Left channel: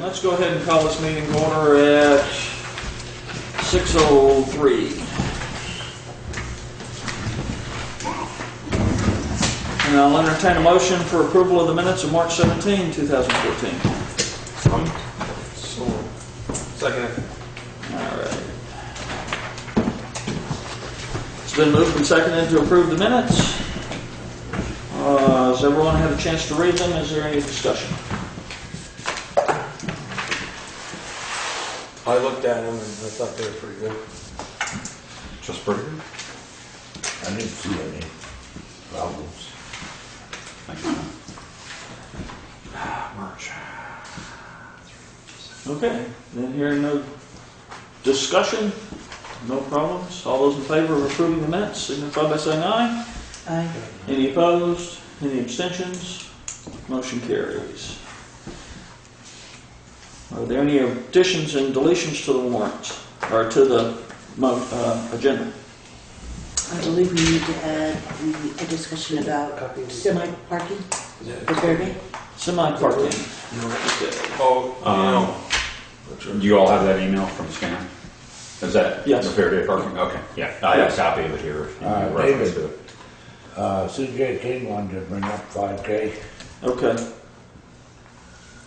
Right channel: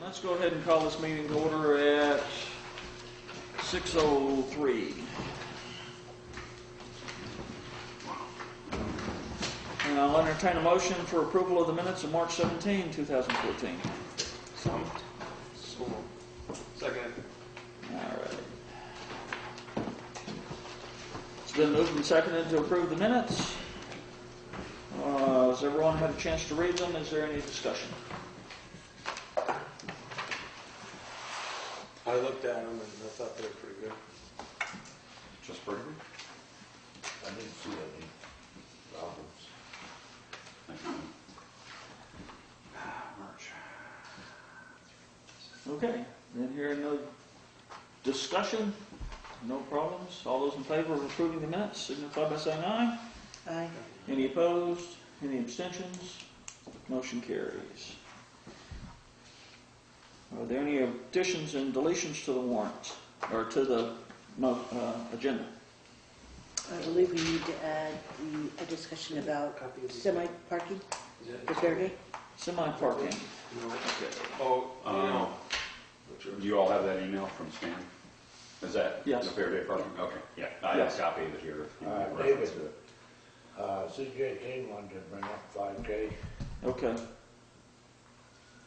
Let's go ahead and call this meeting to order at 6:03. And I'll entertain a motion for approval of the minutes of March 17, 2014. Second. All right. It's been moved and seconded to approve the minutes. Has everyone had a chance to read them? Is there any discussion? I looked at them and I thought they were pretty good. Just pretty good. I didn't see any problems. Thank you. March. Okay. Then hearing no discussion, no problems. All those in favor of approving the minutes signify by saying aye. Aye. Any opposed? Any abstentions? Motion carries. Are there any additions and deletions to the warrants or to the agenda? I believe we need to add a discussion about semi-parking for Fairway. Semi-parking. Okay. Oh, Do you all have that email from Stan? Is that Yes. the Fair Day parking? Okay, yeah. I have a copy of it here. If you need reference to it. CJ King wanted to bring up 5K. Okay.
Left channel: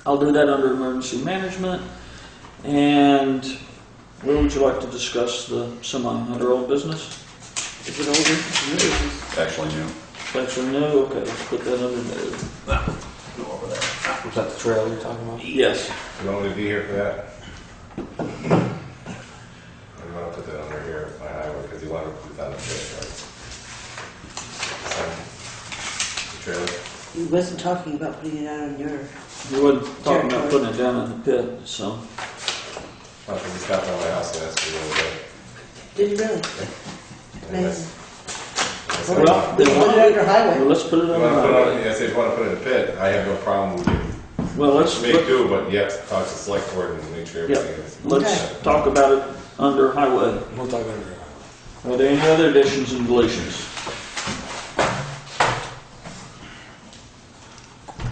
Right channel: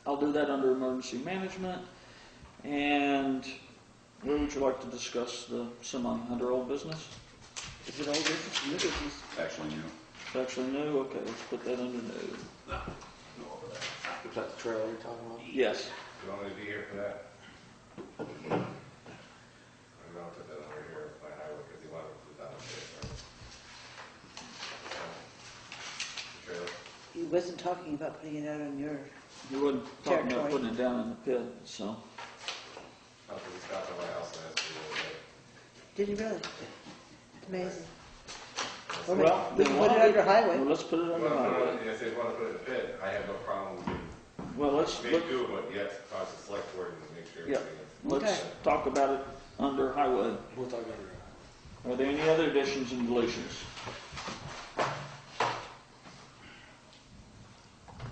I'll do that under emergency management. And where would you like to discuss the semi under old business? Is it old business or new business? Actually, new. Actually, no. Okay, let's put that under new. No. Go over there. was that the trail you're talking about? Yes. You want me to be here for that? I'm going to put that under here at my highway because you want to put that on the pit, right? The trailer? He wasn't talking about putting it out on your... You wasn't talking about putting it down in the pit, so. I think it's got on my house and that's a little bit. Did you really? Anyways. Well, We then put it under highway. well, let's put it You under want to put it highway. on, I said you want to put it in the pit, I have no problem with you. Well, let's Make do, but you have to talk to the select board and make sure Yeah. everything is. let's Okay. talk about it under highway. We'll talk about it. Are there any other additions and deletions?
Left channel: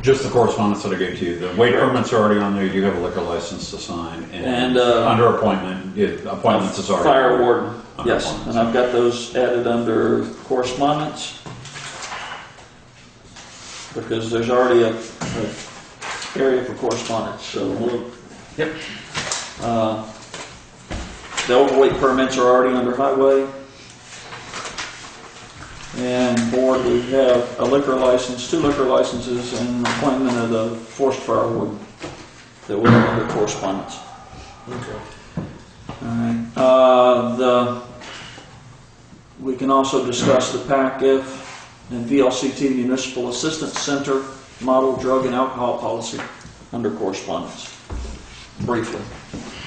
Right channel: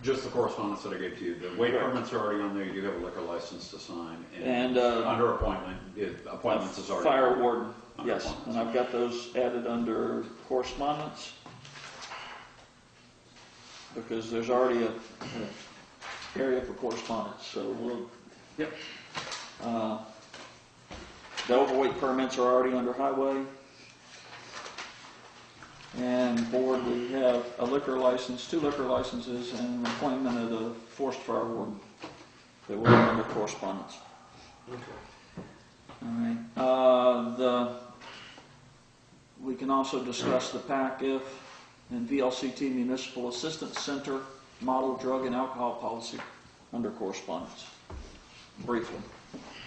Just the correspondence that I gave to you. The weight permits are already on there. You do have a liquor license to sign. And, under appointment, appointments is already Fire on there. warden, Under yes, appointments. and I've got those added under correspondence. Because there's already a area for correspondence, so we'll. Yep. The overweight permits are already under highway. And board, we have a liquor license, 2 liquor licenses, and an appointment of the forced fire warden that will have under correspondence. Okay. All right. We can also discuss the PAC-F and VLCT Municipal Assistance Center model drug and alcohol policy under correspondence, briefly,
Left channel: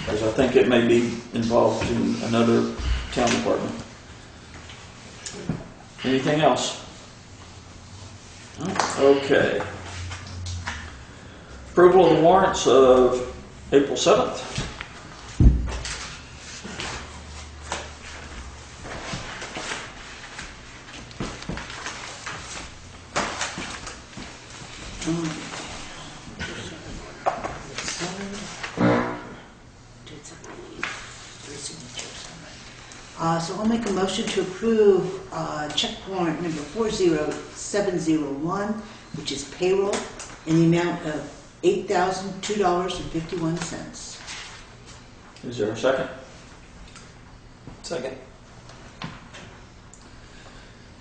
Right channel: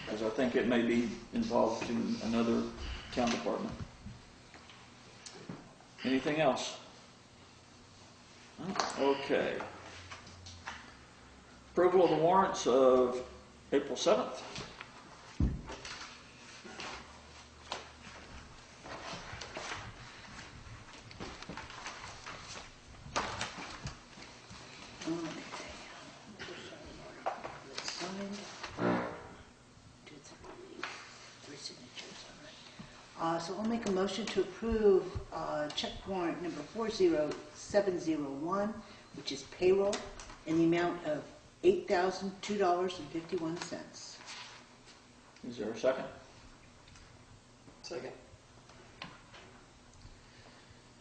because I think it may be involved in another town department. Anything else? Okay. Approval of the warrants of April 7th. So I'll make a motion to approve check warrant number 40701, which is payroll, in the amount of $8,002.51. Is there a second? Second.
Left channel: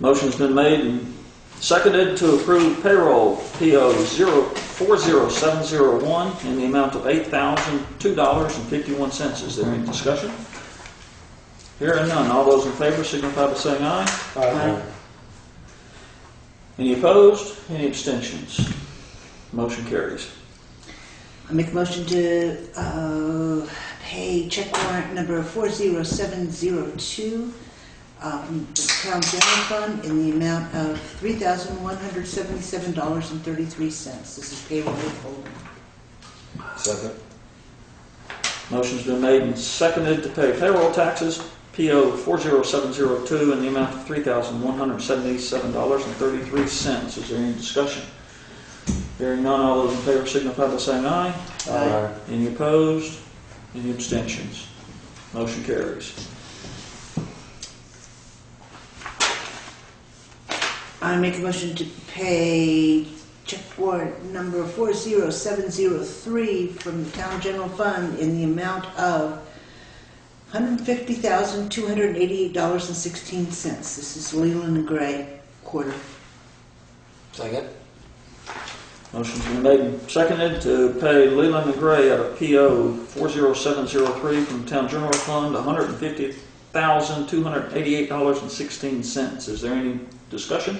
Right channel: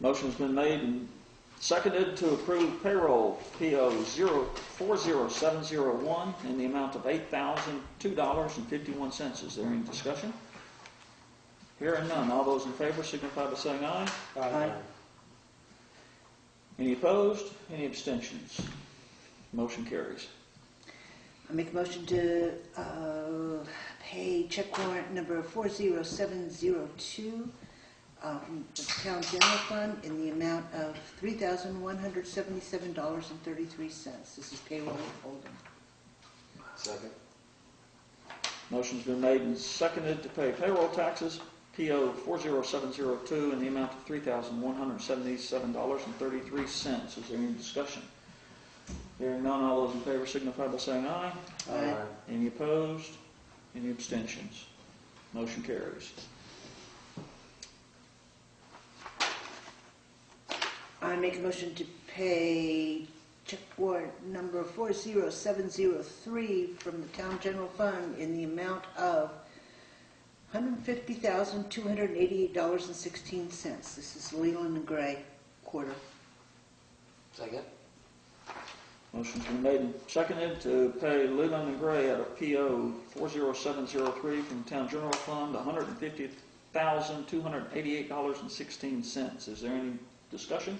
Motion's been made and seconded to approve payroll PO 40701 in the amount of $8,002.51. Is there any discussion? Hearing none. All those in favor signify by saying aye. Aye. Any opposed? Any abstentions? Motion carries. I make a motion to pay check warrant number 40702 from the Town General Fund in the amount of $3,177.33. This is payroll withholding. Second. Motion's been made and seconded to pay payroll taxes, PO 40702, in the amount of $3,177.33. Is there any discussion? Hearing none, all those in favor signify by saying aye. Aye. Any opposed? Any abstentions? Motion carries. I make a motion to pay check warrant number 40703 from the Town General Fund in the amount of $150,288.16. This is Leland and Gray quarter. Second. Motion's been made and seconded to pay Leland and Gray out of PO 40703 from the Town General Fund $150,288.16. Is there any discussion?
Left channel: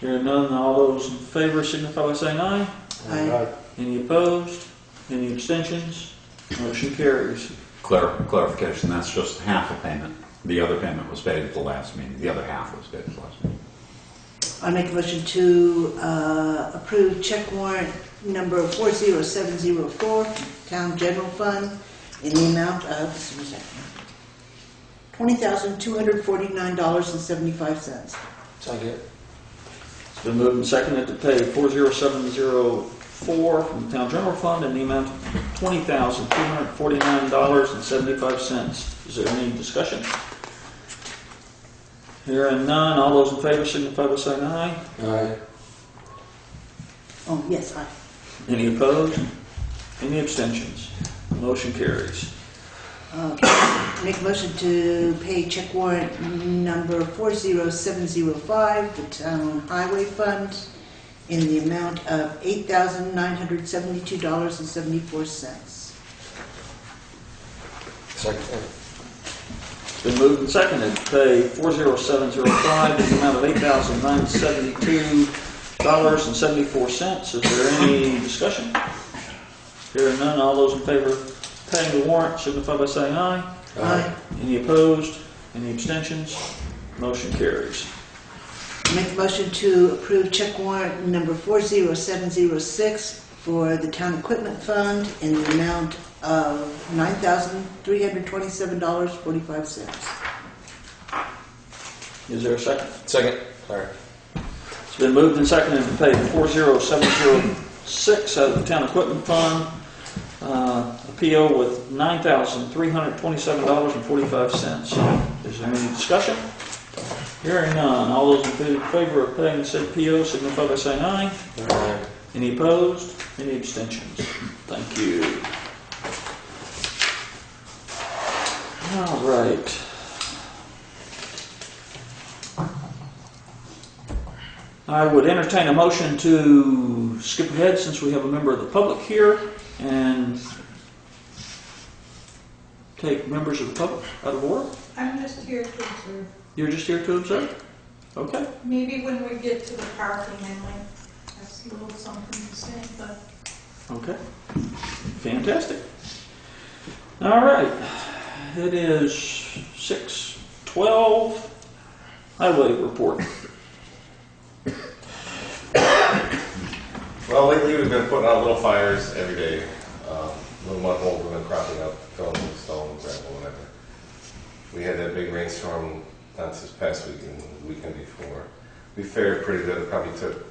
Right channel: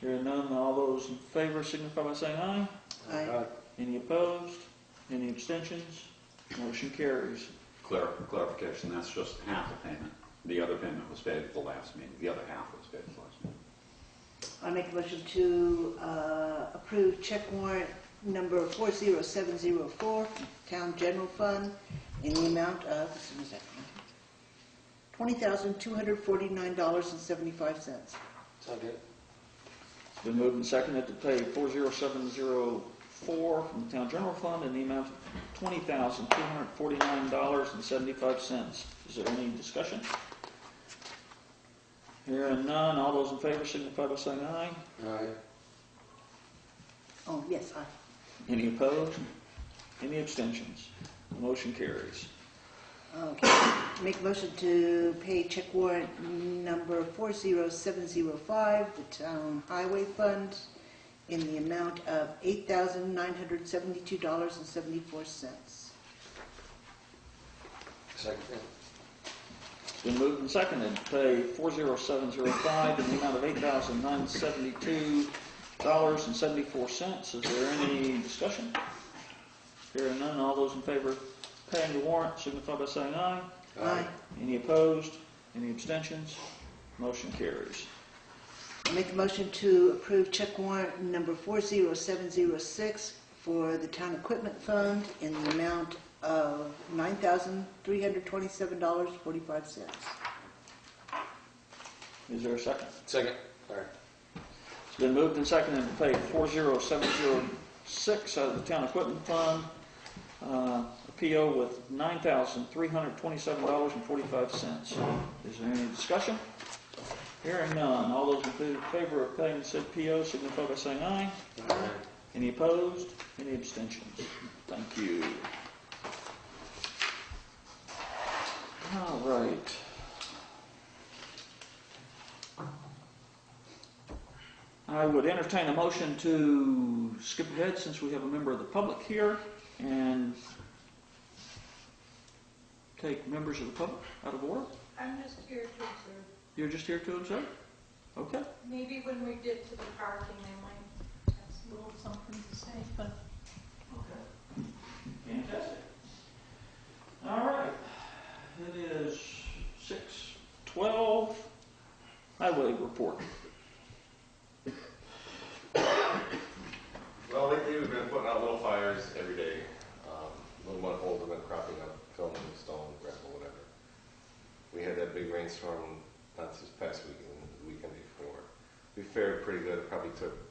Hearing none, all those in favor signify by saying aye. Aye. Any opposed? Any abstentions? Motion carries. Clarification, that's just half a payment. The other payment was paid at the last meeting. The other half was paid at the last meeting. I make a motion to approve check warrant number 40704 from Town General Fund in the amount of $20,249.75. Second. It's been moved and seconded to pay 40704 from the Town General Fund in the amount of $20,249.75. Is there any discussion? Hearing none, all those in favor signify by saying aye. Aye. Oh, yes, aye. Any opposed? Any abstentions? Motion carries. Okay. Make a motion to pay check warrant number 40705, the Town Highway Fund, in the amount of $8,972.74. Second. It's been moved and seconded to pay 40705 in the amount of $8,972.74. Is there any discussion? Hearing none, all those in favor of paying the warrant signify by saying aye. Aye. Any opposed? Any abstentions? Motion carries. Make a motion to approve check warrant number 40706 for the Town Equipment Fund in the amount of $9,327.45. Is there a second? Second. Sorry. It's been moved and seconded to pay 40706 out of the Town Equipment Fund, a PO with $9,327.45. Is there any discussion? Hearing none. All those in favor of paying said PO signify by saying aye. Aye. Any opposed? Any abstentions? Thank you. All right. I would entertain a motion to skip ahead since we have a member of the public here and take members of the public out of order. I'm just here to observe. You're just here to observe? Okay. Maybe when we get to the parking, I might ask you a little something to say, but Okay. Fantastic. All right. It is 6:12. Highway report. Well, lately we've been putting out little fires every day. Little mud holes have been cropping up, filling with stone, gravel, whatever. We had that big rainstorm not this past week and the weekend before. We fared pretty good. It probably took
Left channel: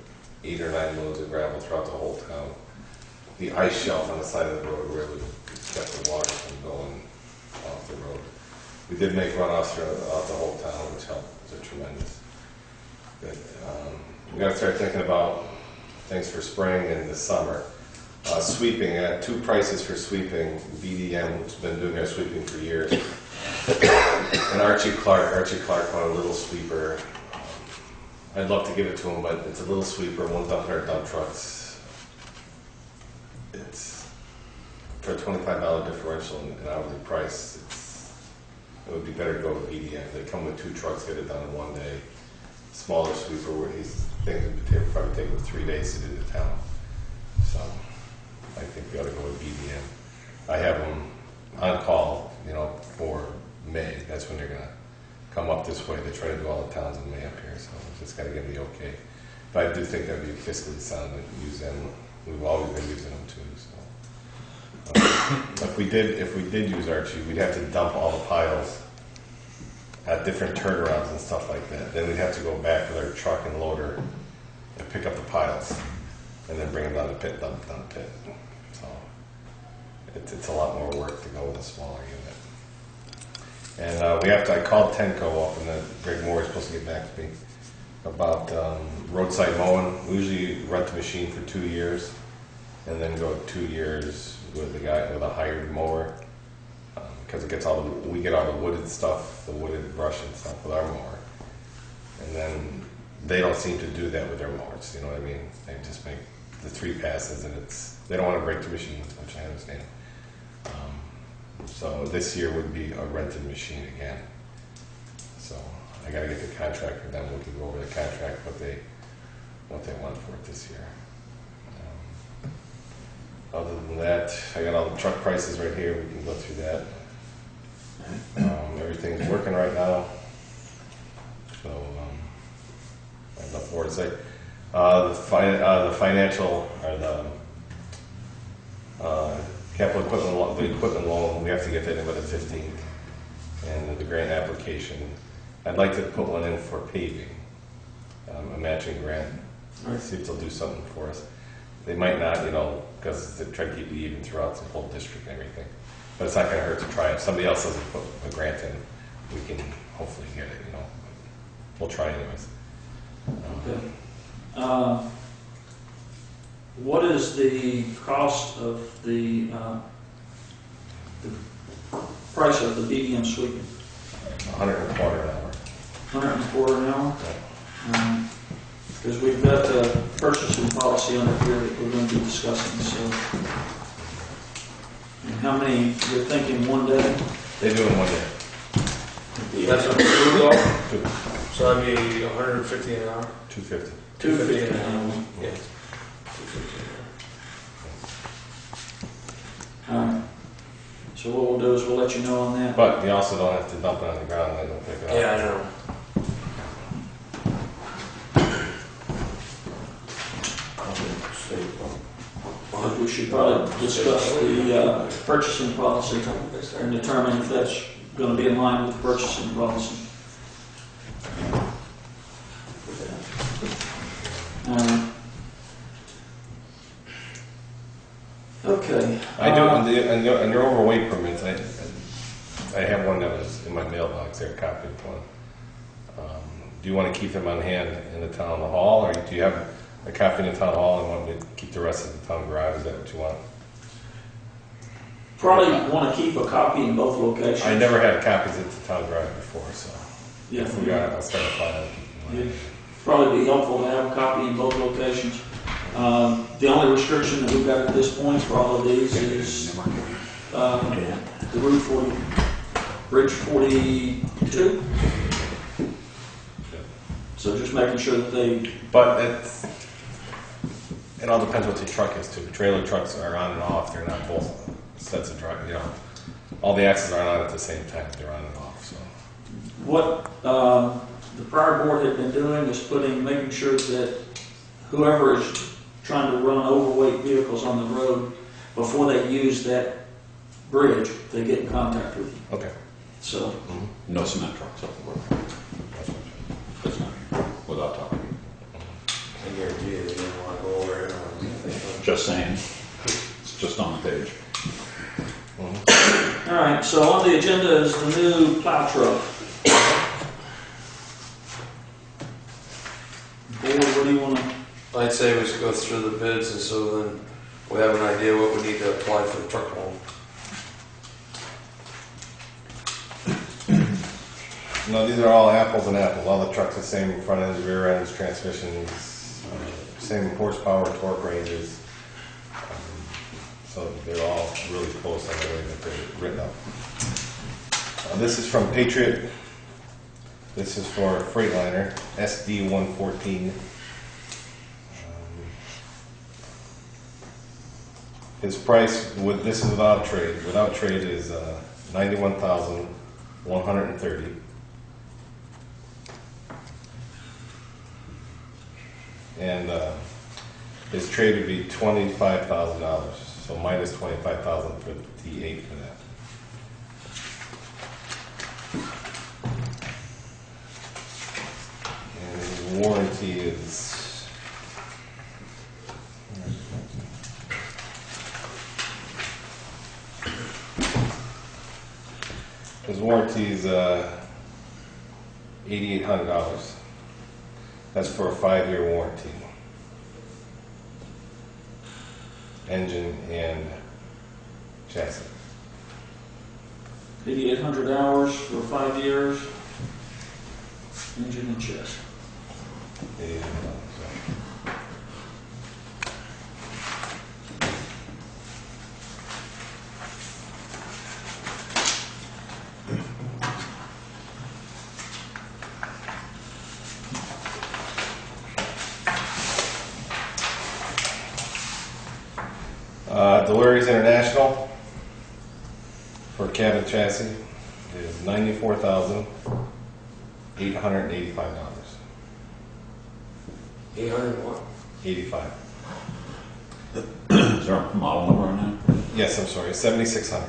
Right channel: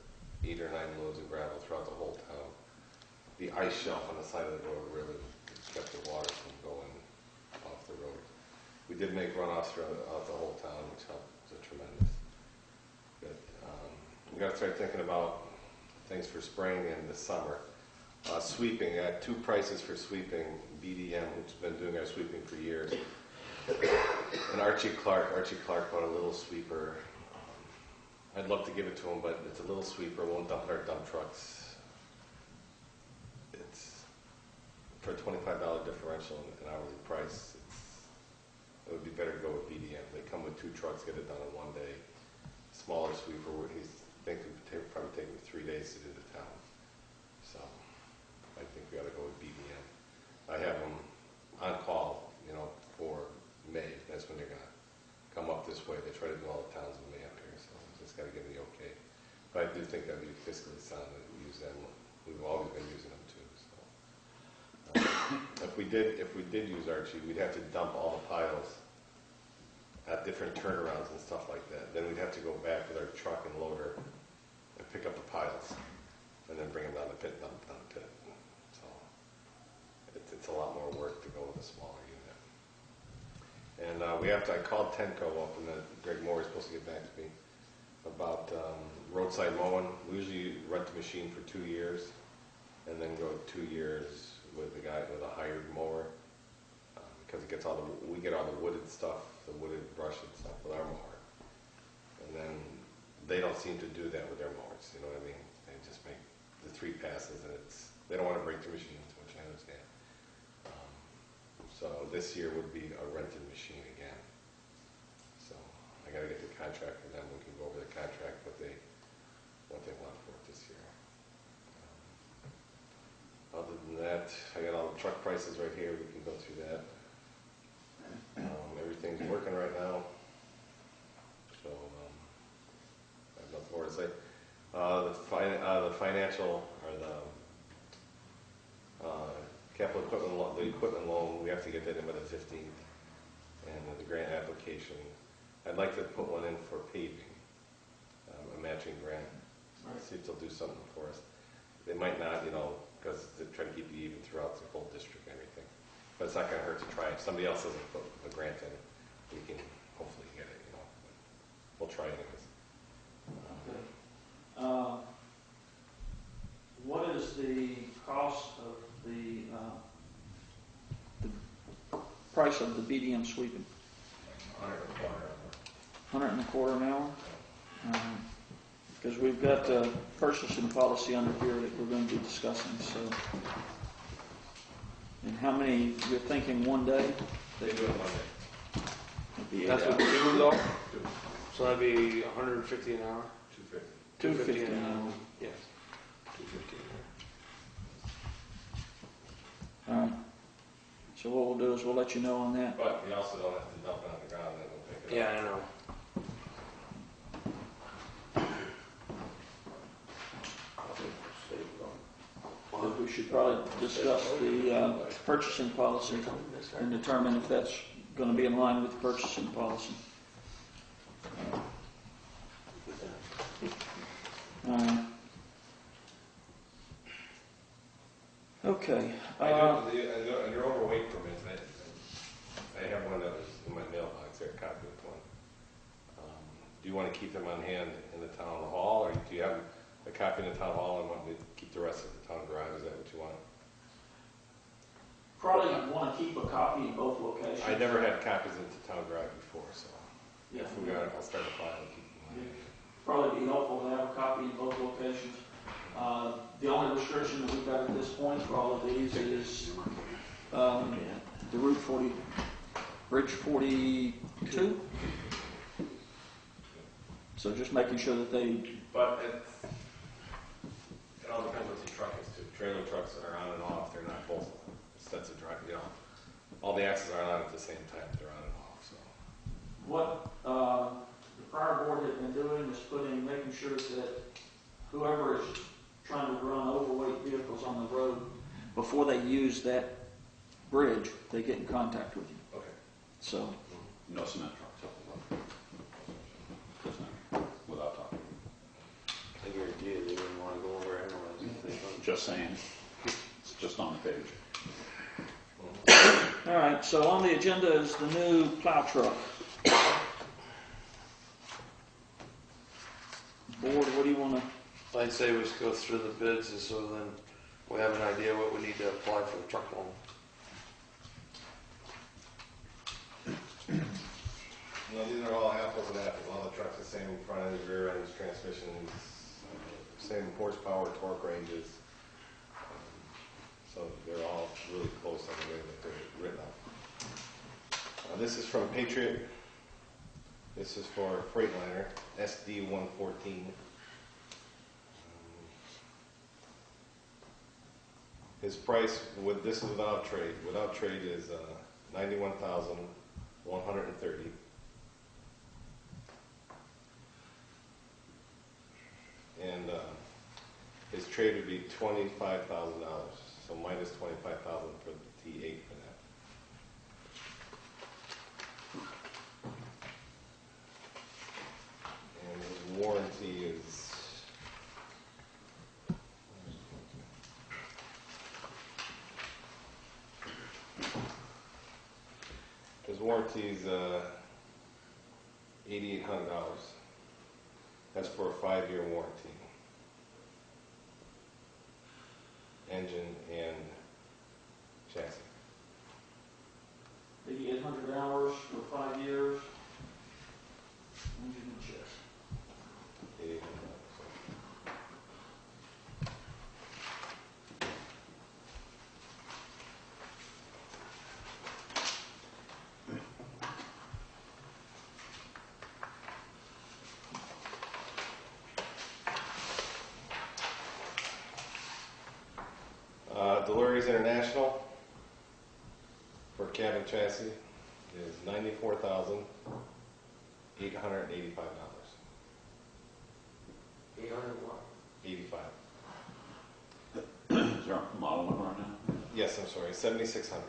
8 or 9 loads of gravel throughout the whole town. The ice shelf on the side of the road really kept the water from going off the road. We did make runoffs throughout the whole town, which helped. It was tremendous. But we got to start thinking about things for spring and the summer. Sweeping, I had 2 prices for sweeping. BDM, which has been doing our sweeping for years, and Archie Clark. Archie Clark bought a little sweeper I'd love to give it to them, but it's a little sweeper, one dump our dump trucks. It's for a $25 differential in hourly price. It would be better to go with BDM. They come with 2 trucks, get it done in 1 day. Smaller sweeper where he's thinking it would probably take him 3 days to do the town. So I think we ought to go with BDM. I have them on call, for May. That's when they're gonna come up this way. They try to do all the towns in May up here, so just gotta give them the okay. But I do think that'd be fiscally sound to use them. We've always been using them too. So if we did use Archie, we'd have to dump all the piles at different turnarounds and stuff like that. Then we'd have to go back with our truck and loader and pick up the piles, and then bring them down the pit, dump down the pit. So it's a lot more work to go with a smaller unit. And I called Tenco up, and Greg Moore is supposed to get back to me about roadside mowing. We usually rent the machine for 2 years, and then go 2 years with the guy with a hired mower, because we get all the wooded stuff, the wooded brush and stuff with our mower. And then they don't seem to do that with their mowers. You know what I mean? They just make the 3 passes, and they don't want to break the machine, which I understand. So this year would be a rented machine again. So I got to get the contract with them. We can go over the contract, what they want for it this year. Other than that, I got all the truck prices right here. We can go through that. Everything's working right now. So I have enough more to say. The financial or the capital equipment loan, we have to get that in by the 15th. And the grant application, I'd like to put one in for paving, a matching grant. See if they'll do something for us. They might not, because they try to keep it even throughout the whole district and everything. But it's not going to hurt to try. If somebody else doesn't put a grant in, we can hopefully get it, We'll try anyways. Okay. What is the cost of the price of the BDM sweeping? $100 an hour. $100 an hour? Because we've got a purchasing policy under here that we're going to be discussing, so. And how many, you're thinking 1 day? They do it in 1 day. That's what we go. So that'd be $150 an hour. $250. $250 an an hour. Yes. So what we'll do is we'll let you know on that. But you also don't have to dump it on the ground and they don't pick it up. Yeah, I know. We should probably discuss the purchasing policy and determine if that's going to be in line with the purchasing policy. Okay. I do, and your overweight permits, I have one that was in my mailbox, they're copied one. Do you want to keep them on hand in the town hall, or do you have a copy in the town hall and want to keep the rest of the town garage? Is that what you want? Probably want to keep a copy in both locations. I never had copies at the town garage before, so Yeah. if we got it, I'll start a file. It'd probably be helpful to have a copy in both locations. The only restriction that we've got at this point for all of these is the Route 40, Bridge 42. So just making sure that they. But it all depends what the truck is too. Trailer trucks are on and off. They're not both sets of drive. All the axles aren't on at the same time. They're on and off. So What the prior board had been doing is making sure that whoever is trying to run overweight vehicles on the road, before they use that bridge, they get in contact with you. okay. So. No cement trucks up the road. That's not without talking. I guarantee you they didn't want to go over it anyways. Just saying. It's just on the page. All right, so on the agenda is the new plow truck. Board, what do you want to? I'd say we should go through the bids, and so then we have an idea what we need to apply for the truck loan. No, these are all apples and apples. All the trucks are the same front ends, rear ends, transmissions, same horsepower, torque ranges. So they're all really close on the way that they're written up. This is from Patriot. This is for Freightliner, SD 114. His price, this is without trade. Without trade is $91,130. And his trade would be $25,000. So minus $25,000 for the T8 for that. And his warranty is $8,800. That's for a 5-year warranty. Engine and chassis. 8,800 hours for 5 years. Engine and chassis. $8,800. Delirious International for cabin chassis is $94,885. 800 what? 85. Is there a model number on that? Yes, I'm sorry, 7,600.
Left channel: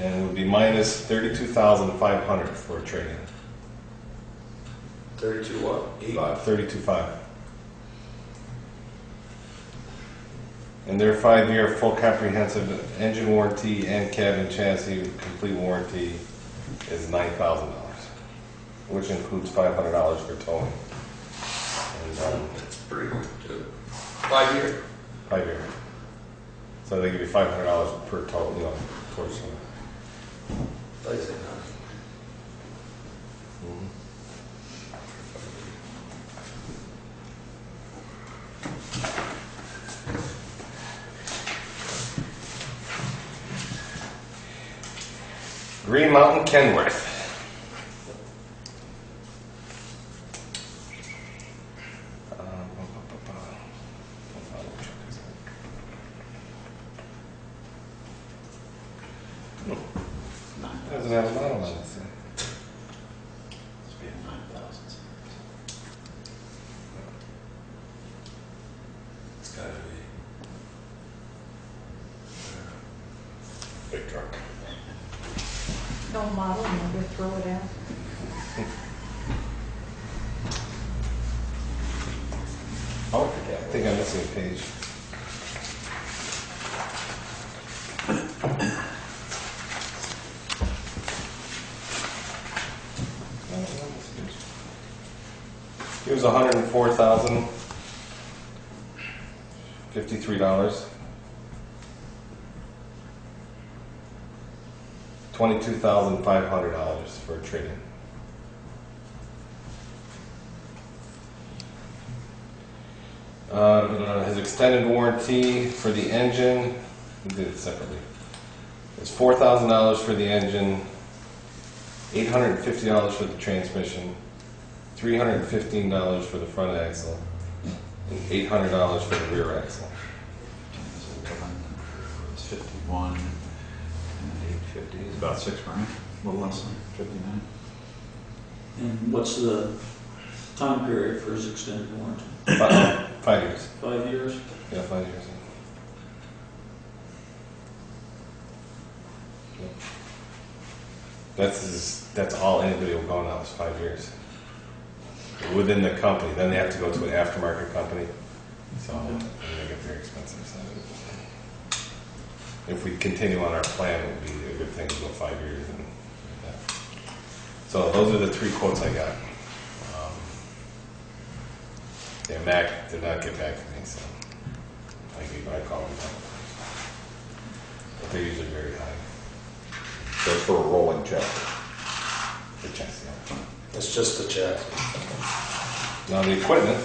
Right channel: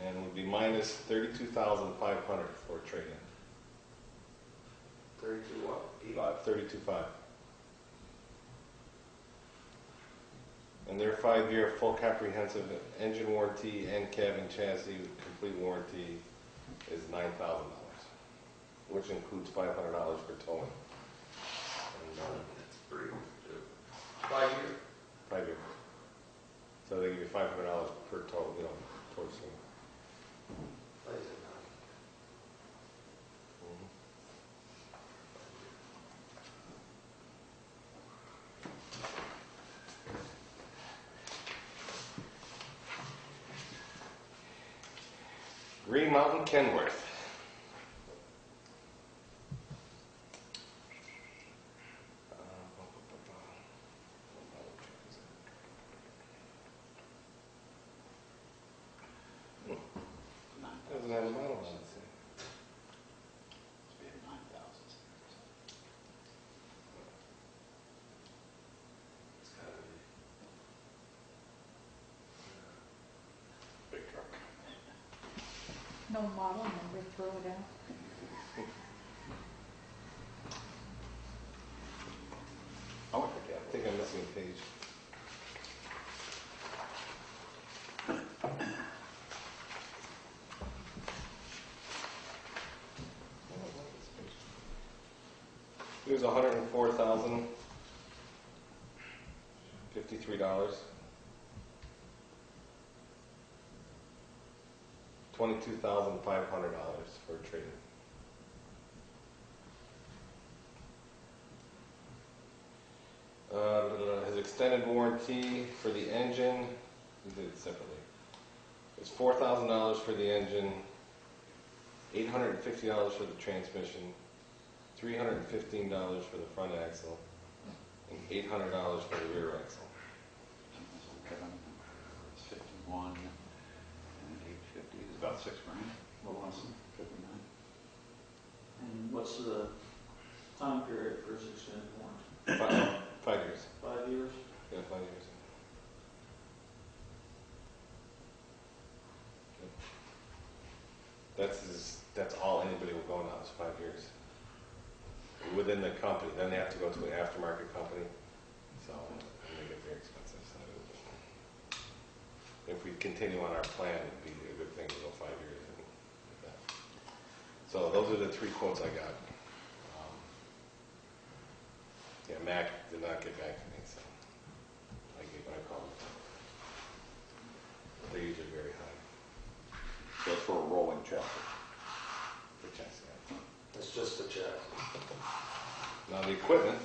And it would be minus 32,500 for a trade-in. 32 what? 8? 32,500. And their 5-year full comprehensive engine warranty and cabin chassis complete warranty is $9,000, which includes $500 for towing. And That's pretty good too. 5 year? 5-year. So they give you $500 per tow, towards them. Like I said, Green Mountain Kenworth. Doesn't have a model on it. It's being 9,000. it's gotta be. Big truck. No model number, throw it out. I like the I cab. think I'm missing a page. It was $104,053. $22,500 for a trade-in. His extended warranty for the engine, we did it separately. It's $4,000 for the engine, $850 for the transmission, $315 for the front axle, and $800 for the rear axle. It's 51 and 850 is about $6 grand, a little less than 59. And what's the time period for his extended warranty? 5 years. 5 years? Yeah, 5 years. That's all anybody will go now is 5 years. Within the company, then they have to go to an aftermarket company, so they get very expensive. So if we continue on our plan, it would be a good thing to go 5 years. And that. So those are the 3 quotes I got. Yeah, Mac did not get back to me, so I called him back. They're usually very high. Just for a rolling check. The checks, yeah. It's just a check. Now the equipment.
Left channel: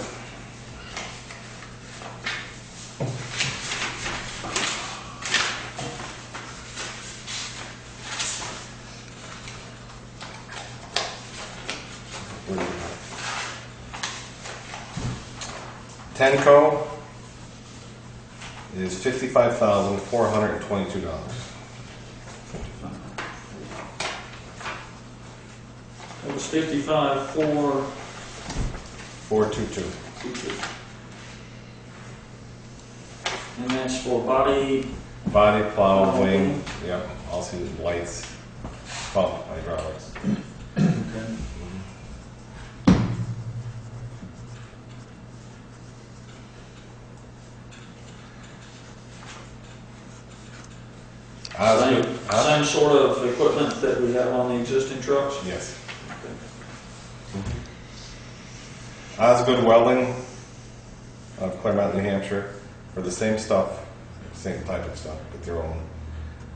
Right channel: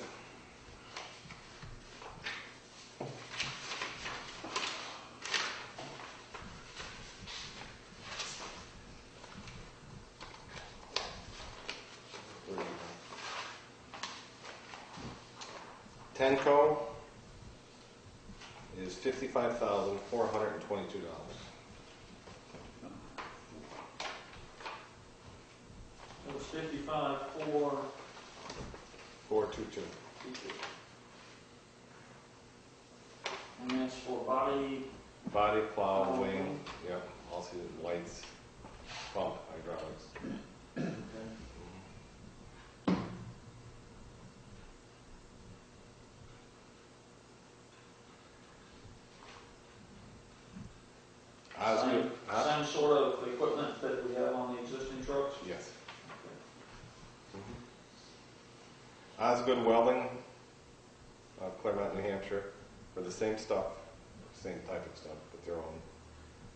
Where do we have? Tenco is $55,422. It was 55, 4, 422. 2. And that's for body, Body, plow, Plow, wing, wing. yep, also lights, pump, hydraulics. okay. Same sort of equipment that we have on the existing trucks? Yes. Osgood Welding of Claremont, New Hampshire, for the same stuff, same type of stuff, but their own,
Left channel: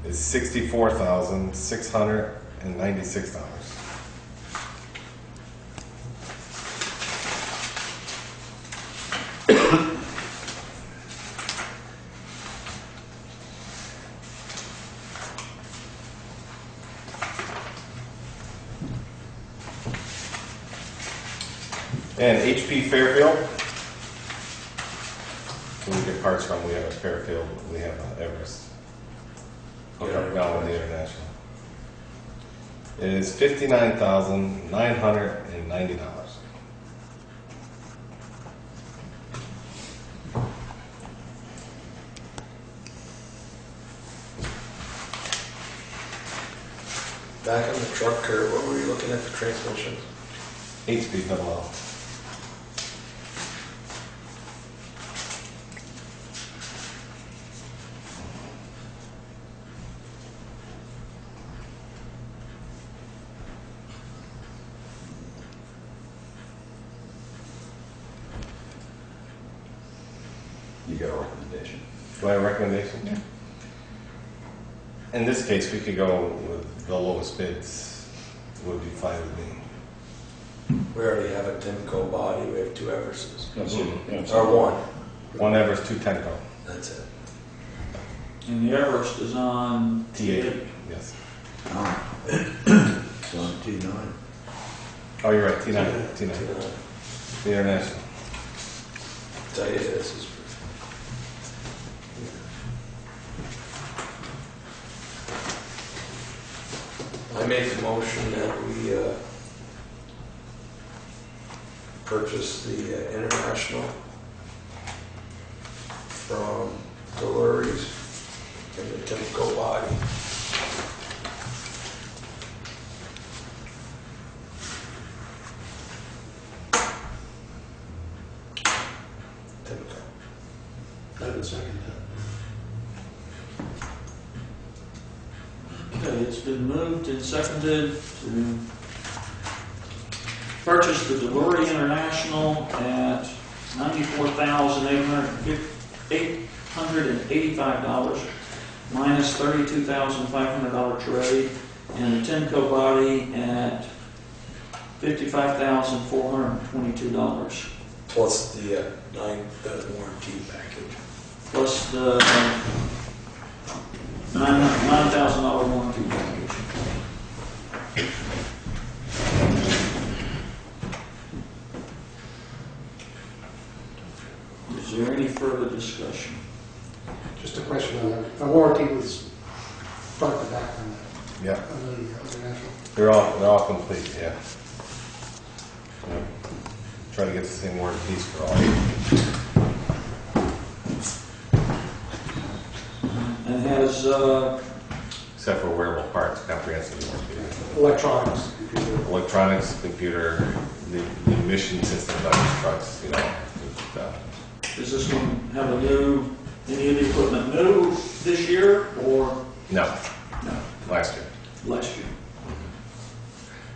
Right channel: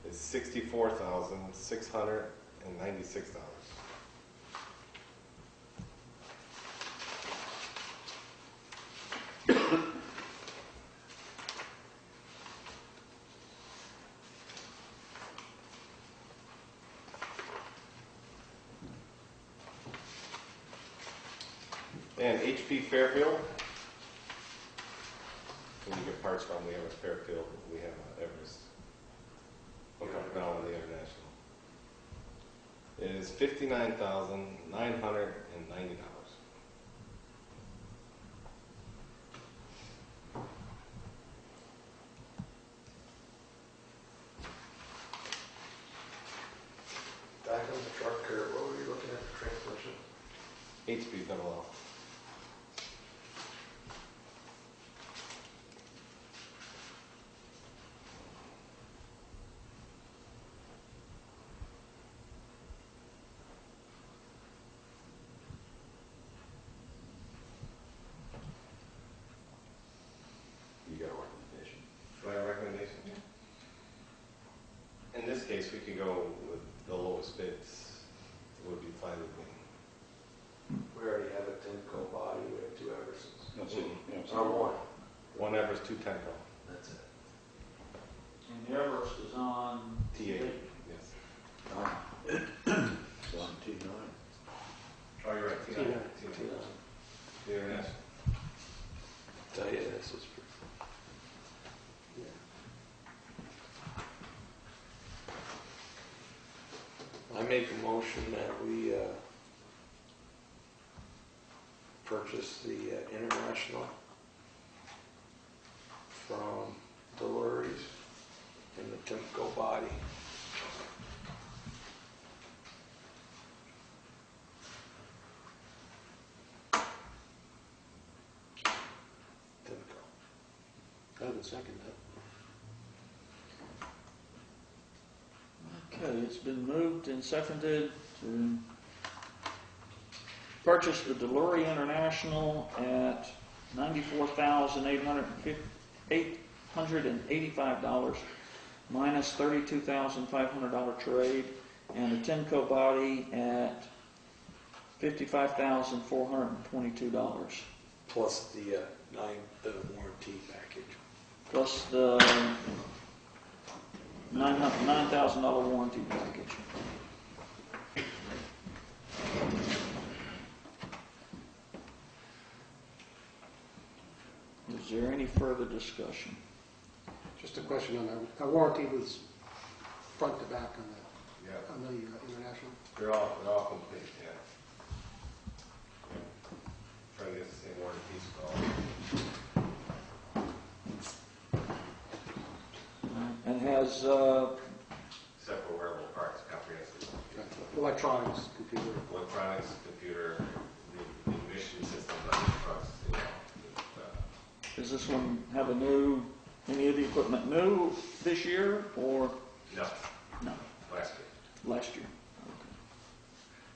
is $64,696. And HP Fairfield. So we get parts from, we have a Fairfield, we have an Everest. Okay, now with the International. It is $59,990. Back on the truck curve, what were you looking at for transmissions? 8-speed double L. You get a recommendation. Do I have a recommendation? Yeah. In this case, we could go with the lowest bids, would be fine with me. We already have a Timco body, we have 2 Everests. That's it. That's Or it. one, One Everest, 2 Tenco. that's it. And the Everest is on T8, yes. Oh. It's on T9. Oh, you're right, T9, T9, the International. Tell you this is. I make the motion that we purchase the International from Deluries and the Timco body. Timco. I would second that. Okay, it's been moved and seconded to purchase the Delury International at $94,885 minus $32,500 trade, and a Tenco body at $55,422 Plus the warranty package. plus the $9,000 warranty package. Is there any further discussion? Just a question on that. The warranty was front to back on Yeah, the International. they're all complete, yeah. So, try to get the same warranties for all. And has, Except for wearable parts, comprehensive warranty. Electronics, computer. Electronics, computer, the emission system on these trucks, you know. does this one have any of the equipment new this year or No, no, last year. last year?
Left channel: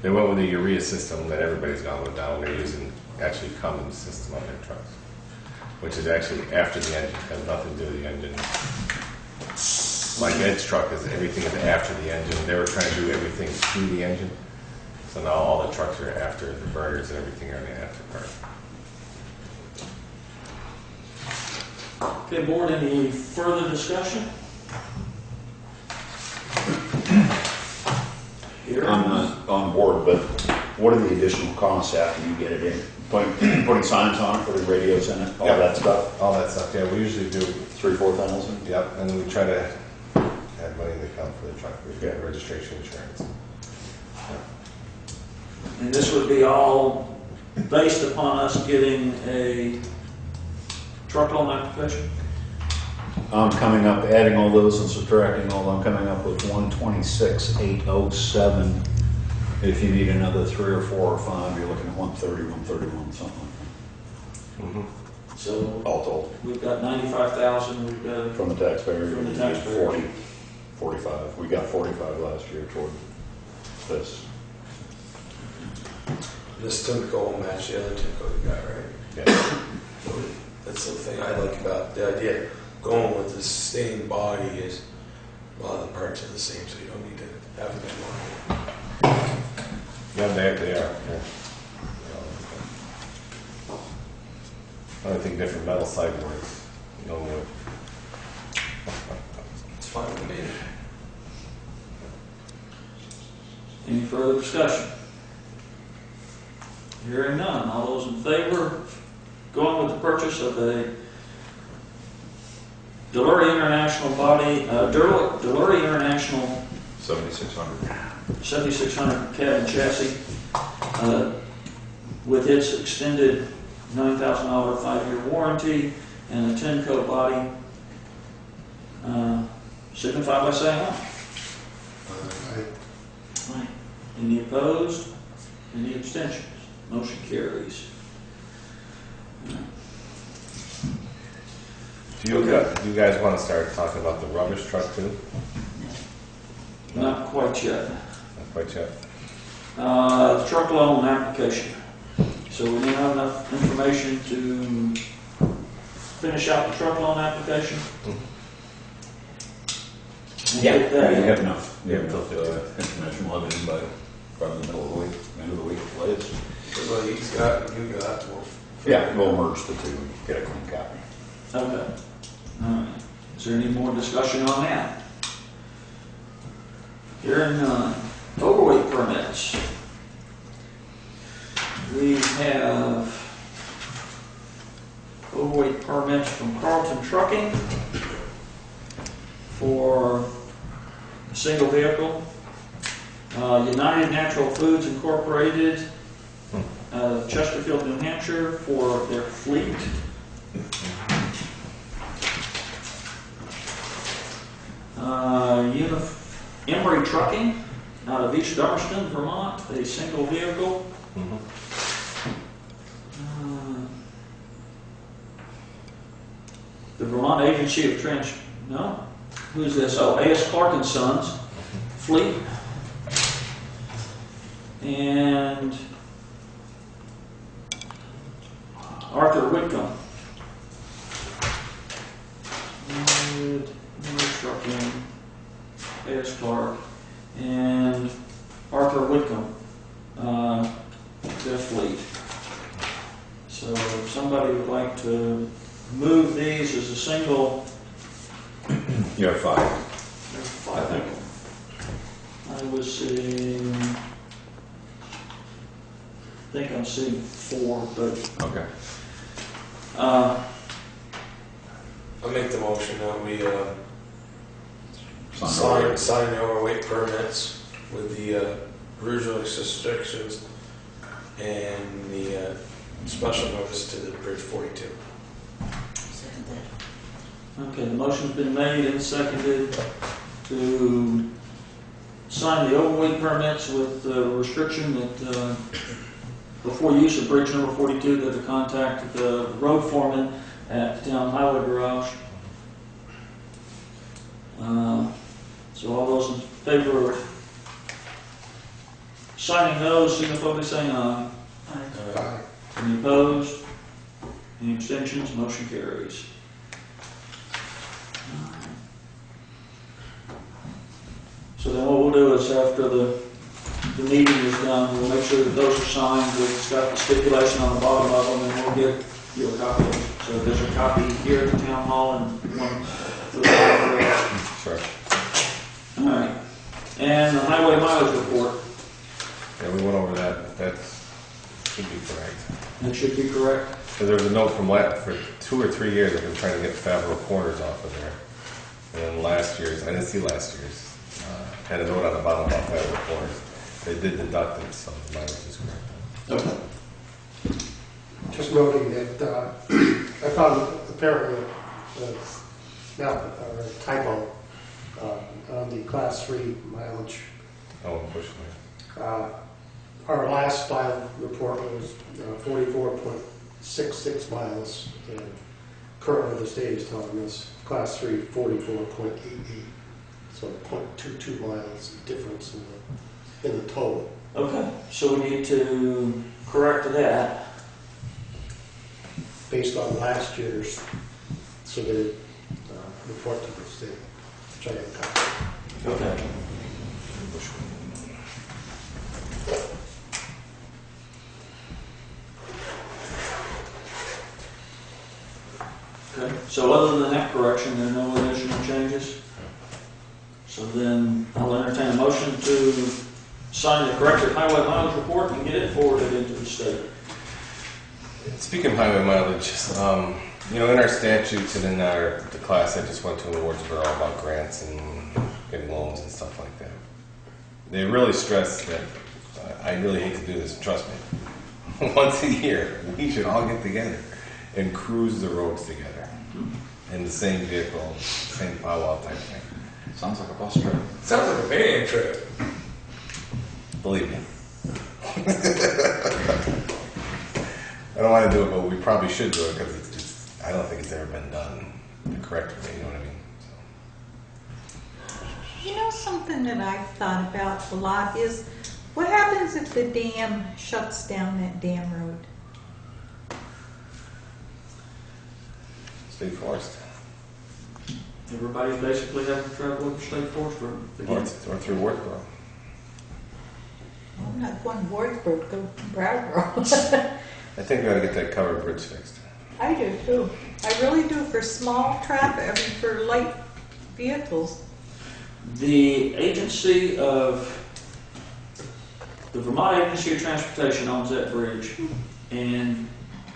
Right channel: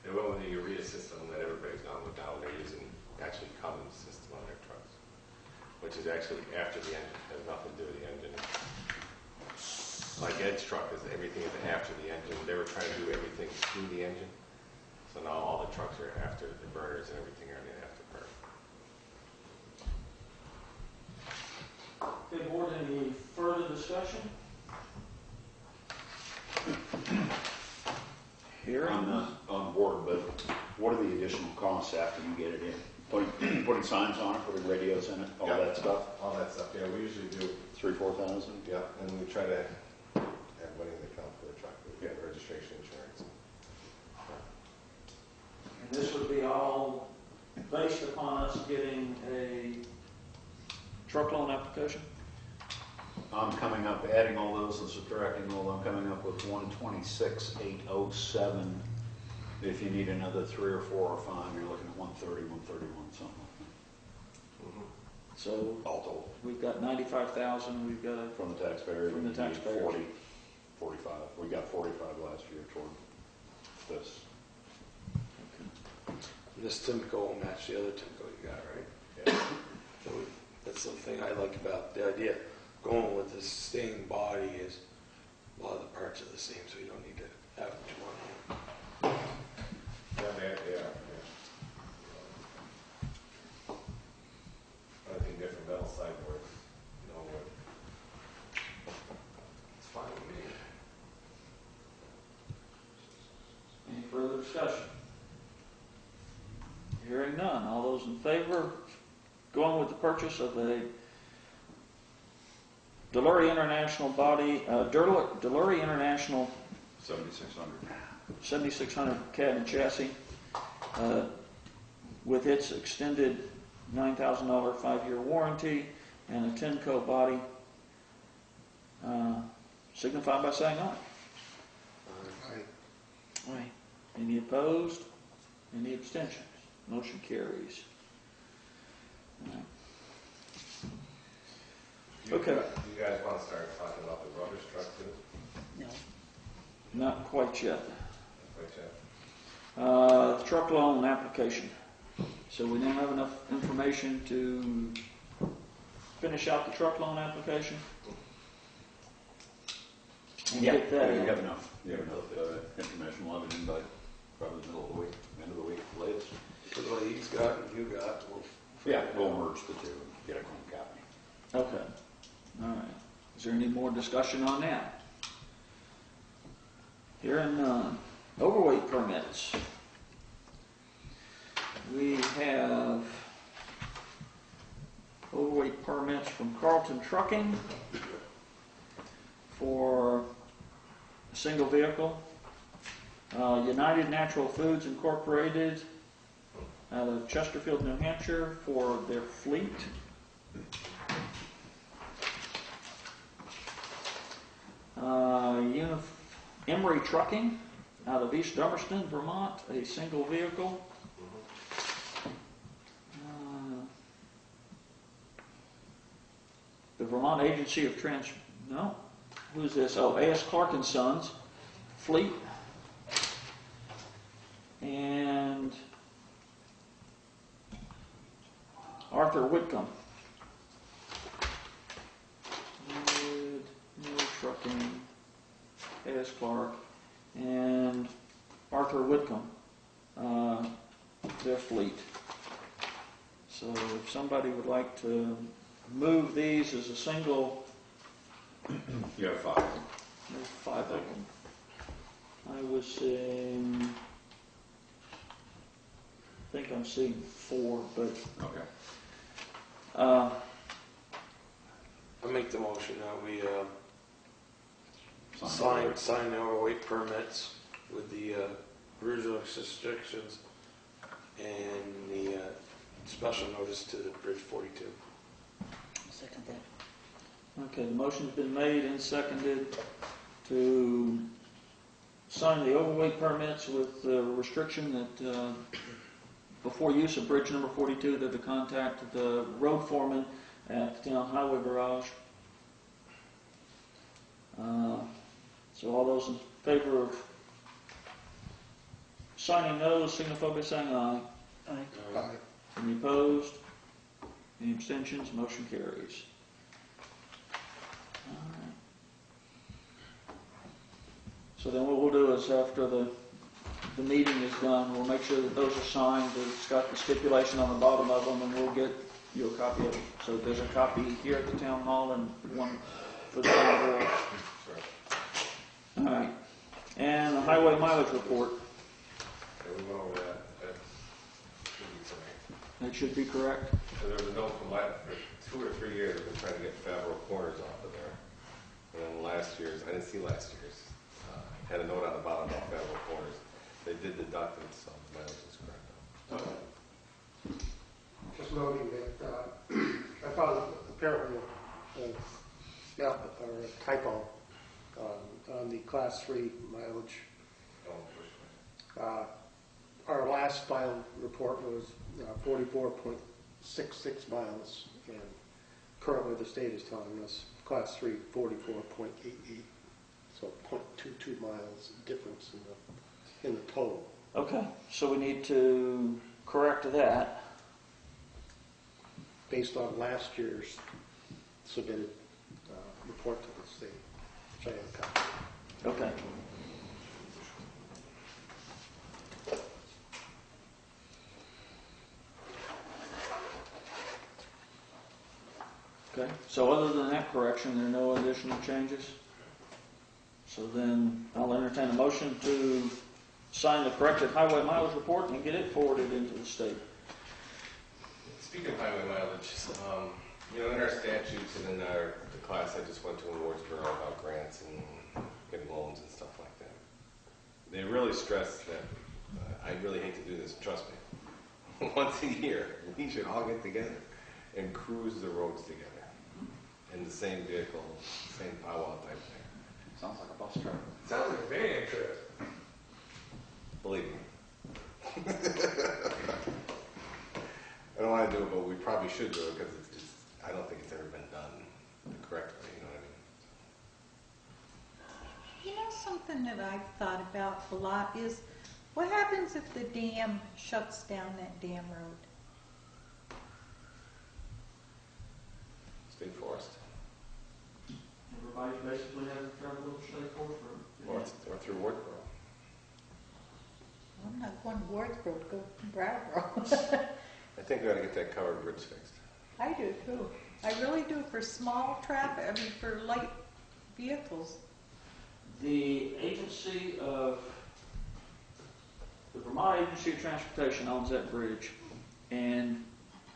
They went with the urea system that everybody's gone with now. They're using actually Cummins system on their trucks, which is actually after the engine, has nothing to do with the engine. Like Ed's truck is, everything is after the engine. They were trying to do everything through the engine. So now all the trucks are after, the burners and everything are in the after part. Okay, board, any further discussion? Here. I'm on board, but what are the additional costs after you get it in? Putting signs on it, putting radios in it, all Yeah. that stuff? All that stuff, yeah, we usually do. 3,000-4,000? Yep, and then we try to have money to come for the truck, we've got registration insurance. And this would be all based upon us getting a truck loan application? I'm coming up, adding all those and subtracting all, I'm coming up with 126,807. If you need another 3 or 4 or 5, you're looking at 130, 131, something like Mm-hmm. So that, all told. we've got 95,000, we've got, From the taxpayer, From the you need taxpayer. 40, 45. We got 45 last year toward this. This Timco will match the other Timco you got, right? Yeah. So that's the thing I like about the idea going with the same body is a lot of the parts are the same, so you don't need to have them in one. Yeah, they are, yeah. Only thing different, metal sideboards, no wood. It's fine with me. any further discussion? Hearing none, all those in favor, going with the purchase of a Delory International body, Delory International 7,600. 7600 cab and chassis, with its extended $9,000 5-year warranty and a Tenco body, signify by saying aye. Right. Any opposed? Any abstentions? Motion carries. Do you guys want to start talking about the rubbish truck too? Not quite yet. Not quite yet. Truck loan application. So we need to have enough information to finish out the truck loan application. And get You that. have enough, you have Yeah, enough information, we'll have it in by probably the middle of the week, end of the week, latest. So what he's got, you got, Yeah, we'll merge the two and get a clean copy. Okay. All right. Is there any more discussion on that? Hearing none. Overweight permits. We have overweight permits from Carlton Trucking for a single vehicle. United Natural Foods Incorporated, Chesterfield, New Hampshire, for their fleet. Emery Trucking out of East Dummerston, Vermont, a single vehicle. Mhm. The Vermont Agency of no, who's this? Oh, A.S. Clark and Sons, fleet. And Arthur Whitcomb. Trucking, A.S. Clark, and Arthur Whitcomb, their fleet. So if somebody would like to move these as a single, You have 5. I think I was seeing, I think I'm seeing 4, but Okay. I'll make the motion that we Sign sign the overweight permits with the original restrictions and the special notice to the Bridge 42. Second that. okay, the motion's been made and seconded to sign the overweight permits with the restriction that before use of bridge number 42, that to contact the road foreman at the town highway garage. So all those in favor of signing those, signify by saying aye. Aye. Any opposed? Any abstentions? Motion carries. So then what we'll do is after the meeting is done, we'll make sure that those are signed, that it's got the stipulation on the bottom of them, and we'll get you a copy of it. So there's a copy here at the town hall and one for the library. Sure. All right. And the highway mileage report, Yeah, we went over that. That should be correct. it should be correct. Because there was a note from for 2 or 3 years, I've been trying to get Favreau Corners off of there. And then last year's, I didn't see last year's, had a note on the bottom about Favreau Corners. They did deduct it, so the mileage is correct. Okay. Just noting that I found apparently a typo on the class 3 mileage. Oh, unfortunately. Our last file report was 44.66 miles, and currently the state is telling us class 3 44.88, so 0.22 miles difference in the total. Okay, so we need to correct that. Based on last year's submitted report to the state, which I have a copy. Okay. Okay, so other than that correction, there are no additional changes? So then I'll entertain a motion to sign the corrected highway mileage report and get it forwarded into the state. Speaking of highway mileage, in our statutes and in the class I just went to in Wardsboro about grants and getting loans and stuff like that, they really stress that, I really hate to do this, trust me, once a year we should all get together and cruise the roads together in the same vehicle, same powwow type thing. Sounds like a bus trip. Sounds like a van trip. Believe me. I don't want to do it, but we probably should do it because it's just, I don't think it's ever been done the correct way, you know what I mean? You know, something that I've thought about a lot is, what happens if the dam shuts down that dam road? State forest. Everybody basically has to travel over state forest road. Or through Wardsboro. Well, not one Wardsboro, go Brattleboro. I think we ought to get that covered bridge fixed. I do too. I really do, for small traffic, I mean, for light vehicles. The Vermont Agency of Transportation owns that bridge, and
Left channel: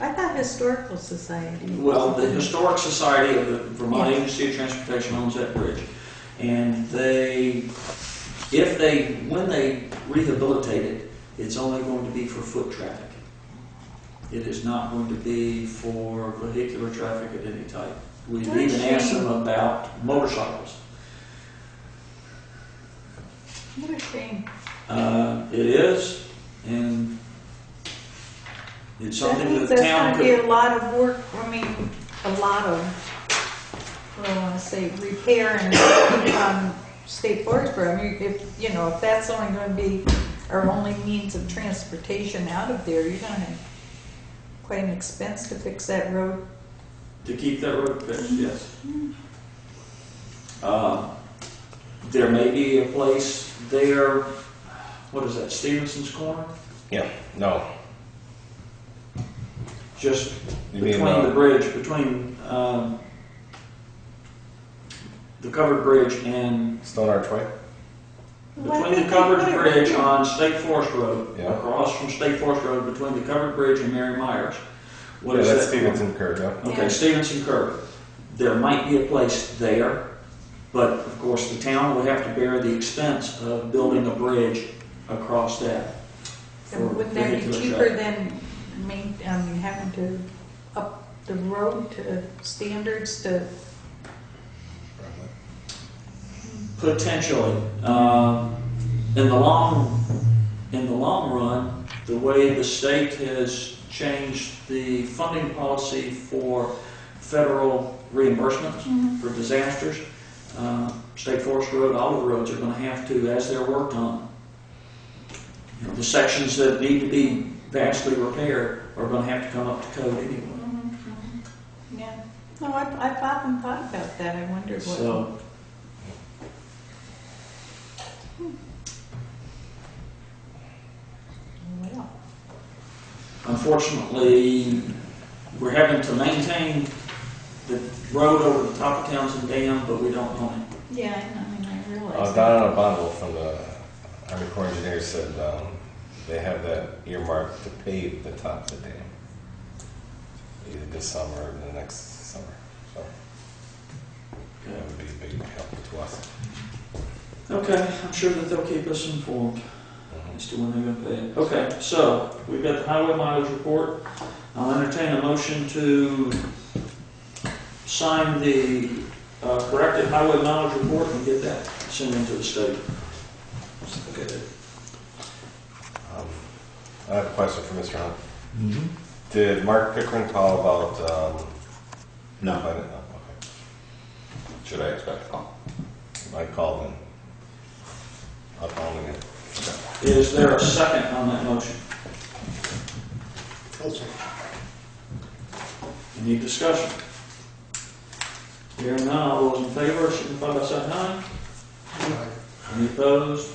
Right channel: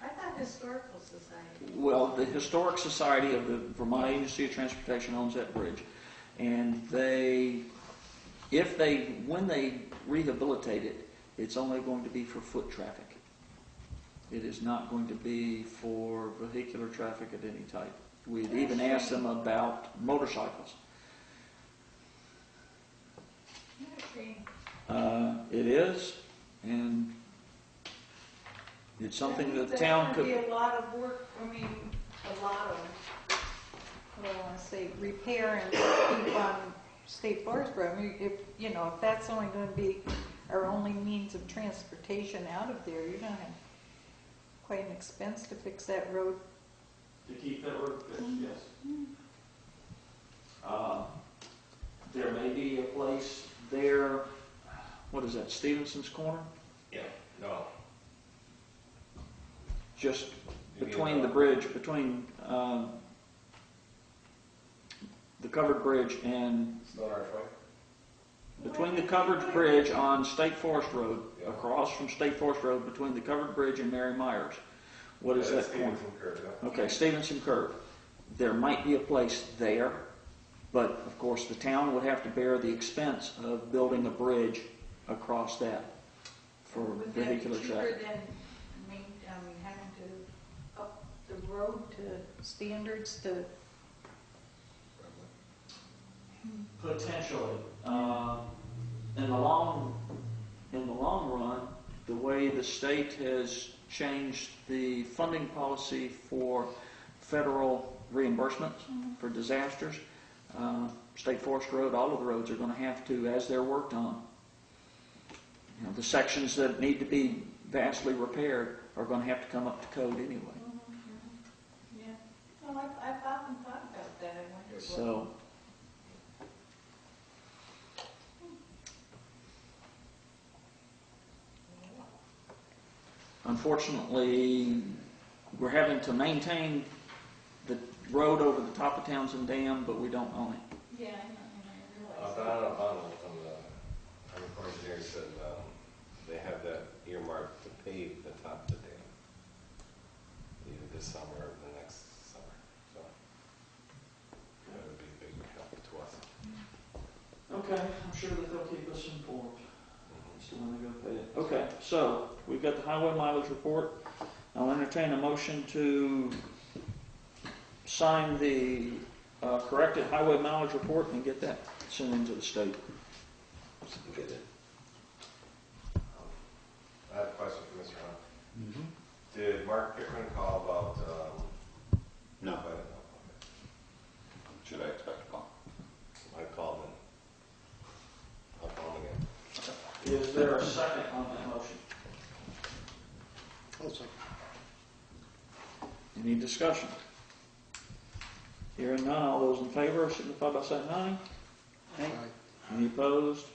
I thought Historical Society. well, the Historic Society of the Vermont Agency of Transportation owns that bridge, and when they rehabilitate it, it's only going to be for foot traffic. It is not going to be for vehicular traffic of any type. We've even asked them about motorcycles. What a shame. It is, and it's something that the town That's going to be could. a lot of work, a lot of, what do I want to say, repair and state forest road. I mean, if that's only going to be our only means of transportation out of there, you're going to have quite an expense to fix that road. To keep that road fixed, yes. There may be a place there, what is that, Stevenson's Corner? Yeah, no. Just You mean, between the bridge, between the covered bridge and Stone Archway? between the covered bridge on State Forest Road, Yeah. across from State Forest Road, between the covered bridge and Mary Myers. What is that's that? Stevenson Curve, yeah. Okay, Yeah. Stevenson Curve. There might be a place there, but of course the town would have to bear the expense of building a bridge across that. for Wouldn't that be vehicular cheaper traffic. than having to up the road to standards to? Potentially. In the long run, the way the state has changed the funding policy for federal reimbursements for disasters, State Forest Road, all of the roads are going to have to, as they're worked on, the sections that need to be vastly repaired are going to have to come up to code anyway. Yeah. No, I've often thought about that. I wondered what. So, unfortunately, we're having to maintain the road over the top of Townshend Dam, but we don't own it. Yeah, I realize. Don O'Bonnell from the Army Corps of Engineers said they have that earmarked to pave the top of the dam. Either this summer or the next summer. So that would be a big help to us. Okay, I'm sure that they'll keep us informed as to when they're gonna pay it. Okay, so we've got the highway mileage report. I'll entertain a motion to sign the corrected highway mileage report and get that sent into the state. Okay. I have a question for Mr. Hunt. Did Mark Pickering call about? No. Okay. Should I expect a call? I called him. I'll call him again. Is there a second on that motion? Also, Any discussion? Hearing none, all those in favor, signify by saying aye. Any opposed?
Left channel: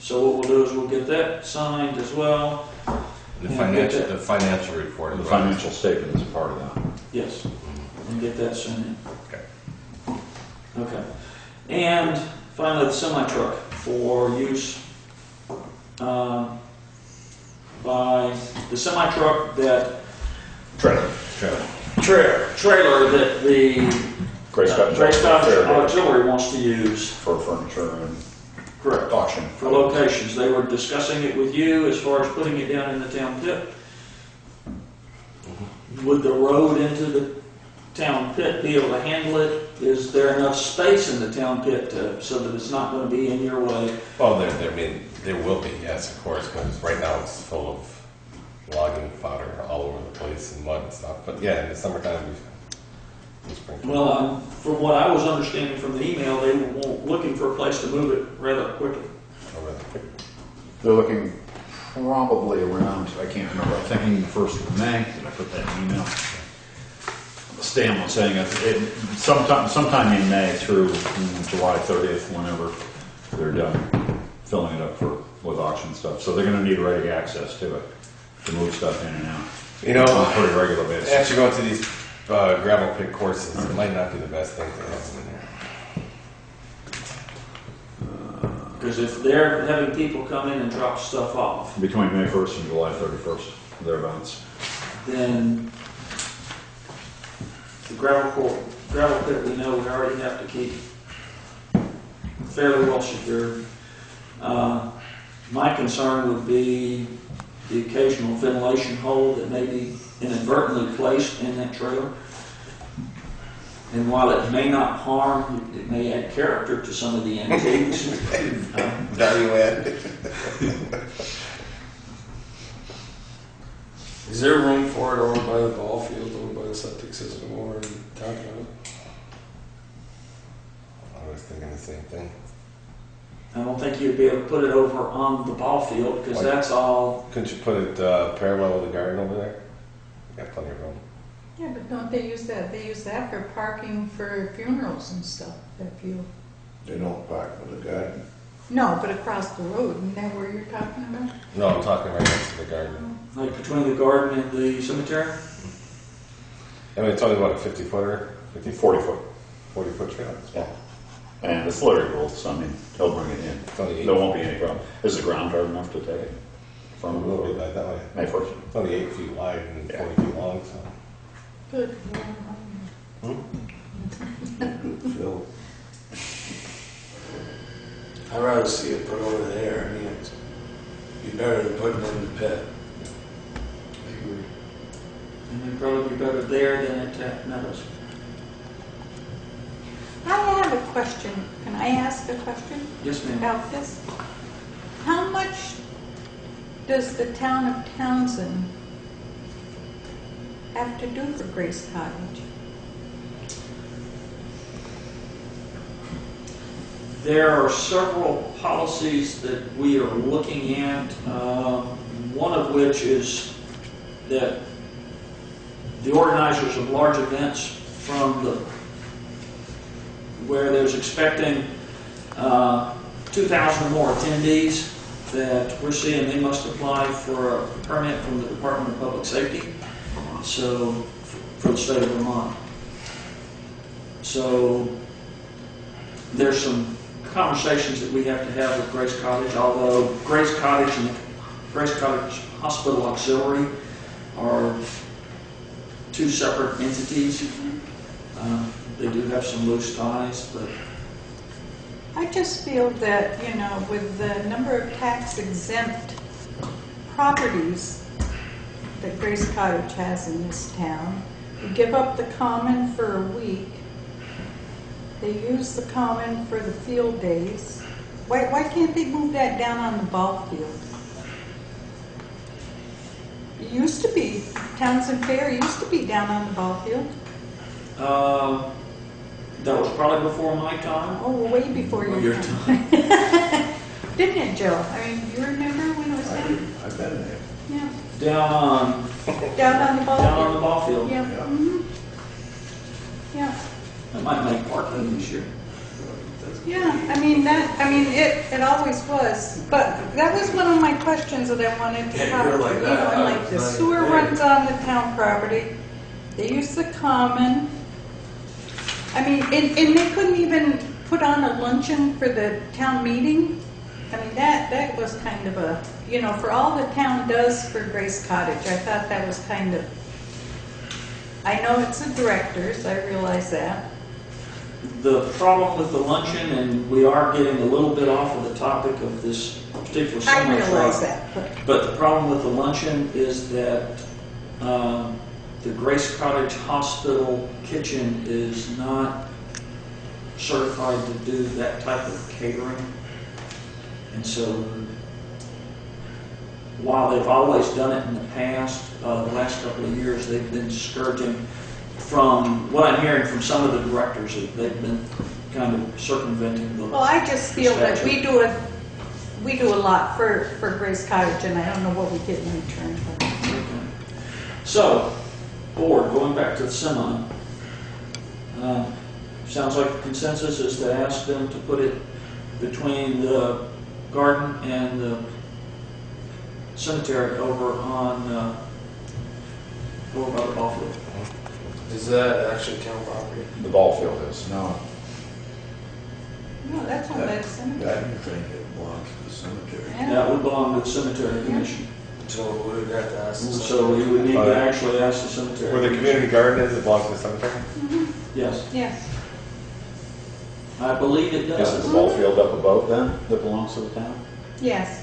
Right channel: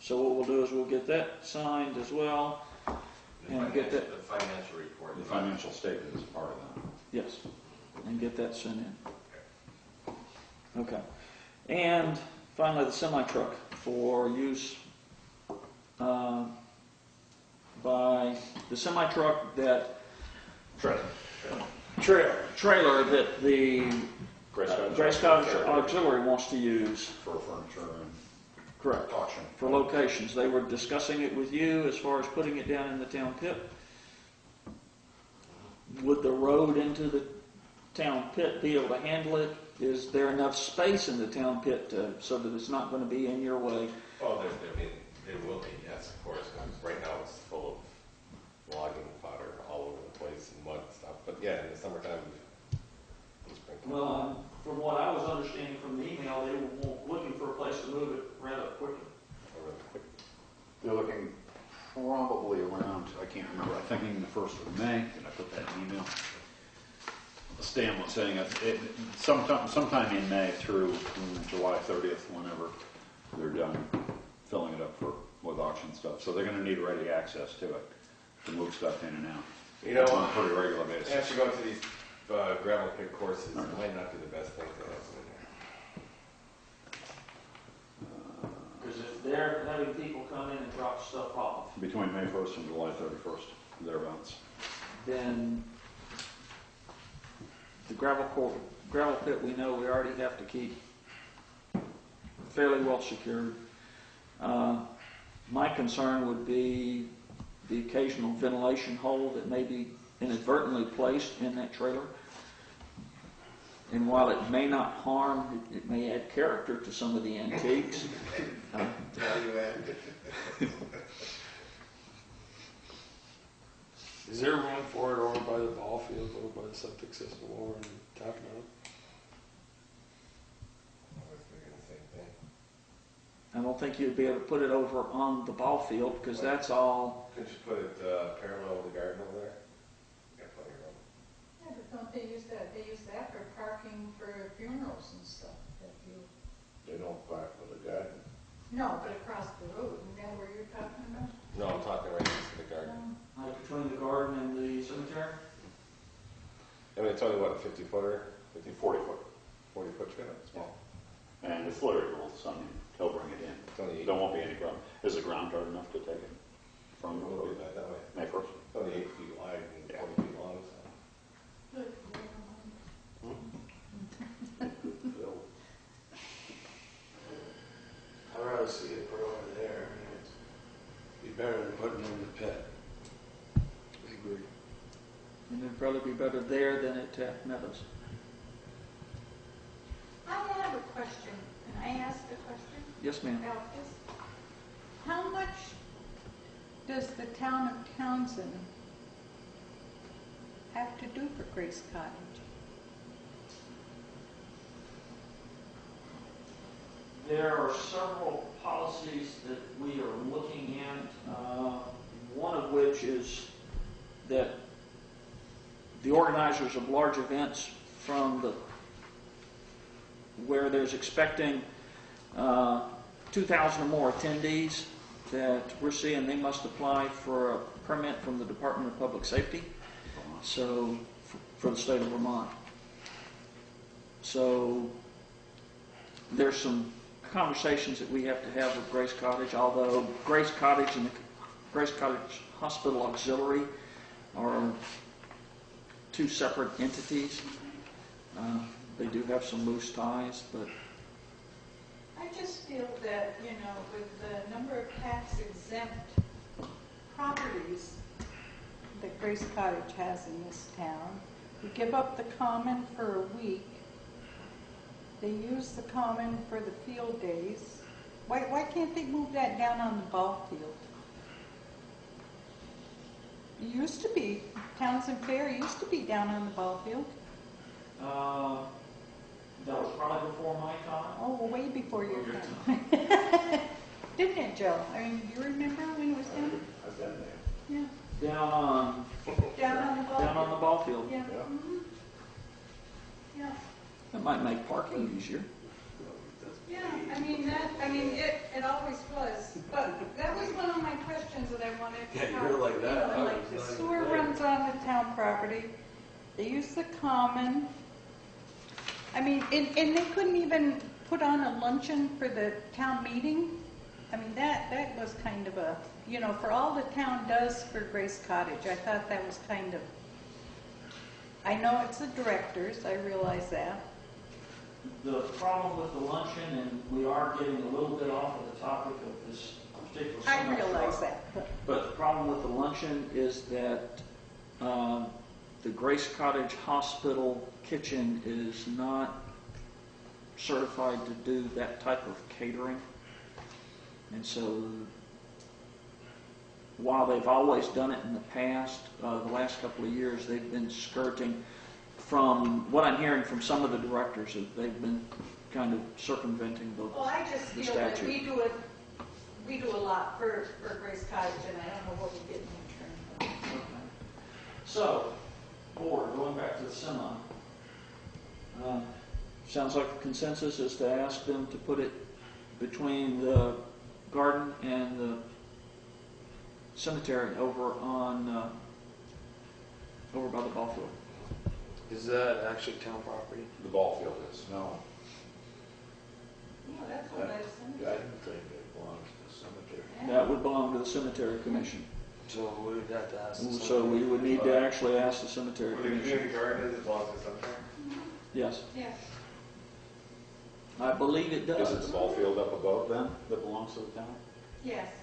So what we'll do is we'll get that signed as well. The Yeah, get that. financial report. The financial statement is a part of that. Yes, and get that sent in. Okay. Okay. And finally, the semi-truck for use by the semi-truck that Trailer. trailer that the Gray Scotch. Gray Scotch Fair Day Auxiliary wants to use for furniture and correct auction. for locations. They were discussing it with you as far as putting it down in the town pit. Would the road into the town pit be able to handle it? Is there enough space in the town pit so that it's not going to be in your way? Well, there will be, yes, of course, because right now it's full of logging fodder all over the place and mud and stuff. But yeah, in the summertime, we spring. Well, from what I was understanding from the email, they were looking for a place to move it rather quickly. They're looking probably around, I can't remember, I'm thinking the 1st of May. Did I put that in email? Stan was saying sometime in May through July 30th, whenever they're done filling it up with auction stuff. So they're going to need ready access to it to move stuff in and out. You know, on a pretty regular basis. actually going to these gravel pit courses, it might not be the best thing to have in there. Because if they're having people come in and drop stuff off, Between May 1st and July 31st, thereabouts. then the gravel pit, we know we already have to keep fairly well secured. My concern would be the occasional ventilation hole that may be inadvertently placed in that trailer. And while it may not harm, it may add character to some of the antiques. Value add. Is there room for it over by the ball field, over by the septic system, over in Townshend? I was thinking the same thing. I don't think you'd be able to put it over on the ball field because that's all. Couldn't you put it parallel with the garden over there? You got plenty of room. Yeah, but don't they use that? They use that for parking for funerals and stuff. If you They don't park for the garden. no, but across the road, isn't that where you're talking about? No, I'm talking right next to the garden. Like between the garden and the cemetery? I mean, it's only about a 50-footer, 40 foot. 40-foot trail. Yeah. And it's Larry rules, so I mean, he'll bring it in. It's only 8. There won't be any problem. Is the ground hard enough to take it? From a little bit like that way. May 1st. It's only 8 feet wide and Yeah. 40 feet long, so. Good. Good fill. I'd rather see it put over there. I mean, it'd be better than putting it in the pit. I agree. And it'd probably be better there than at Taft Meadows. I have a question. Can I ask a question Yes, ma'am. about this? How much does the town of Townsend have to do for Grace Cottage? There are several policies that we are looking at, one of which is that the organizers of large events from where there's expecting 2,000 or more attendees that we're seeing they must apply for a permit from the Department of Public Safety, so, for the state of Vermont. So, there's some conversations that we have to have with Grace Cottage, although Grace Cottage and the Grace Cottage Hospital Auxiliary are two separate entities. They do have some loose ties, but I just feel that, you know, with the number of tax exempt properties that Grace Cottage has in this town, we give up the common for a week. They use the common for the field days. Why can't they move that down on the ball field? It used to be, Townshend Fair used to be down on the ball field. that was probably before my time. Oh, way before your Your time. Didn't it, Joe? I mean, you remember when it was down? I've been there. Yeah. Down on Down on the ball down field. on the ball field. Yeah. Yeah. Mhm. Yeah. That might make parking this year. Yeah, it always was, but that was one of my questions that I wanted to Yeah, talk, you're like you know, that. and I like was the not sewer even runs on the town property, they use the common. I mean, and they couldn't even put on a luncheon for the town meeting. I mean, that was kind of a, you know, for all the town does for Grace Cottage, I thought that was kind of, I know it's the directors, I realize that. The problem with the luncheon, and we are getting a little bit off of the topic of this particular I semi-truck. realize that, But the problem with the luncheon is that the Grace Cottage Hospital kitchen is not certified to do that type of catering. And so, while they've always done it in the past, the last couple of years, they've been discouraging. From what I'm hearing from some of the directors, that they've been kind of circumventing the. well, I just feel that we do a lot for Grace Cottage, and I don't know what we get in return for it. Okay. So, board, going back to the semi, sounds like the consensus is to ask them to put it between the garden and the cemetery over on, over by the ball field. Is that actually town property? The ball field is, no. No, that's on that cemetery. I didn't think it belongs to the cemetery. Yeah. That would belong to the cemetery commission. So we would have to ask. the So we would need to actually ask the cemetery. Where the community garden is, it belongs to the cemetery? Mhm. Yes, Yes. I believe it Is it does. the ball field up above then that belongs to the town? Yes.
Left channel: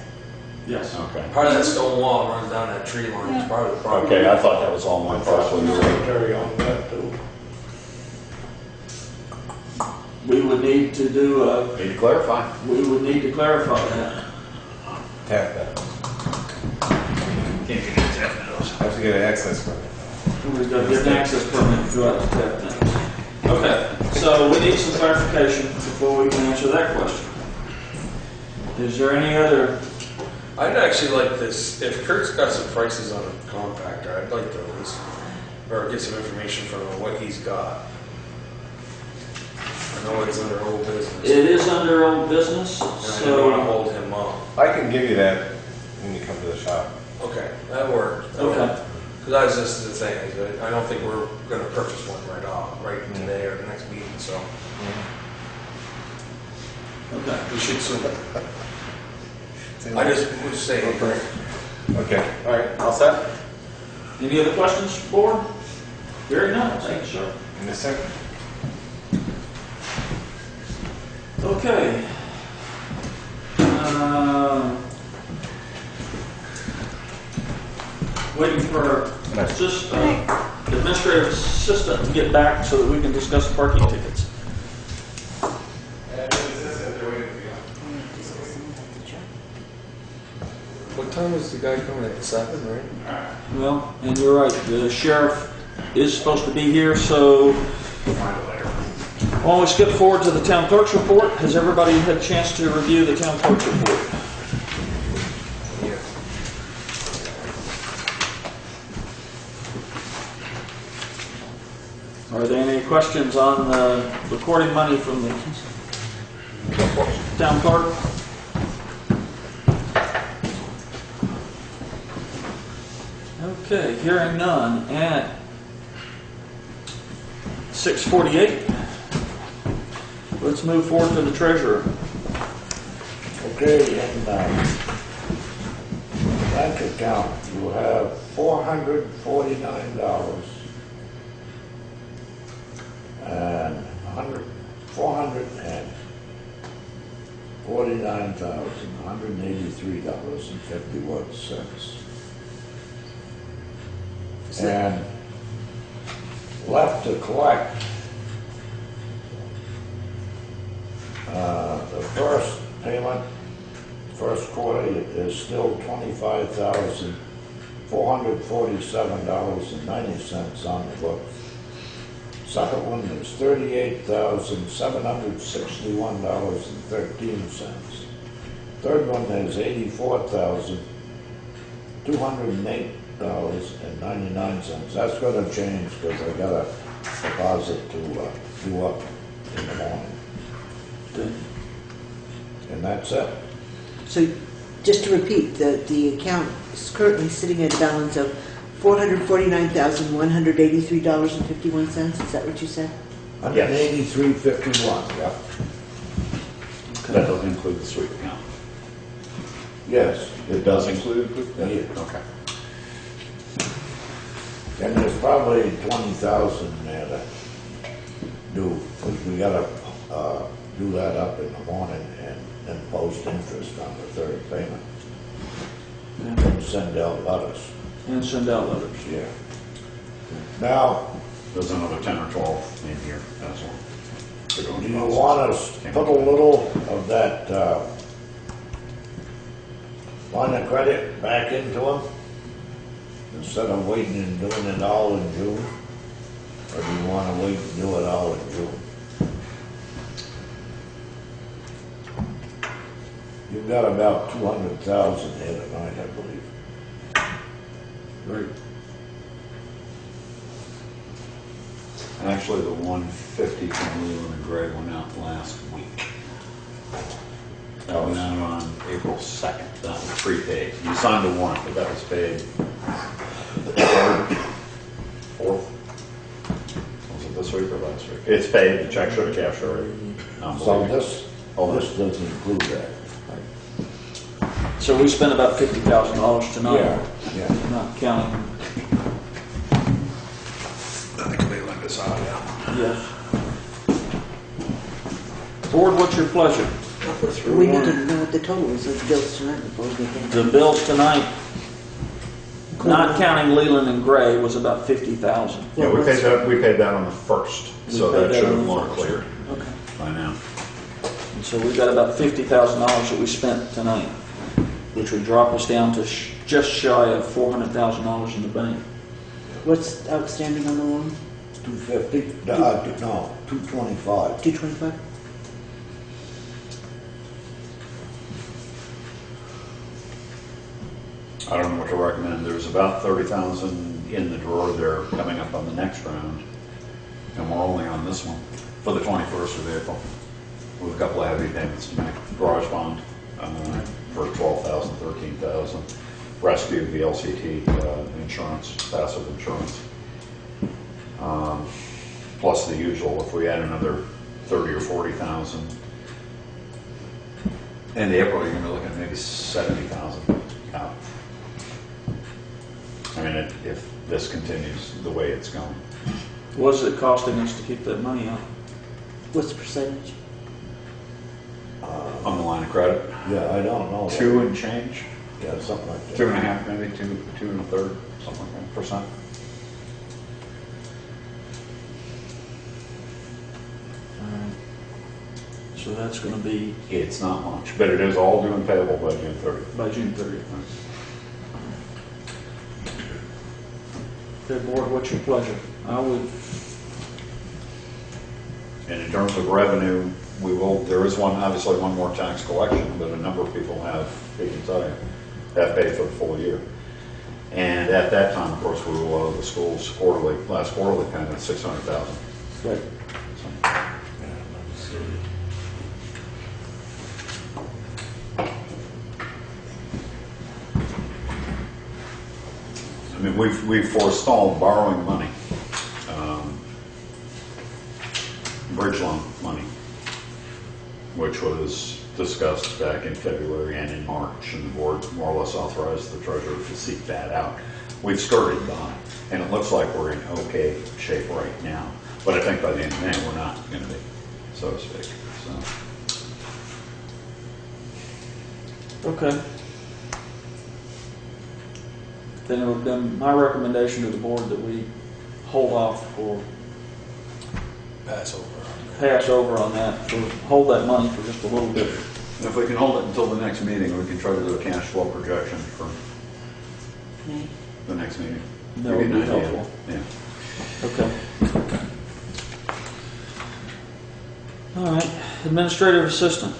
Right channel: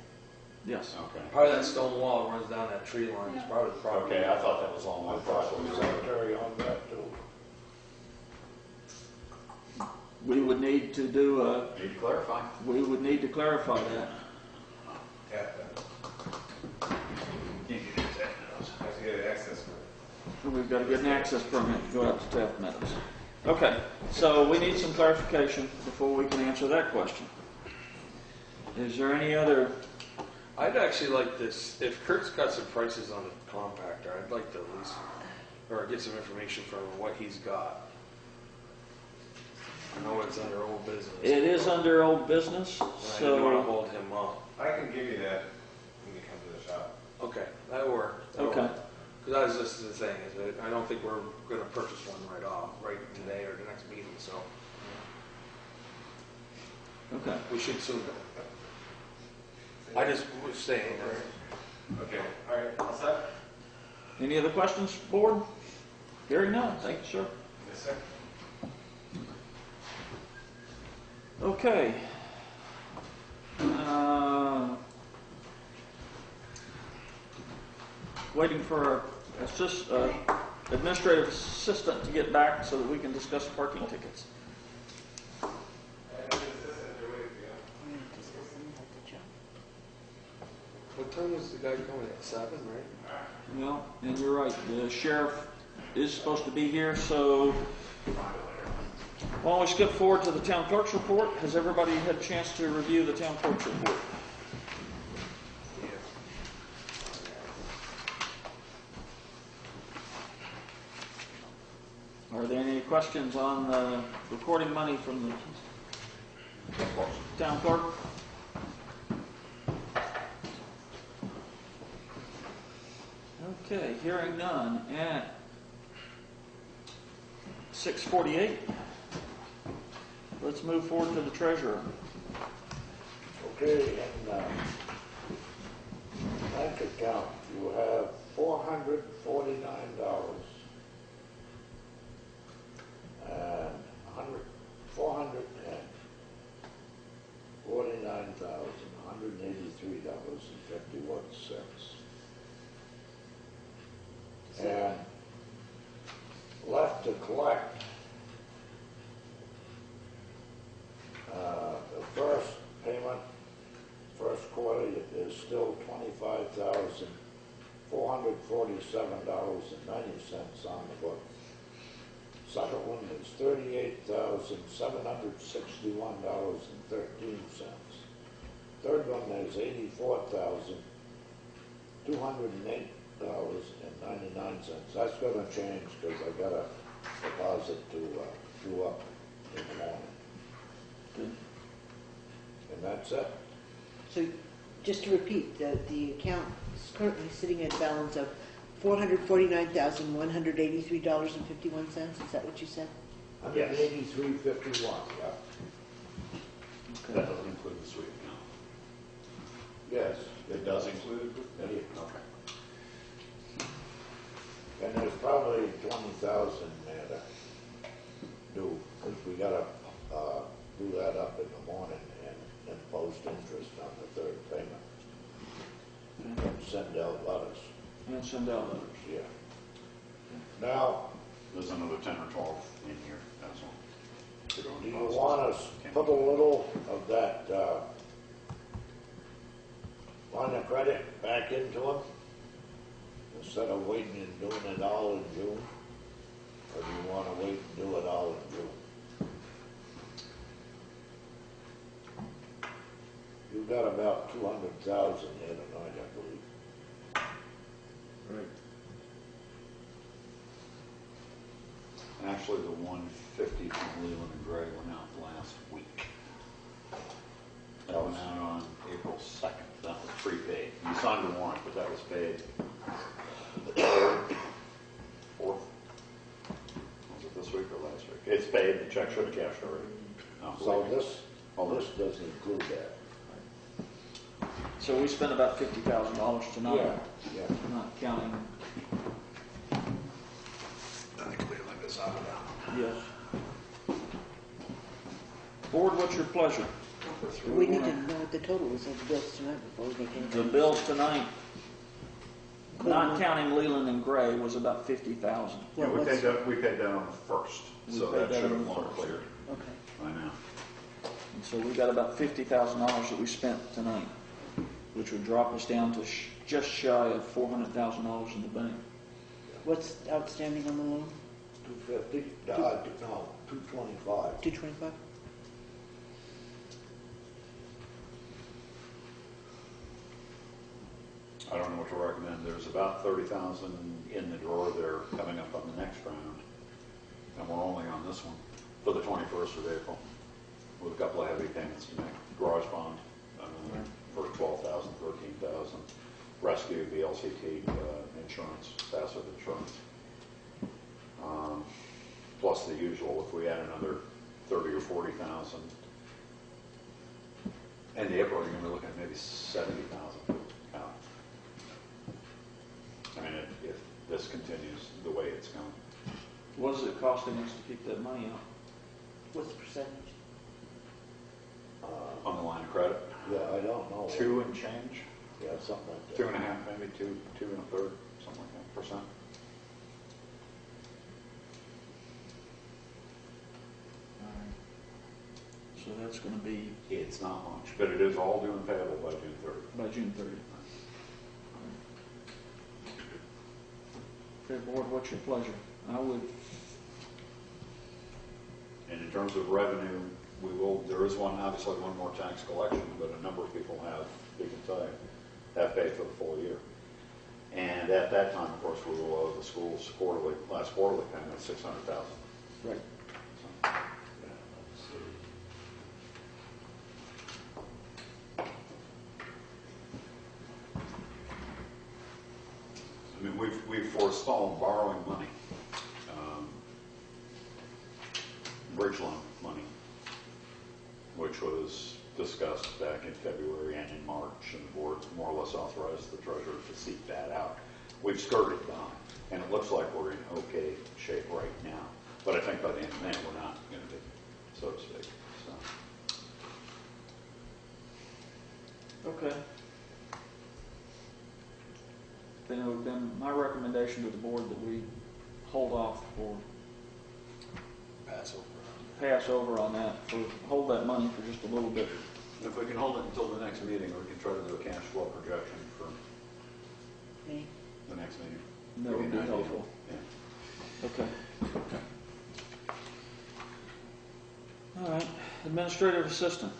Yes. Okay. Part of that stone wall runs down that tree line. It's part of the property. Okay, I thought that was all my I thought parcel. the cemetery on that too. We would need to do Need to clarify. we would need to clarify that. Tap that. Can't get it. Have to get an access permit. We've got to get an access permit to go out to tap things. Okay, so we need some clarification before we can answer that question. Is there any other? I'd actually like this, if Kurt's got some prices on a compactor, I'd like to at least, or get some information from him, what he's got. I know it's under old business. It is under old business, And I didn't want to so, hold him up. I can give you that when you come to the shop. Okay, that works. okay, Because that was just the thing, is that I don't think we're gonna purchase one right today or the next meeting, so okay. we should soon. I just was saying, Okay, all right, all set? Any other questions, board? Very nice, thank you, sir. In a second. Okay. Waiting for just administrative assistant to get back so that we can discuss parking tickets. what time is the guy coming at 7, right? Well, and you're right, the sheriff is supposed to be here, so why don't we skip forward to the town clerk's report? Has everybody had a chance to review the town clerk's report? Are there any questions on the recording money from the town clerk? Okay, hearing none at 6:48. Let's move forward to the treasurer. Okay, in bank account, you have $449 and $449,183.51. And left to collect, the first payment, first quarter is still $25,447.90 on the books. Second one is $38,761.13. Third one is $84,208.99. That's gonna change because I got a deposit to do up in the morning. And that's it. So, just to repeat, the account is currently sitting at a balance of $449,183.51, is that what you said? $183.51, yeah. That doesn't include the sweep account. Yes. It does include? Yeah. Okay. And there's probably 20,000 there to do, because we gotta, do that up in the morning and then post interest on the third payment. And send out letters, And send out letters. yeah. Now, There's another 10 or 12 in here as well. to go do into you process. want us to put a little of that, line of credit back into them? Instead of waiting and doing it all in June? Or do you wanna wait and do it all in June? You've got about 200,000 here tonight, I believe. Right. Actually, the 150 from Leland and Gray went out last week. That went out on April 2nd. That was prepaid. You signed a warrant, but that was paid the 3rd, 4th. Was it this week or last week? It's paid. The check should have cashed already. So this doesn't include that. So we spent about $50,000 tonight. Yeah. Not counting, I think Leland is out, yeah. yes. Board, what's your pleasure? We need to know what the total is of the bills tonight before we get into The bills tonight, not counting Leland and Gray, was about 50,000. Yeah, we paid that on the 1st, so We paid that should that on have the more 1st. cleared Okay. by now. And so we got about $50,000 that we spent tonight, which would drop us down to just shy of $400,000 in the bank. what's outstanding on the loan? 250? No, 225. 225? I don't know what to recommend. There's about 30,000 in the drawer there coming up on the next round. And we're only on this one for the 21st of April with a couple of heavy payments to make. Garage bond for 12,000, 13,000. Rescue, VLCT, insurance, passive insurance. Plus the usual, if we add another 30 or 40,000. In April, you're gonna be looking at maybe 70,000 out. I mean, if this continues the way it's going. What is it costing us to keep that money out? What's the percentage? On the line of credit, Yeah, I don't know. 2 and change, Yeah, something like that. 2.5 maybe, 2 and a third, something like that, percent. So that's going to be It's not much, but it is all due and payable by June 30th. by June 30th. Okay, board, what's your pleasure? I would, And in terms of revenue, there is obviously one more tax collection, but a number of people have, they can tell you, have paid for the full year. And at that time, of course, we will owe the schools last quarterly payment, 600,000. right. I mean, we've forestalled borrowing money, bridge loan money, which was discussed back in February and in March, and the board more or less authorized the treasurer to seek that out. We've skirted by, and it looks like we're in okay shape right now. But I think by the end of May, we're not going to be, so to speak. So. Okay. Then it would have been my recommendation to the board that we hold off or pass over on that, or hold that money for just a little bit. If we can hold it until the next meeting, we can try to do a cash flow projection for May. the next meeting. That would be helpful. Yeah. Okay. All right, administrative assistant.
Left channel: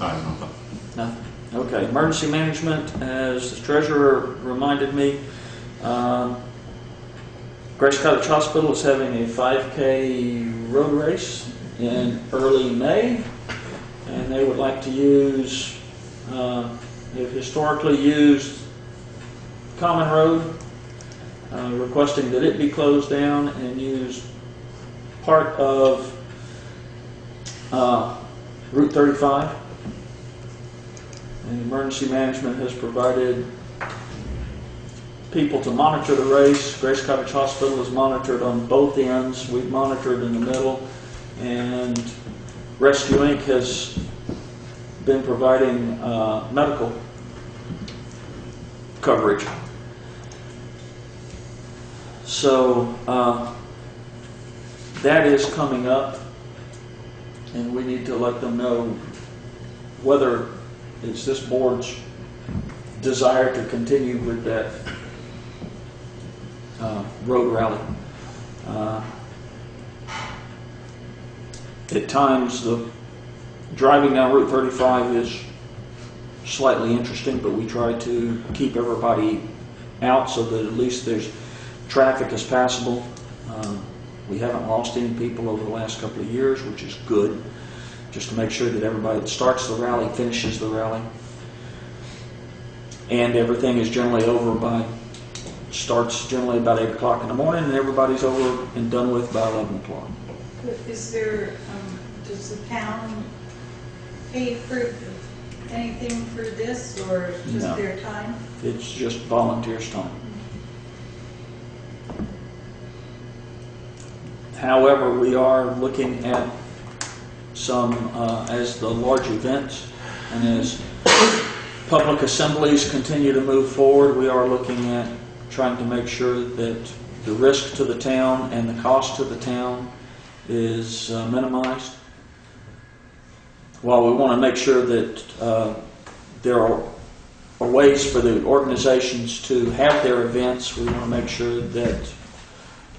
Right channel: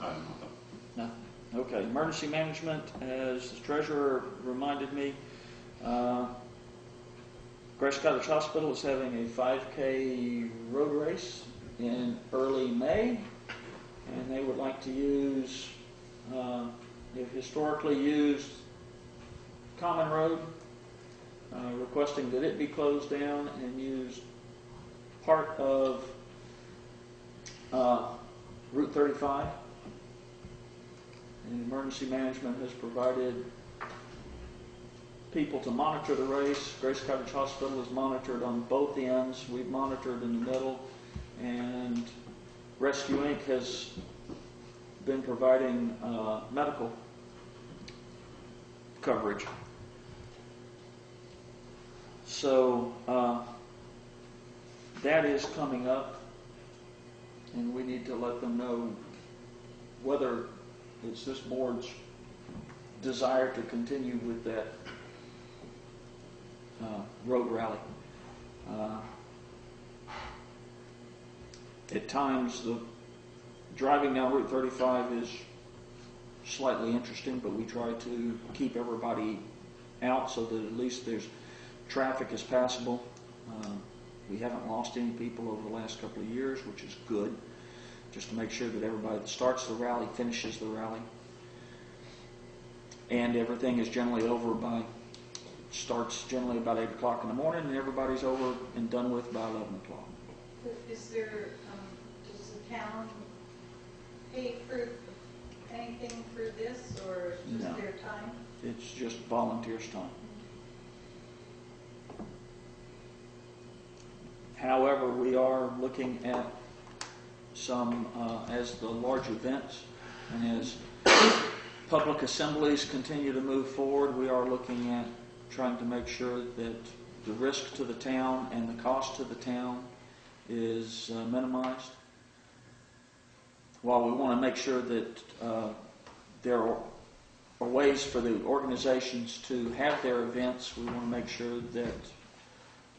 I don't know. Nothing. Okay, emergency management, as the treasurer reminded me, Grace Cottage Hospital is having a 5K road race in early May, and they would like to use, they've historically used Common Road, requesting that it be closed down and use part of Route 35. And emergency management has provided people to monitor the race. Grace Cottage Hospital is monitored on both ends. We've monitored in the middle. And Rescue Inc. has been providing medical coverage. So that is coming up, and we need to let them know whether it's this board's desire to continue with that road rally. At times, the driving down Route 35 is slightly interesting, but we try to keep everybody out so that at least there's traffic is passable. We haven't lost any people over the last couple of years, which is good, just to make sure that everybody that starts the rally finishes the rally. And everything is generally over by, starts generally about 8 o'clock in the morning, and everybody's over and done with by 11 o'clock. Is there, does the town pay for anything for this, or just No. their time? It's just volunteers' time. However, we are looking at some, as the large events and as public assemblies continue to move forward, we are looking at trying to make sure that the risk to the town and the cost to the town is minimized. While we want to make sure that there are ways for the organizations to have their events, we want to make sure that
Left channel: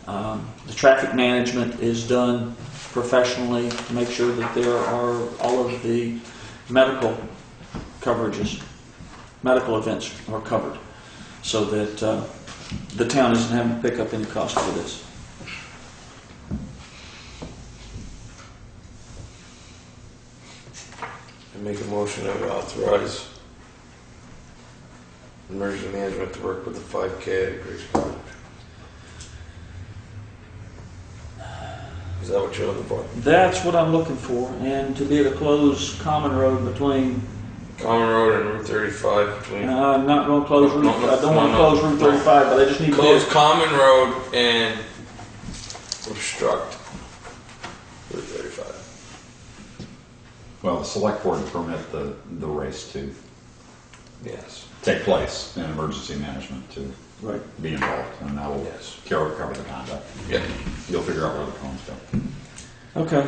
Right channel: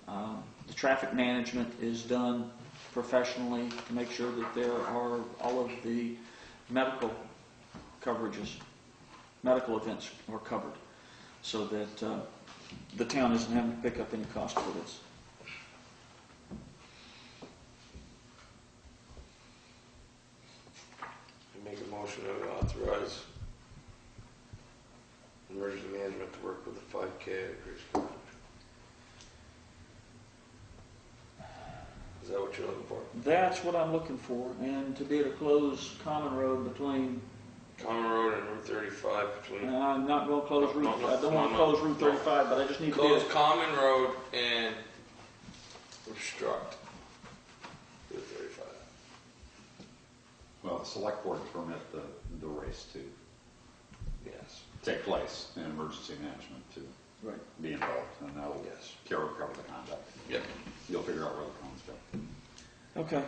the traffic management is done professionally, to make sure that there are all of the medical coverages, medical events are covered, so that the town isn't having to pick up any cost for this. I make a motion that we authorize emergency management to work with the 5K at Grace Cottage. Is that what you're looking for? That's what I'm looking for, and to be able to close Common Road between. Common Road and Route 35 between. I'm not going to close Route. No, I don't want to close Route 35, but I just need to Close Common Road and obstruct Route 35. Well, the select board permit the race to Yes. take place and emergency management to right. be involved, and that will Yes. cover the conduct. Yeah. You'll figure out where the cones go. Okay.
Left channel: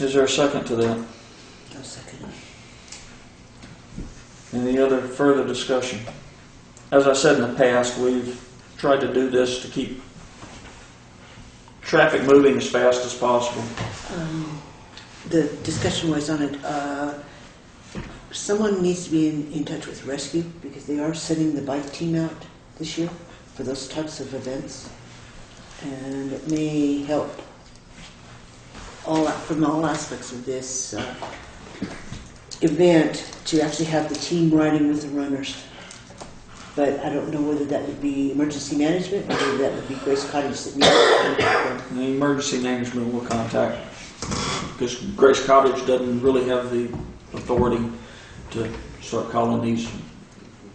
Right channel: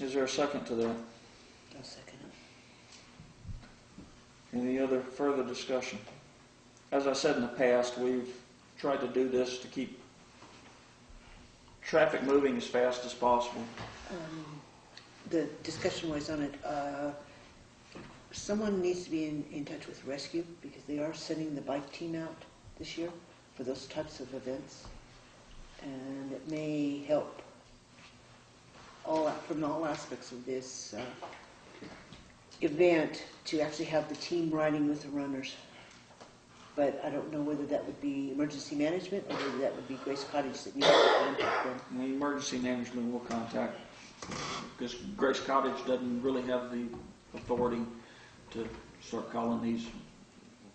Is there a second to that? I'll second it. Any other further discussion? As I said in the past, we've tried to do this to keep traffic moving as fast as possible. The discussion was on it. Someone needs to be in touch with Rescue, because they are sending the bike team out this year for those types of events, and it may help from all aspects of this event to actually have the team riding with the runners. but I don't know whether that would be emergency management or whether that would be Grace Cottage that needs to contact them. The emergency management will contact, because Grace Cottage doesn't really have the authority to start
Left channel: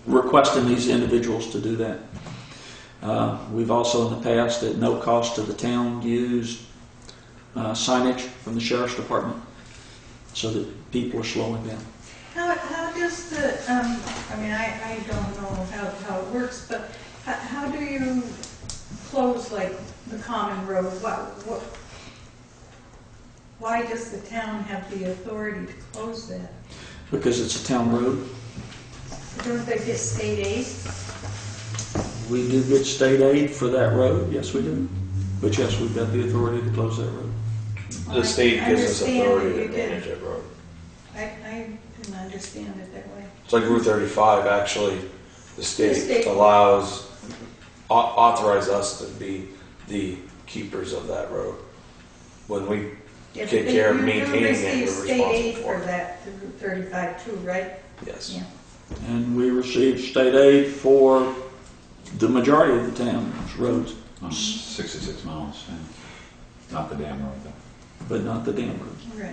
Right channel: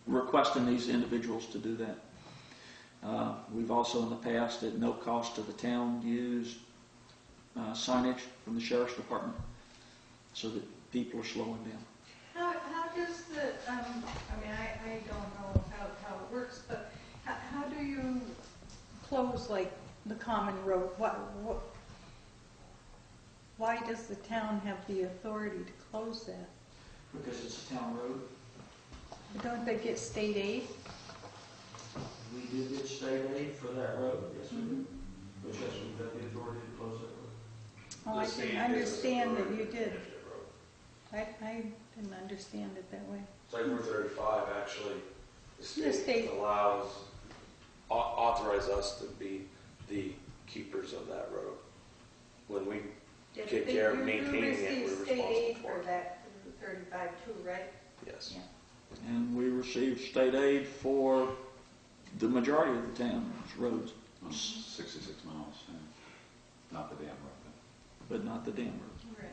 requesting these individuals to do that. We've also in the past, at no cost to the town, used signage from the sheriff's department so that people are slowing down. How does the, I mean, I don't know how it works, but how do you close, like, the common road? Why does the town have the authority to close that? Because it's a town road. Don't they get state aid? We do get state aid for that road, yes we do. But yes, we've got the authority to close that road. The state gives us I understand authority that to you did. manage that road. I didn't understand it that way. It's like Route 35, actually, the state. state authorize us to be the keepers of that road. When we Yeah, take but care of you maintaining it, receive we're state aid responsible for for it. that through Route 35 too, right? Yes. Yeah. And we receive state aid for the majority of the town's roads, 66 miles, yeah. Not the dam road though. but not the dam road. Right.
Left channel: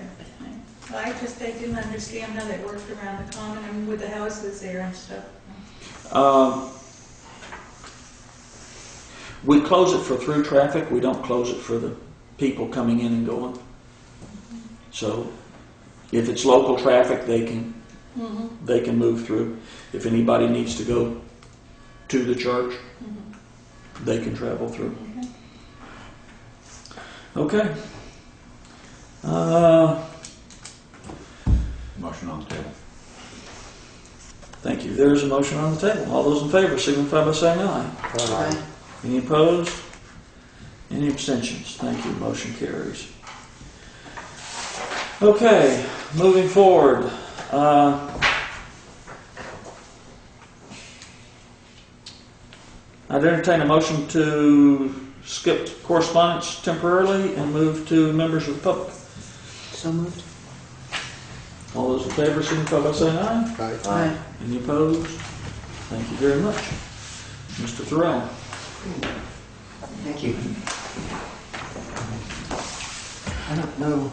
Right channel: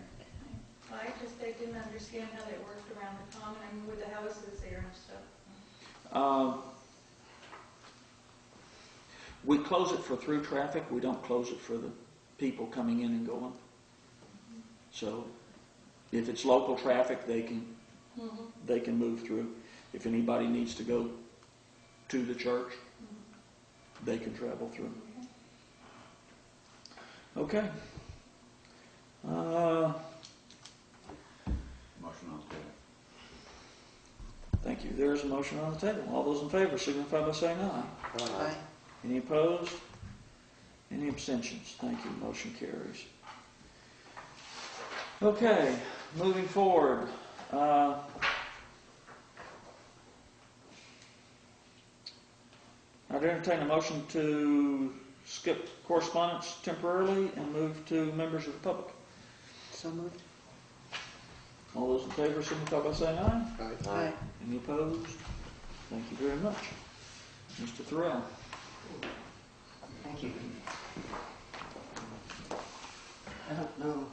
Well, I didn't understand how that worked around the common and with the houses there and stuff. We close it for through traffic, we don't close it for the people coming in and going. So if it's local traffic, they can move through. If anybody needs to go to the church, they can travel through. Okay. Motion on the table. Thank you. There's a motion on the table. All those in favor signify by saying aye. Aye. Any opposed? Any abstentions? Thank you. Motion carries. Okay, moving forward. I'd entertain a motion to skip correspondence temporarily and move to members of the public. So moved. All those in favor signify by saying aye. Aye. Any opposed? Thank you very much. Mr. Thorell. Thank you. I don't know,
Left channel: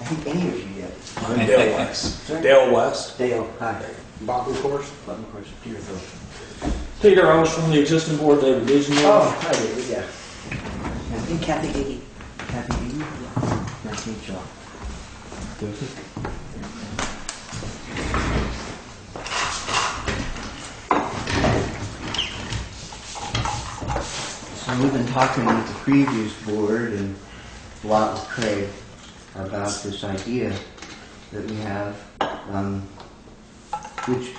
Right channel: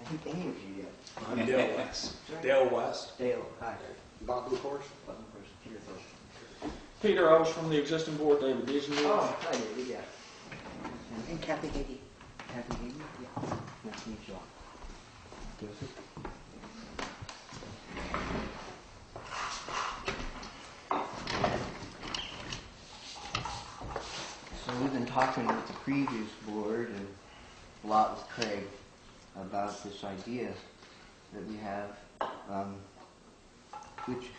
I think any of you yet. I'm Dale West. Dale West. Dale, hi. Bob, of course. Button, of course, Deerfield. Peter, I was from the existing board, David Disney. Oh, hi David, yeah. And Kathy Higgy. Kathy Eaton? Nice to meet you all. So we've been talking with the previous board and a lot with Craig about this idea that we have,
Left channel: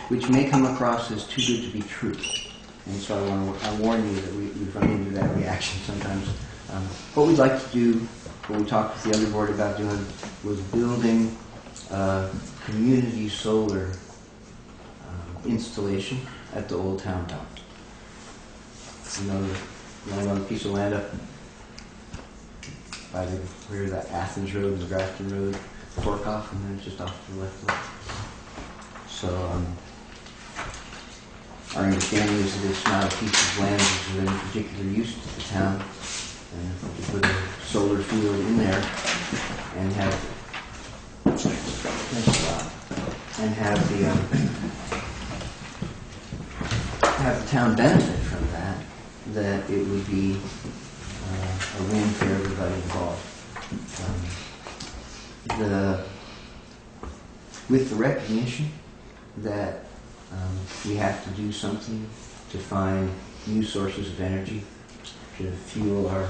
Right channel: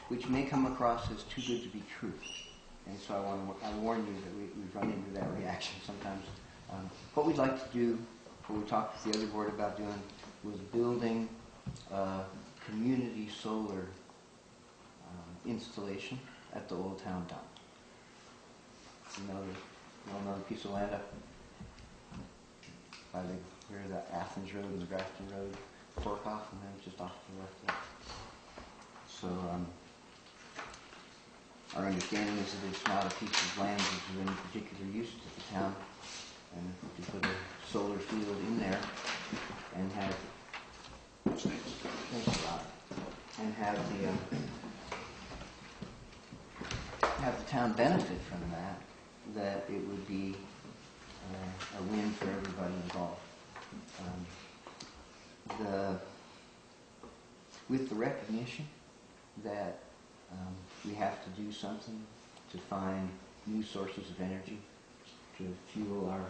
which may come across as too good to be true. And so I warn you that we've run into that reaction sometimes. What we'd like to do, what we talked with the other board about doing, was building a community solar installation at the old town dump. You know the piece of land up by where that Athens Road and the Grafton Road fork off, and then just off to the left. So our understanding is that it's not a piece of land that's of any particular use to the town, and if we could put a solar field in there and have the town benefit from that it would be a win for everybody involved. With the recognition that we have to do something to find new sources of energy to fuel our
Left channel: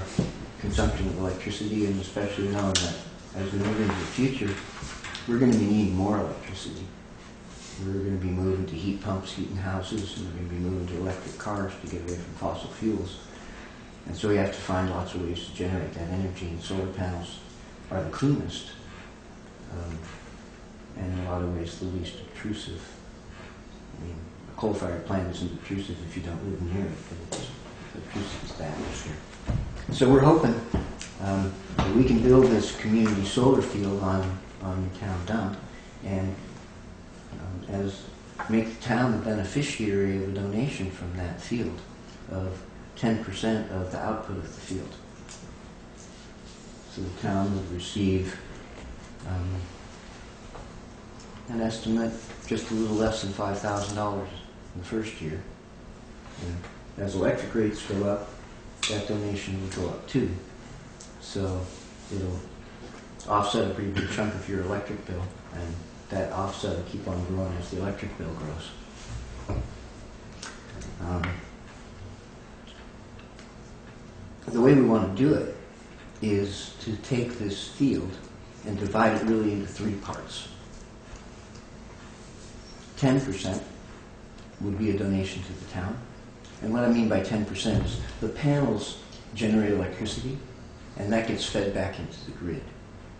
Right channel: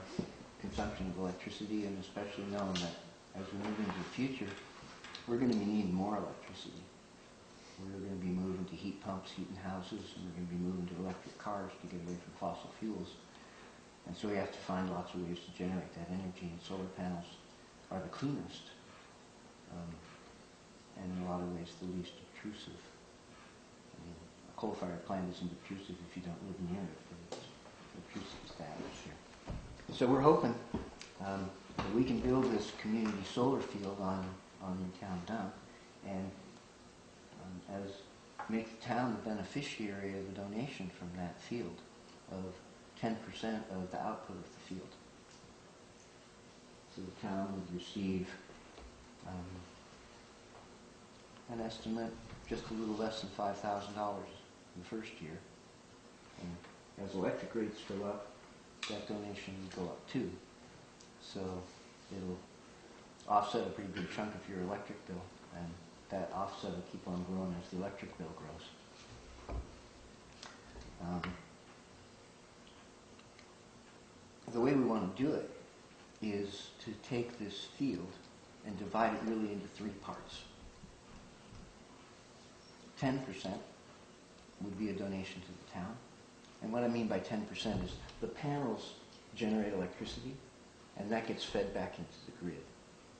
consumption of electricity, and especially knowing that as we move into the future, we're going to be needing more electricity. We're going to be moving to heat pumps, heating houses, and we're going to be moving to electric cars to get away from fossil fuels. And so we have to find lots of ways to generate that energy, and solar panels are the cleanest, and in a lot of ways the least obtrusive. I mean, a coal-fired plant isn't obtrusive if you don't live near it, but it's obtrusive to the atmosphere. So we're hoping that we can build this community solar field on the town dump, and as make the town the beneficiary of a donation from that field of 10% of the output of the field. So the town would receive an estimate just a little less than $5,000 in the first year. And as electric rates go up, that donation would go up too. So it'll offset a pretty big chunk of your electric bill, and that offset will keep on growing as the electric bill grows. The way we want to do it is to take this field and divide it really into three parts. 10% would be a donation to the town. And what I mean by 10% is the panels generate electricity, and that gets fed back into the grid.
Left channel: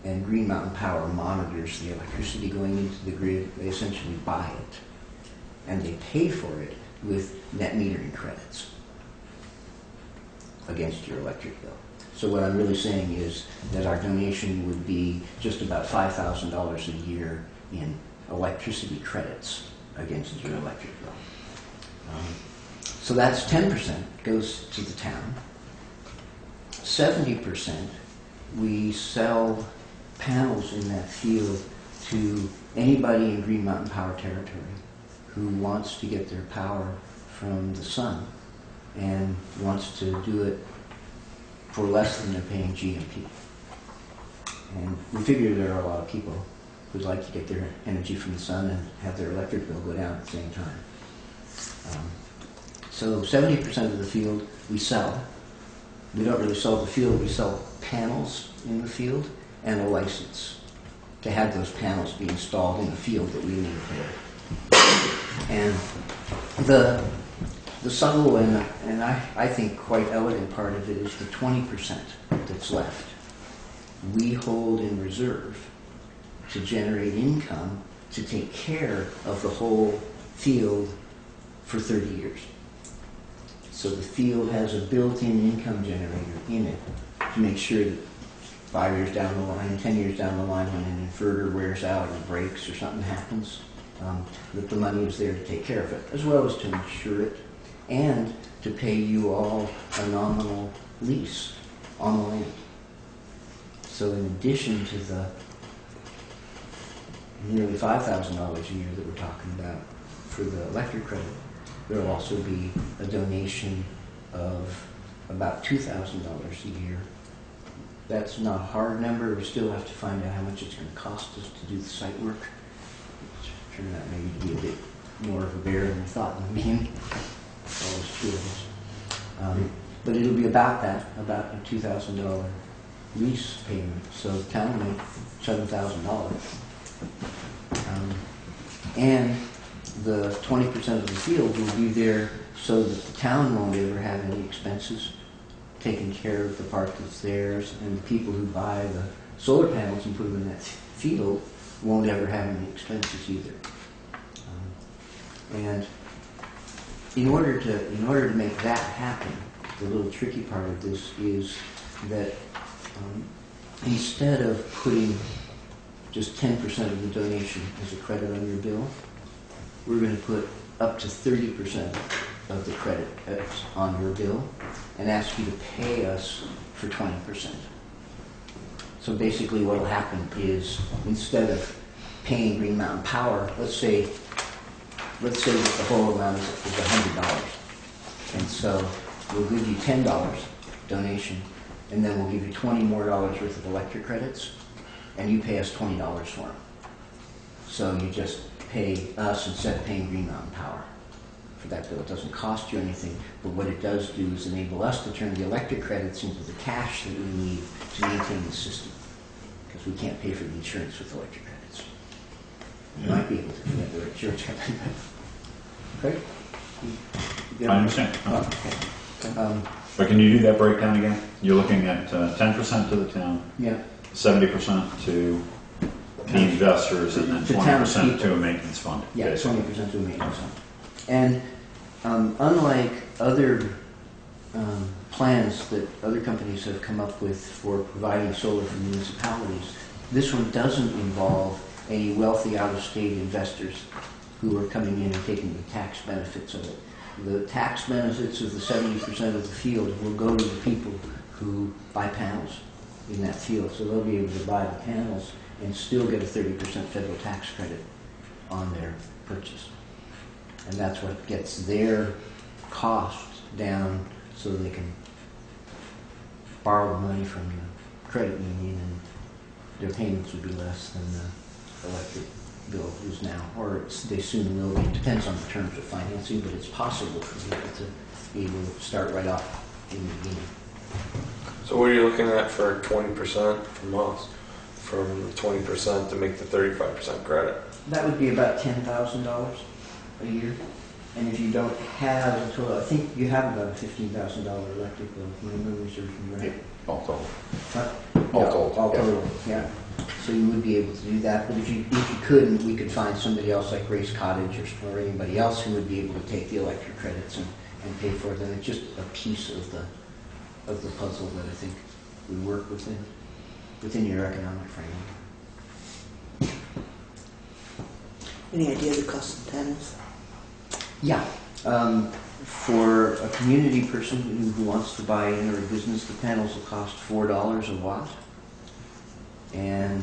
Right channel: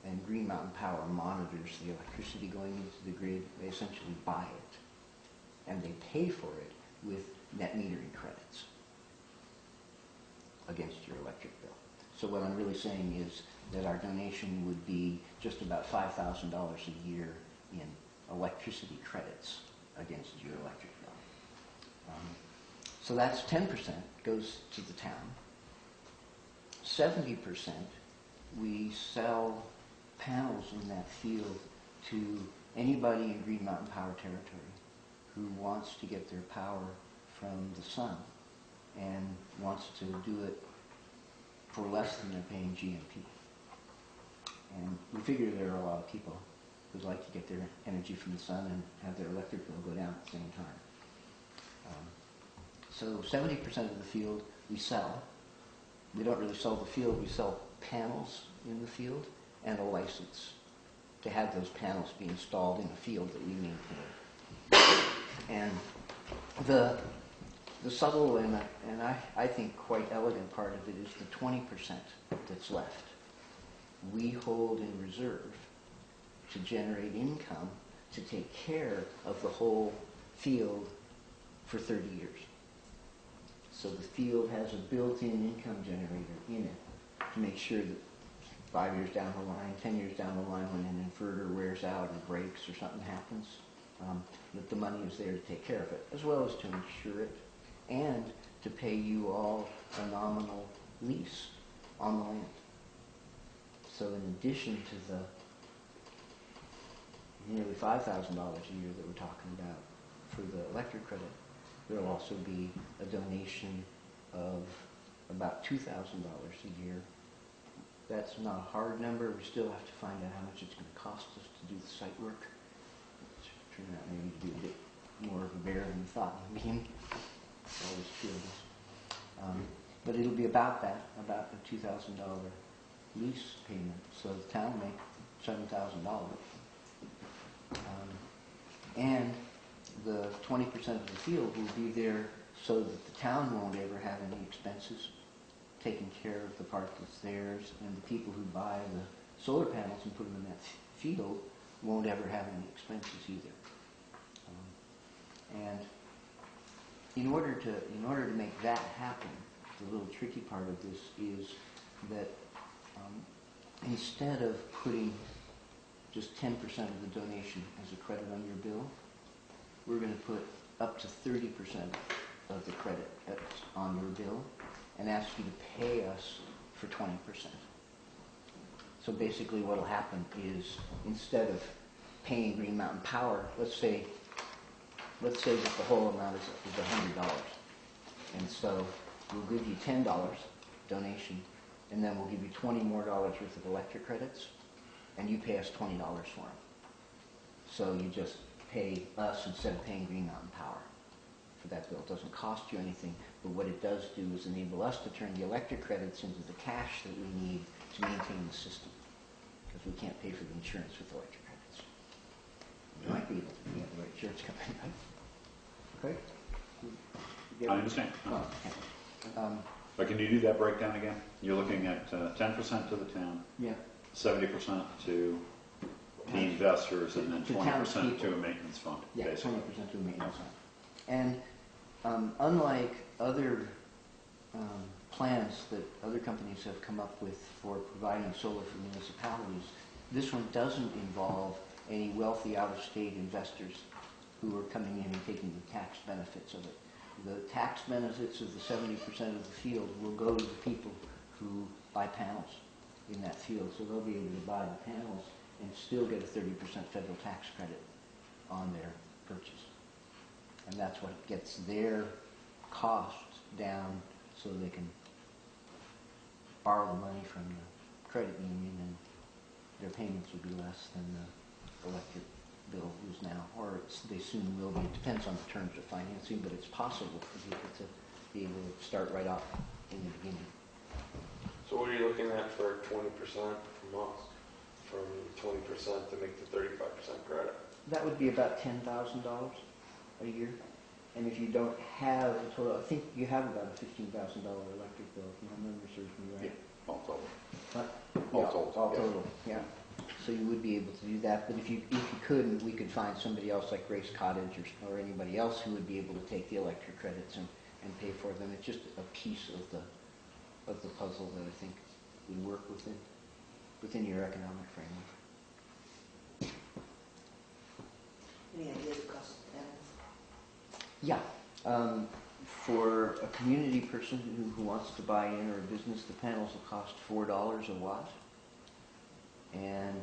And Green Mountain Power monitors the electricity going into the grid. They essentially buy it, and they pay for it with net metering credits against your electric bill. So what I'm really saying is that our donation would be just about $5,000 a year in electricity credits against your electric bill. So that's 10% goes to the town. 70% we sell panels in that field to anybody in Green Mountain Power territory who wants to get their power from the sun and wants to do it for less than they're paying GMP. And we figure there are a lot of people who'd like to get their energy from the sun and have their electric bill go down at the same time. So 70% of the field we sell. We don't really sell the field, we sell panels in the field and a license to have those panels be installed in the field that we maintain. And the subtle and I think quite elegant part of it is the 20% that's left. We hold in reserve to generate income to take care of the whole field for 30 years. So the field has a built-in income generator in it to make sure that 5 years down the line, 10 years down the line, when an inverter wears out or breaks or something happens, that the money is there to take care of it, as well as to insure it and to pay you all a nominal lease on the land. So in addition to the nearly $5,000 a year that we're talking about for the electric credit, there will also be a donation of about $2,000 a year. That's not a hard number. We still have to find out how much it's going to cost us to do the site work. Which turned out maybe to be a bit more of a bear than we thought in the beginning. It's always true of us. But it'll be about that, about a $2,000 lease payment. So the town will make $7,000. And the 20% of the field will be there so that the town won't ever have any expenses, taking care of the part that's theirs, and the people who buy the solar panels and put them in that field won't ever have any expenses either. And in order to make that happen, the little tricky part of this is that instead of putting just 10% of the donation as a credit on your bill, we're going to put up to 30% of the credit on your bill and ask you to pay us for 20%. So basically what will happen is, instead of paying Green Mountain Power, let's say that the whole amount is $100. And so we'll give you $10 donation, and then we'll give you $20 more worth of electric credits, and you pay us $20 for them. So you just pay us instead of paying Green Mountain Power for that bill. It doesn't cost you anything, but what it does do is enable us to turn the electric credits into the cash that we need to maintain the system, because we can't pay for the insurance with electric credits. You might be able to get the insurance credit. Okay? I understand. Oh, okay. But can you do that breakdown again? You're looking at 10% to the town, Yeah. 70% to the investors, and then To 20% townspeople. to a maintenance fund. Yeah, basically. 20% to a maintenance fund. And unlike other plans that other companies have come up with for providing solar for municipalities, this one doesn't involve any wealthy out-of-state investors who are coming in and taking the tax benefits of it. The tax benefits of the 70% of the field will go to the people who buy panels in that field. So they'll be able to buy the panels and still get a 30% federal tax credit on their purchase. And that's what gets their costs down so they can borrow the money from the credit union and their payments would be less than the electric bill is now, or they soon will be. It depends on the terms of financing, but it's possible for people to be able to start right off in the beginning. So what are you looking at for 20% from us? From 20% to make the 35% credit? That would be about $10,000 a year. And if you don't have a total, I think you have about a $15,000 electric bill, if my memory serves me right. All told. What? All Yeah, told, all yeah. total, yeah. So you would be able to do that, but if you couldn't, we could find somebody else like Grace Cottage or anybody else who would be able to take the electric credits and pay for it. And it's just a piece of the puzzle that I think would work within your economic framework. Any idea the cost of the panels? Yeah. For a community person who wants to buy in, or a business, the panels will cost $4 a watt. And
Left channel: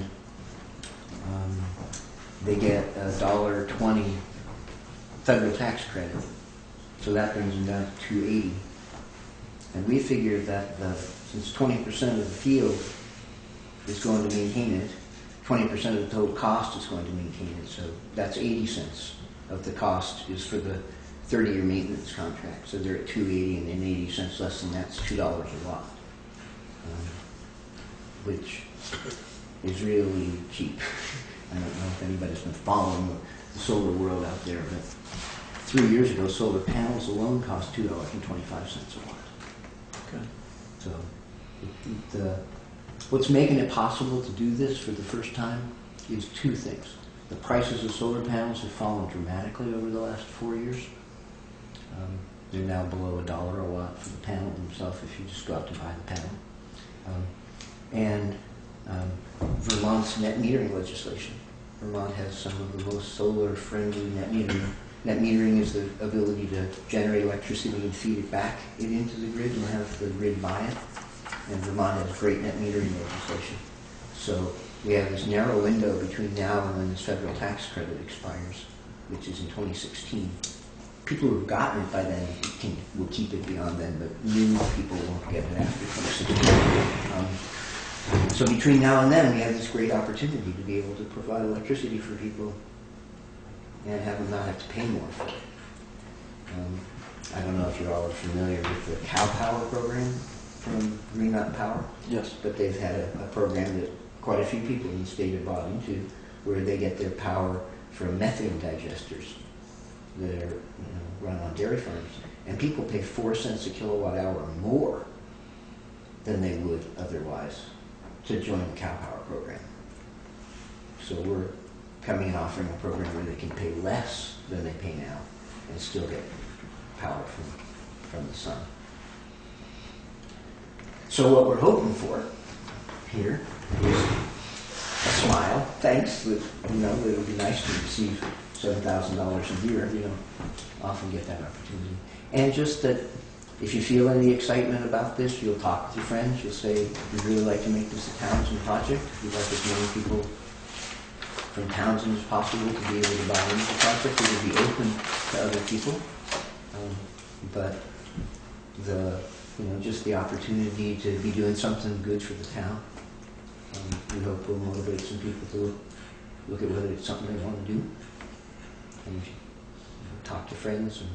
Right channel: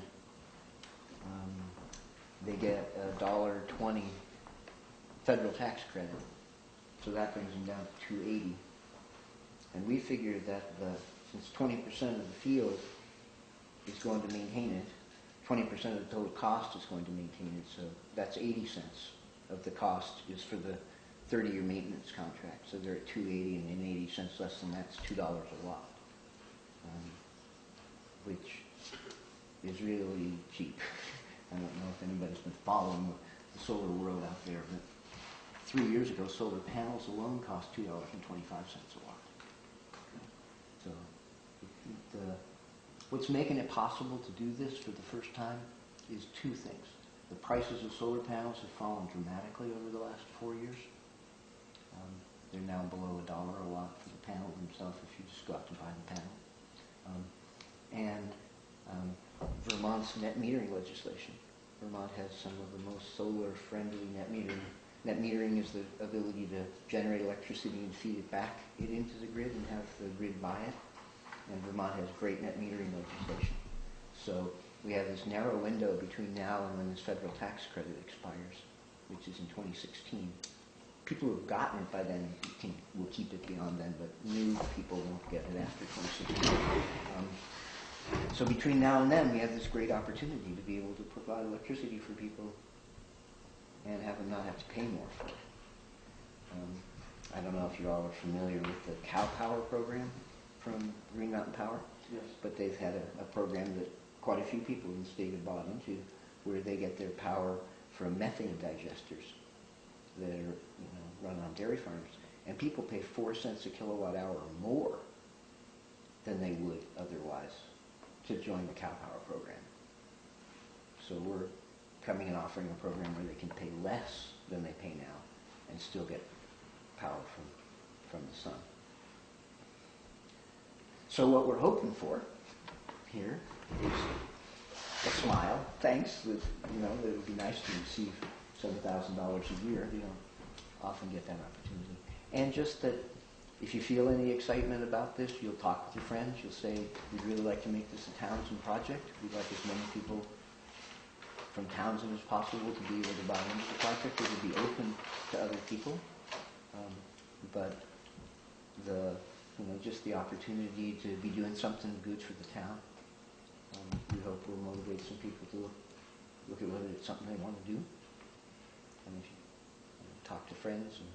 they get a $1.20 federal tax credit. So that brings them down to $2.80. And we figured that since 20% of the field is going to maintain it, 20% of the total cost is going to maintain it. So that's 80 cents of the cost is for the 30-year maintenance contract. So they're at $2.80, and then 80 cents less than that's $2 a watt, which is really cheap. I don't know if anybody's been following the solar world out there, but 3 years ago, solar panels alone cost $2.25 a watt. Okay. So what's making it possible to do this for the first time is two things. The prices of solar panels have fallen dramatically over the last 4 years. They're now below $1 a watt for the panel themselves if you just go out to buy the panel. Vermont's net metering legislation. Vermont has some of the most solar-friendly net metering. Net metering is the ability to generate electricity and feed it back into the grid and have the grid buy it. And Vermont has great net metering legislation. So we have this narrow window between now and when this federal tax credit expires, which is in 2016. People who have gotten it by then will keep it beyond then, but new people won't get it after 2016. So between now and then, we have this great opportunity to be able to provide electricity for people and have them not have to pay more for it. I don't know if you all are familiar with the Cow Power program from Green Mountain Power. Yes. But they've had a program that quite a few people in the state have bought into, where they get their power from methane digesters that are run on dairy farms, and people pay 4 cents a kilowatt hour more than they would otherwise to join the Cow Power program. So we're coming and offering a program where they can pay less than they pay now and still get power from the sun. So what we're hoping for here is a smile. Thanks. That it would be nice to receive $7,000 a year. You don't often get that opportunity. And just that if you feel any excitement about this, you'll talk with your friends. You'll say, we'd really like to make this a Townshend project. We'd like as many people from Townshend as possible to be able to buy into the project. It would be open to other people. But just the opportunity to be doing something good for the town, we hope will motivate some people to look at whether it's something they want to do. And talk to friends. And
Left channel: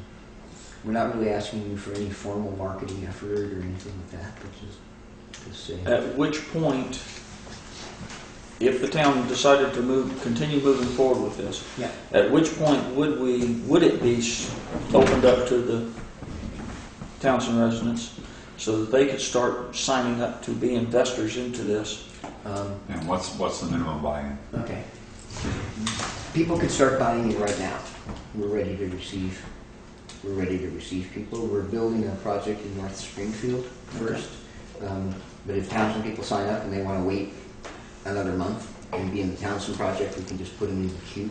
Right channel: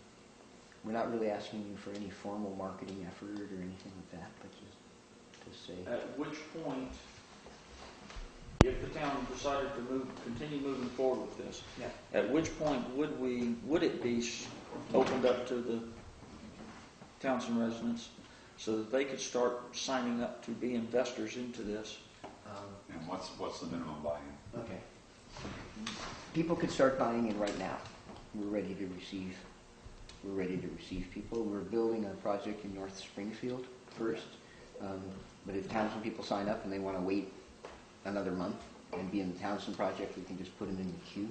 we're not really asking you for any formal marketing effort or anything like that, but just say. At which point, if the town decided to continue moving forward with this, Yeah. at which point would it be opened up to the Townshend residents so that they could start signing up to be investors into this? And what's the minimum buy-in? Okay. People could start buying it right now. We're ready to receive people. We're building a project in North Springfield first. But if Townshend people sign up and they want to wait another month and be in the Townshend project, we can just put them in the queue.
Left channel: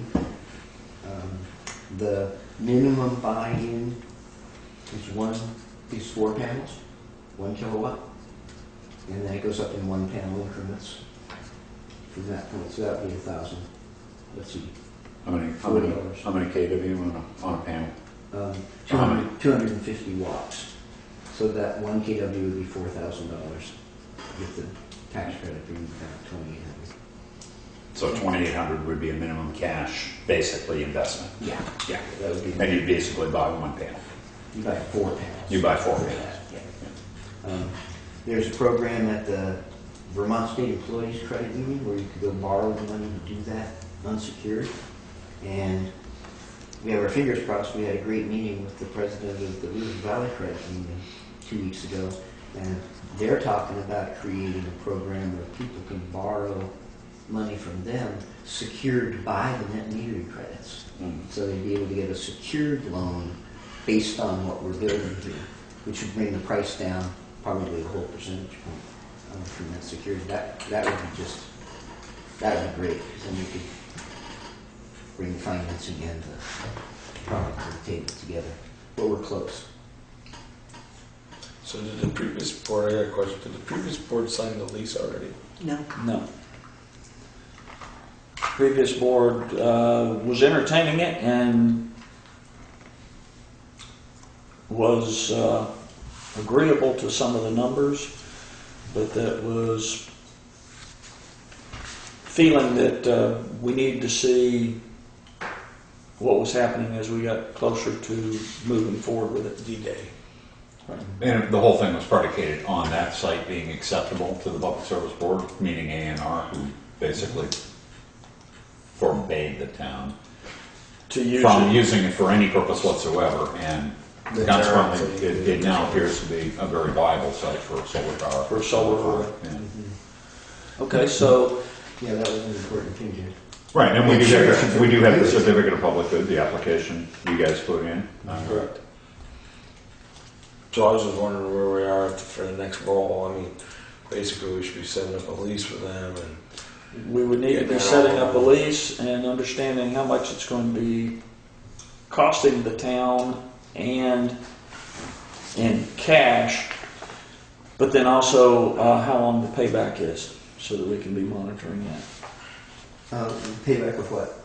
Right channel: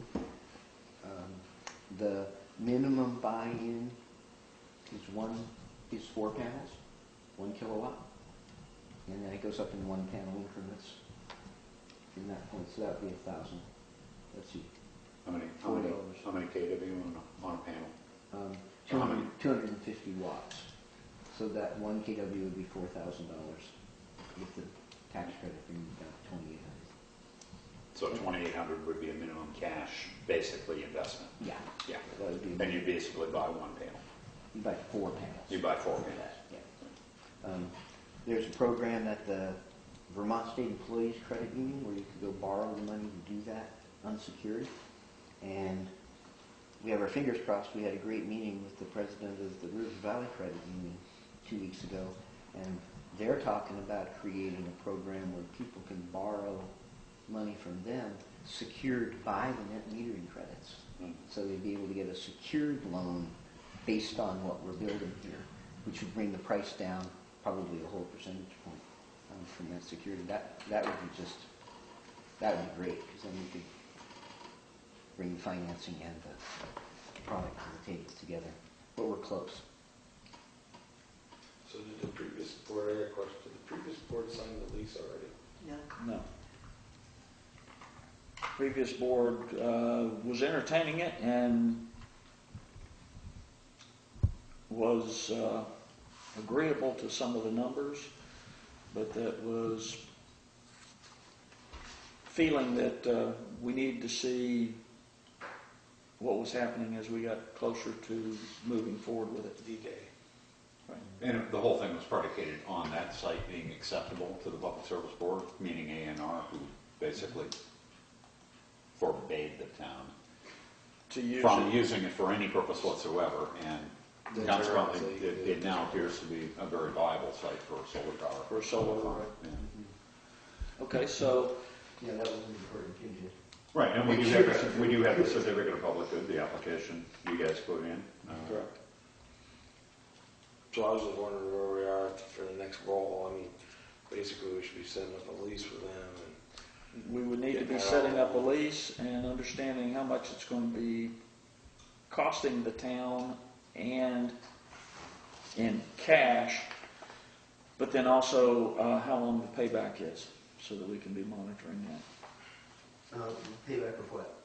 The minimum buy-in is 4 panels, 1 kilowatt, and then it goes up in 1 panel increments from that point. So that would be 1,000. Let's see, How many KW on a panel? How many? 250 watts. So that 1 kW would be $4,000 with the tax credit being about 2,800. So 2,800 would be a minimum cash, basically investment. Yeah, Yeah. that would be. And you basically buy 1 panel. You buy 4 panels. You buy 4 for panels. that, yeah. There's a program at the Vermont State Employees Credit Union where you could go borrow the money to do that unsecured. And we have our fingers crossed. We had a great meeting with the president of the River Valley Credit Union 2 weeks ago, and they're talking about creating a program where people can borrow money from them secured by the net metering credits. So they'd be able to get a secured loan based on what we're building here, which would bring the price down probably a whole percentage point from that security. That would be great, because then we could bring the financing and the product to the table together. But we're close. So did the previous board, I got a question, did the previous board sign the lease already? No. No. Previous board was entertaining it and was agreeable to some of the numbers, but that was feeling that we needed to see what was happening as we got closer to moving forward with it. D-Day. And the whole thing was predicated on that site being acceptable to the Public Service Board, meaning A&R, who basically forbade the town To use from it. using it for any purpose whatsoever, and consequently, it now appears to be a very viable site for solar power. For solar power. Yeah. Okay, so Yeah, that was an important thing, Jim. Right, and we do have the certificate of public good, the application you guys put in. correct. So I was just wondering where we are for the next roll. I mean, basically we should be setting up a lease with them and We would need to be setting up a lease and understanding how much it's going to be costing the town and in cash, but then also how long the payback is, so that we can be monitoring that. Payback of what?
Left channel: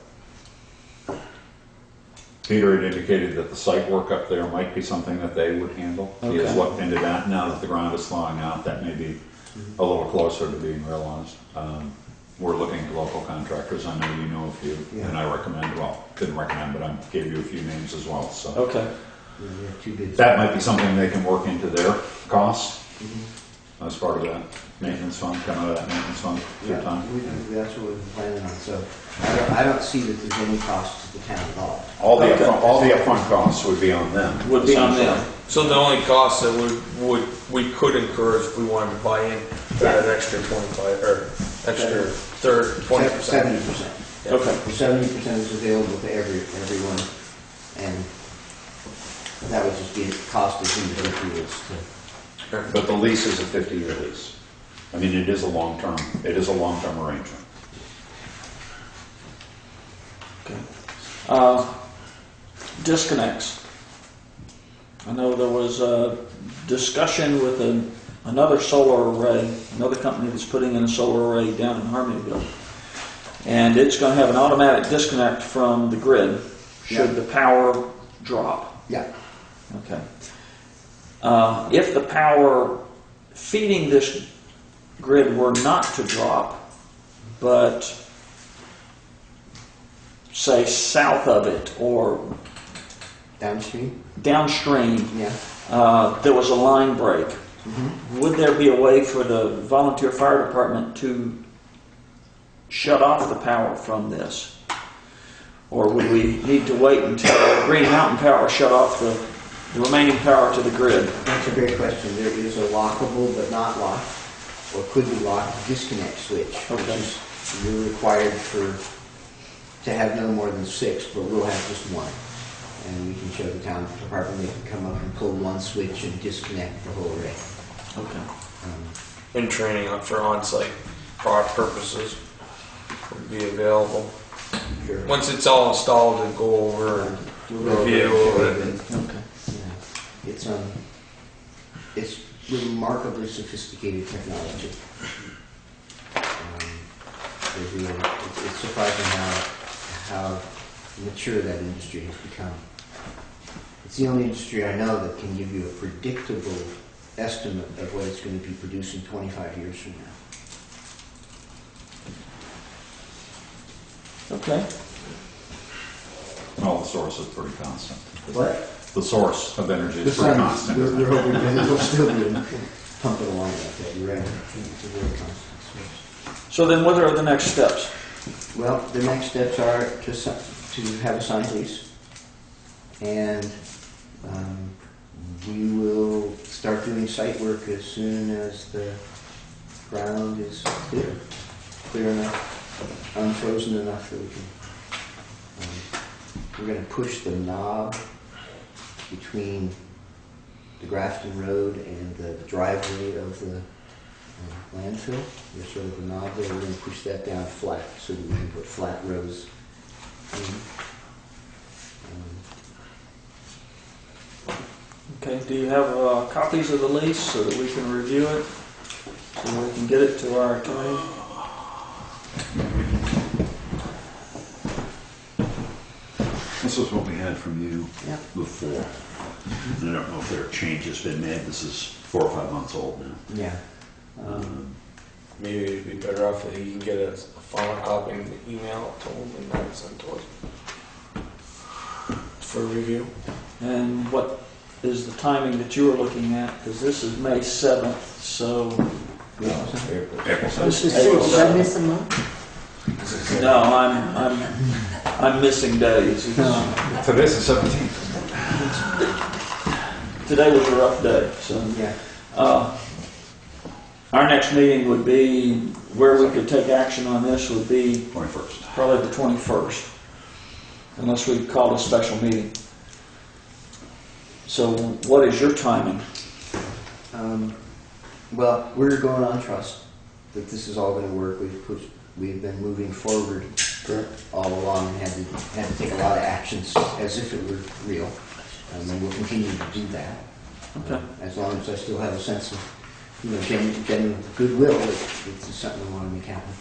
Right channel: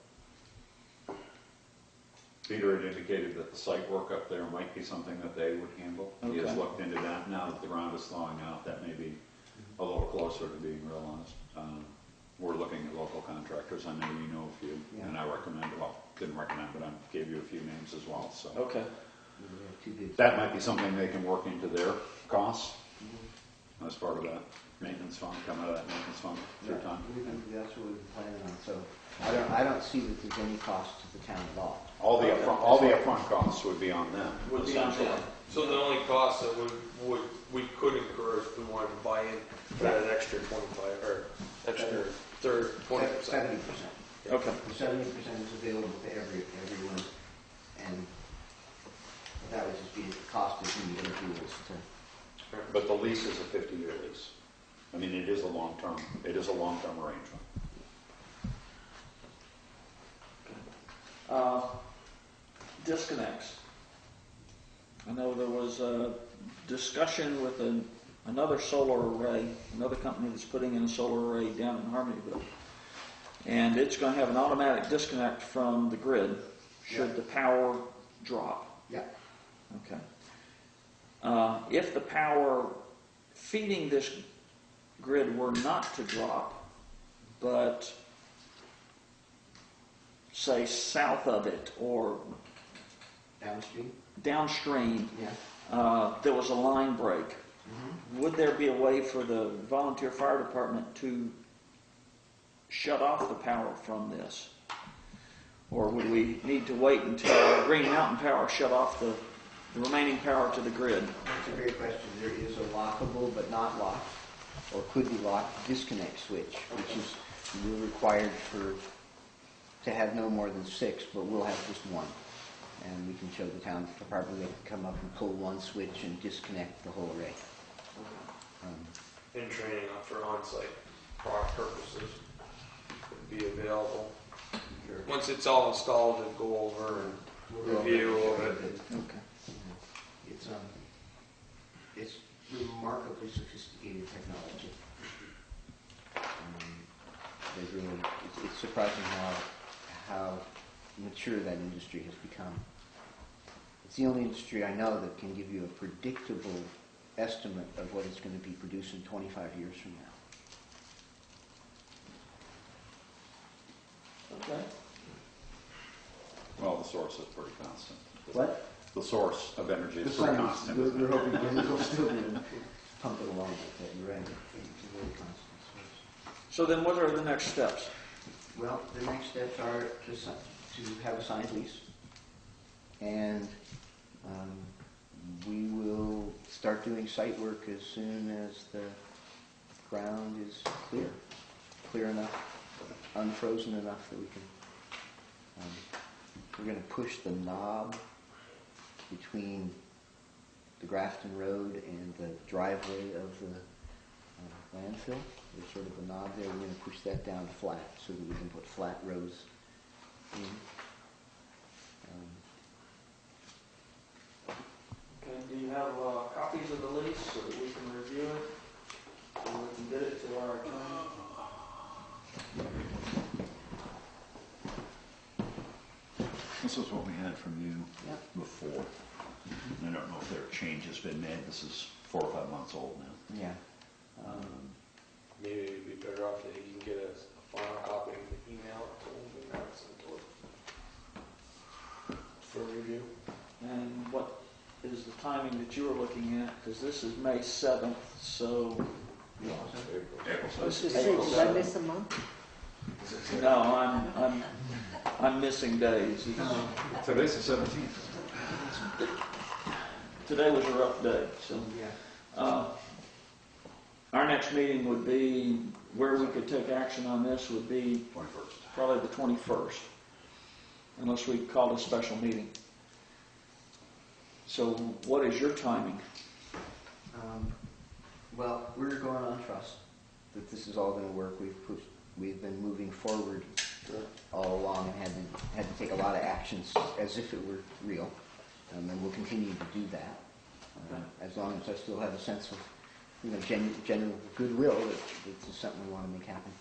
Peter had indicated that the site work up there might be something that they would handle. He has Okay. looked into that. Now that the ground is thawing out, that may be a little closer to being realized. We're looking at local contractors. I know you know a few, Yeah. and I didn't recommend, but I gave you a few names as well. So Okay. We have 2 bids. that might be something they can work into their costs Mhm. as part of that maintenance fund, come out of that maintenance fund through Yeah, time. that's what we're planning on. So I don't see that there's any cost to the town at all. All the Okay. upfront costs would be on them. Would be on them. essentially. so the only cost that we could incur is if we wanted to buy in that extra 25 or extra 20%. 70%. Okay. 70% is available to everyone, and that would just be cost as individuals to. But the lease is a 50-year lease. I mean, it is a long-term arrangement. Okay. Disconnects. I know there was a discussion with another solar array, another company that's putting in a solar array down in Harmonyville. And it's going to have an automatic disconnect from the grid should the power drop. Yeah. Okay. If the power feeding this grid were not to drop, but say south of it or Downstream? downstream, Yeah. there was a line break, would there be a way for the volunteer fire department to shut off the power from this? Or would we need to wait until Green Mountain Power shut off the remaining power to the grid? That's a great question. There is a lockable but not locked, or could be locked, disconnect switch, which Okay. is we're required to have no more than 6, but we'll have just 1. And we can show the town department, they can come up and pull 1 switch and disconnect the whole array. Okay. In training for on-site purposes would be available. Sure. Once it's all installed and go over and review and Okay. Yeah. It's remarkably sophisticated technology. It's surprising how mature that industry has become. It's the only industry I know that can give you a predictable estimate of what it's going to be producing 25 years from now. Okay. Well, the source is pretty constant. What? The source of energy The is pretty sun, constant. we're hoping that it'll still be pumping along like that. You're right. It's a very constant source. So then what are the next steps? Well, the next steps are to have a signed lease, and we will start doing site work as soon as the ground is clear enough, unfrozen enough that we can. We're going to push the knob between the Grafton Road and the driveway of the landfill. There's sort of a knob there. We're going to push that down flat so that we can put flat rows in. Okay, do you have copies of the lease so that we can review it? So we can get it to our attorney? This is what we had from you Yep. before. And I don't know if there are changes been made. This is 4 or 5 months old now. Yeah. maybe it'd be better off if he can get a final copy and email it to him and then send to us for review. And what is the timing that you were looking at? Because this is May 7th, so... April Did I miss a month? No, I'm missing days. Today's the 17th. Today was a rough day, so... Yeah. Our next meeting would be, where we could take action on this would be 21st. probably the 21st, unless we called a special meeting. So what is your timing? Well, we're going on trust that this is all going to work. We've been moving forward all along and had to take a lot of actions as if it were real, and we'll continue to do that. Okay. As long as I still have a sense of, genuine goodwill, it's something we want to make happen.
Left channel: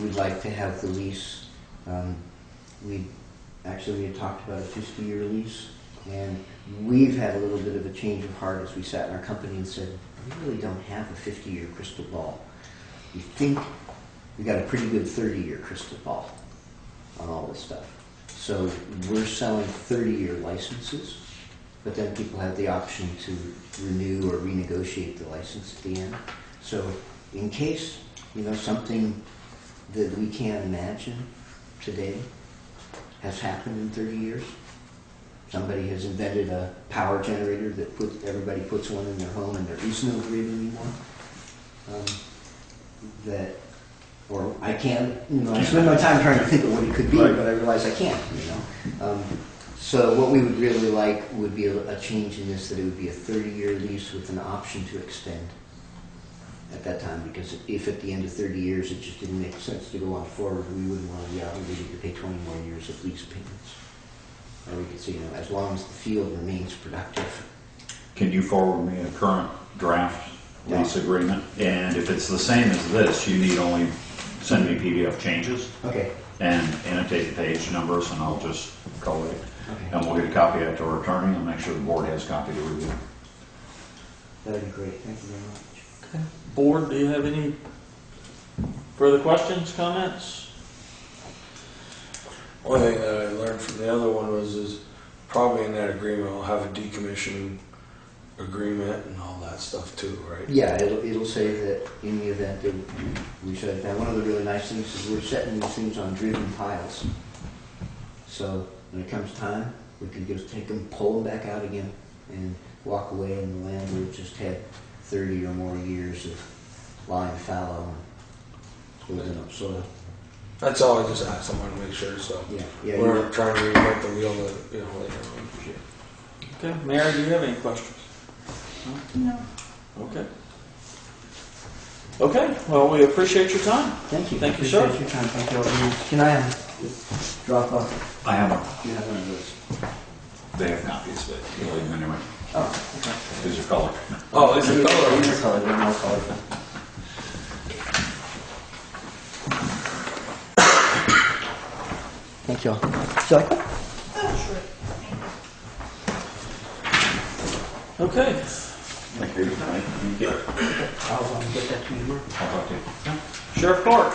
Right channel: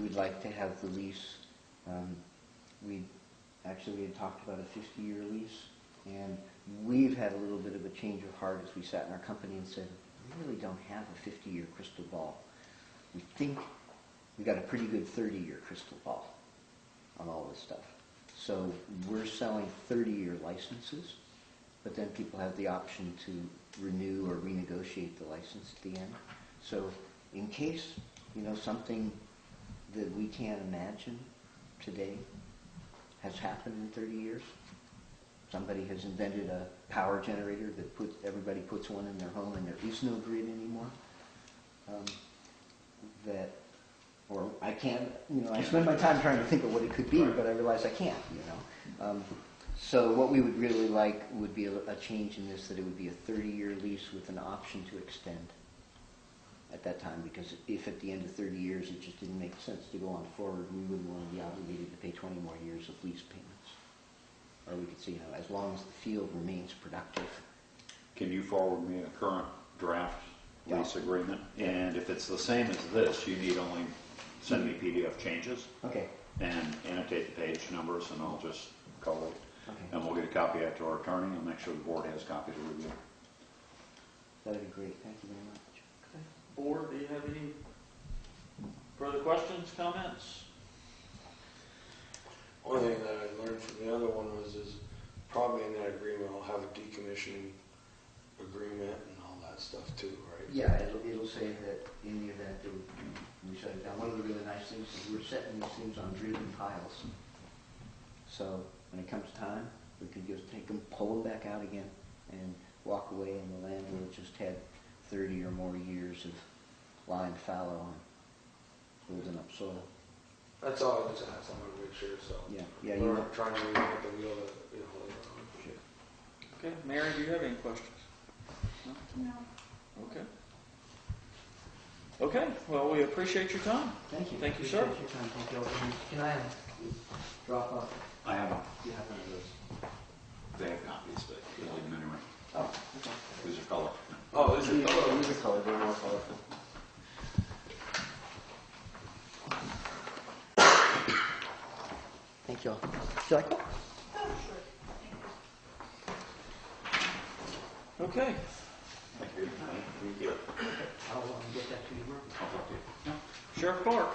We'd like to have the lease. We had talked about a 50-year lease, and we've had a little bit of a change of heart as we sat in our company and said, we really don't have a 50-year crystal ball. We think we got a pretty good 30-year crystal ball on all this stuff. So we're selling 30-year licenses, but then people have the option to renew or renegotiate the license at the end. So in case, something that we can't imagine today has happened in 30 years, somebody has invented a power generator that everybody puts one in their home and there is no grid anymore, or I can't, I spend my time trying to think of what it could be, but I realize I can't, So what we would really like would be a change in this, that it would be a 30-year lease with an option to extend at that time, because if at the end of 30 years it just didn't make sense to go on forward, we wouldn't want to be obligated to pay 20 more years of lease payments. Or we could say, as long as the field remains productive. Can you forward me a current draft lease agreement? And if it's the same as this, you need only send me PDF changes Okay. and annotate the page numbers, and I'll just collate it. Okay. And we'll get a copy out to our attorney and make sure the board has a copy to review. That'd be great. Thank you very much. Okay. Board, do you have any further questions, comments? One thing that I learned from the other one is probably in that agreement I'll have a decommission agreement and all that stuff too, right? Yeah, it'll say that in the event that we shut it down. One of the really nice things is we're setting these things on driven piles. So when it comes time, we can just take them, pull them back out again, and walk away, and the landlord just had 30 or more years of lying fallow and building up soil. That's all I just asked. I wanted to make sure, so Yeah, we're not trying to reinvent the wheel later. Okay. Mary, do you have any questions? No. Okay. Okay, well, we appreciate your time. Thank you. Thank you, sir. Appreciate your time. Thank you all very much. Can I drop off? I have one. You have one of those. They have copies, but you'll leave them anyway. Oh, okay. These are color. Oh, it's a color. These are colored, they're more colorful. Thank you all. Would you like one? Okay. Thank you. Thank you. I'll get that to you tomorrow. I'll talk to you. Sheriff Clark.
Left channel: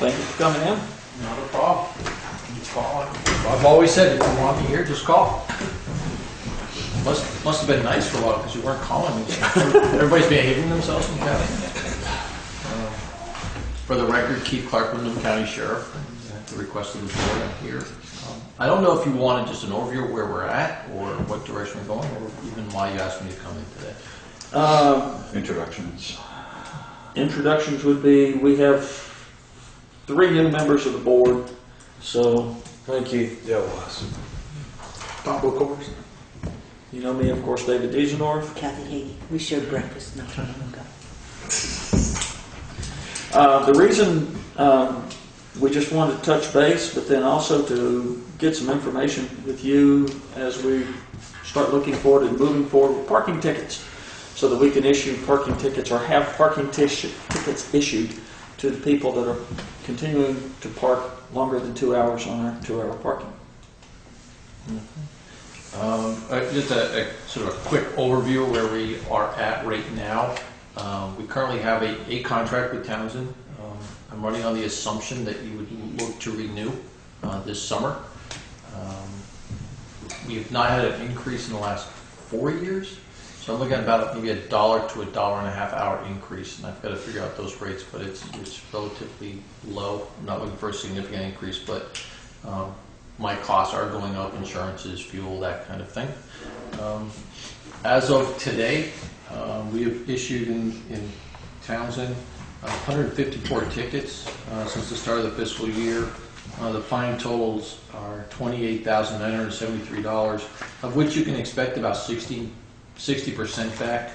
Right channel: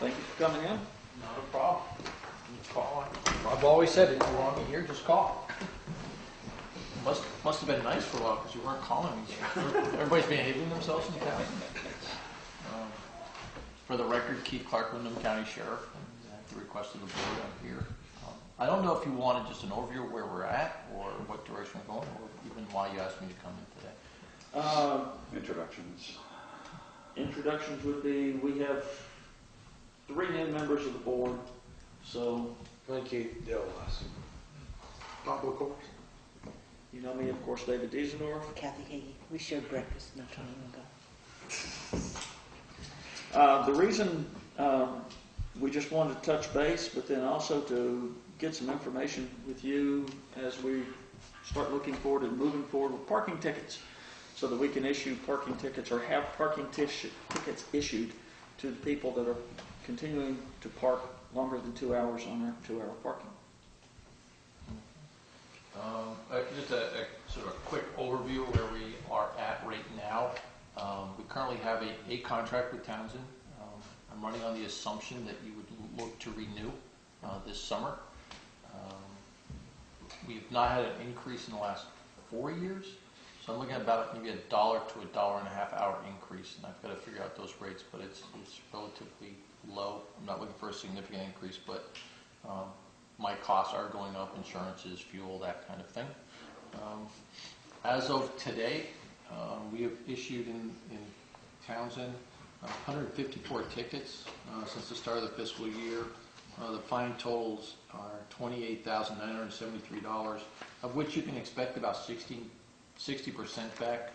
Thank you for coming in. Not a problem. Just call. I've always said, if you want me here, just call. Must have been nice for a while because you weren't calling me. Everybody's behaving themselves in the county. For the record, Keith Clark, Wyndham County Sheriff, at the request of the board, I'm here. I don't know if you wanted just an overview of where we're at or what direction we're going, or even why you asked me to come in today. Introductions. Introductions would be, we have 3 new members of the board, so Thank you. Yeah, it was. Top of course. you know me, of course, David Diesendorf. Kathy Hagee, we shared breakfast not too long ago. The reason we just wanted to touch base, but then also to get some information with you as we start looking forward and moving forward with parking tickets, so that we can issue parking tickets or have parking tickets issued to the people that are continuing to park longer than 2 hours on our 2-hour parking. Just a sort of a quick overview of where we are at right now. We currently have a contract with Townshend. I'm running on the assumption that you would look to renew this summer. We have not had an increase in the last 4 years, so I'm looking at about maybe $1 to $1.50 hour increase, and I've got to figure out those rates, but it's relatively low. I'm not looking for a significant increase, but my costs are going up, insurances, fuel, that kind of thing. As of today, we have issued in Townshend 154 tickets since the start of the fiscal year. The fine totals are $28,973, of which you can expect about 60% back,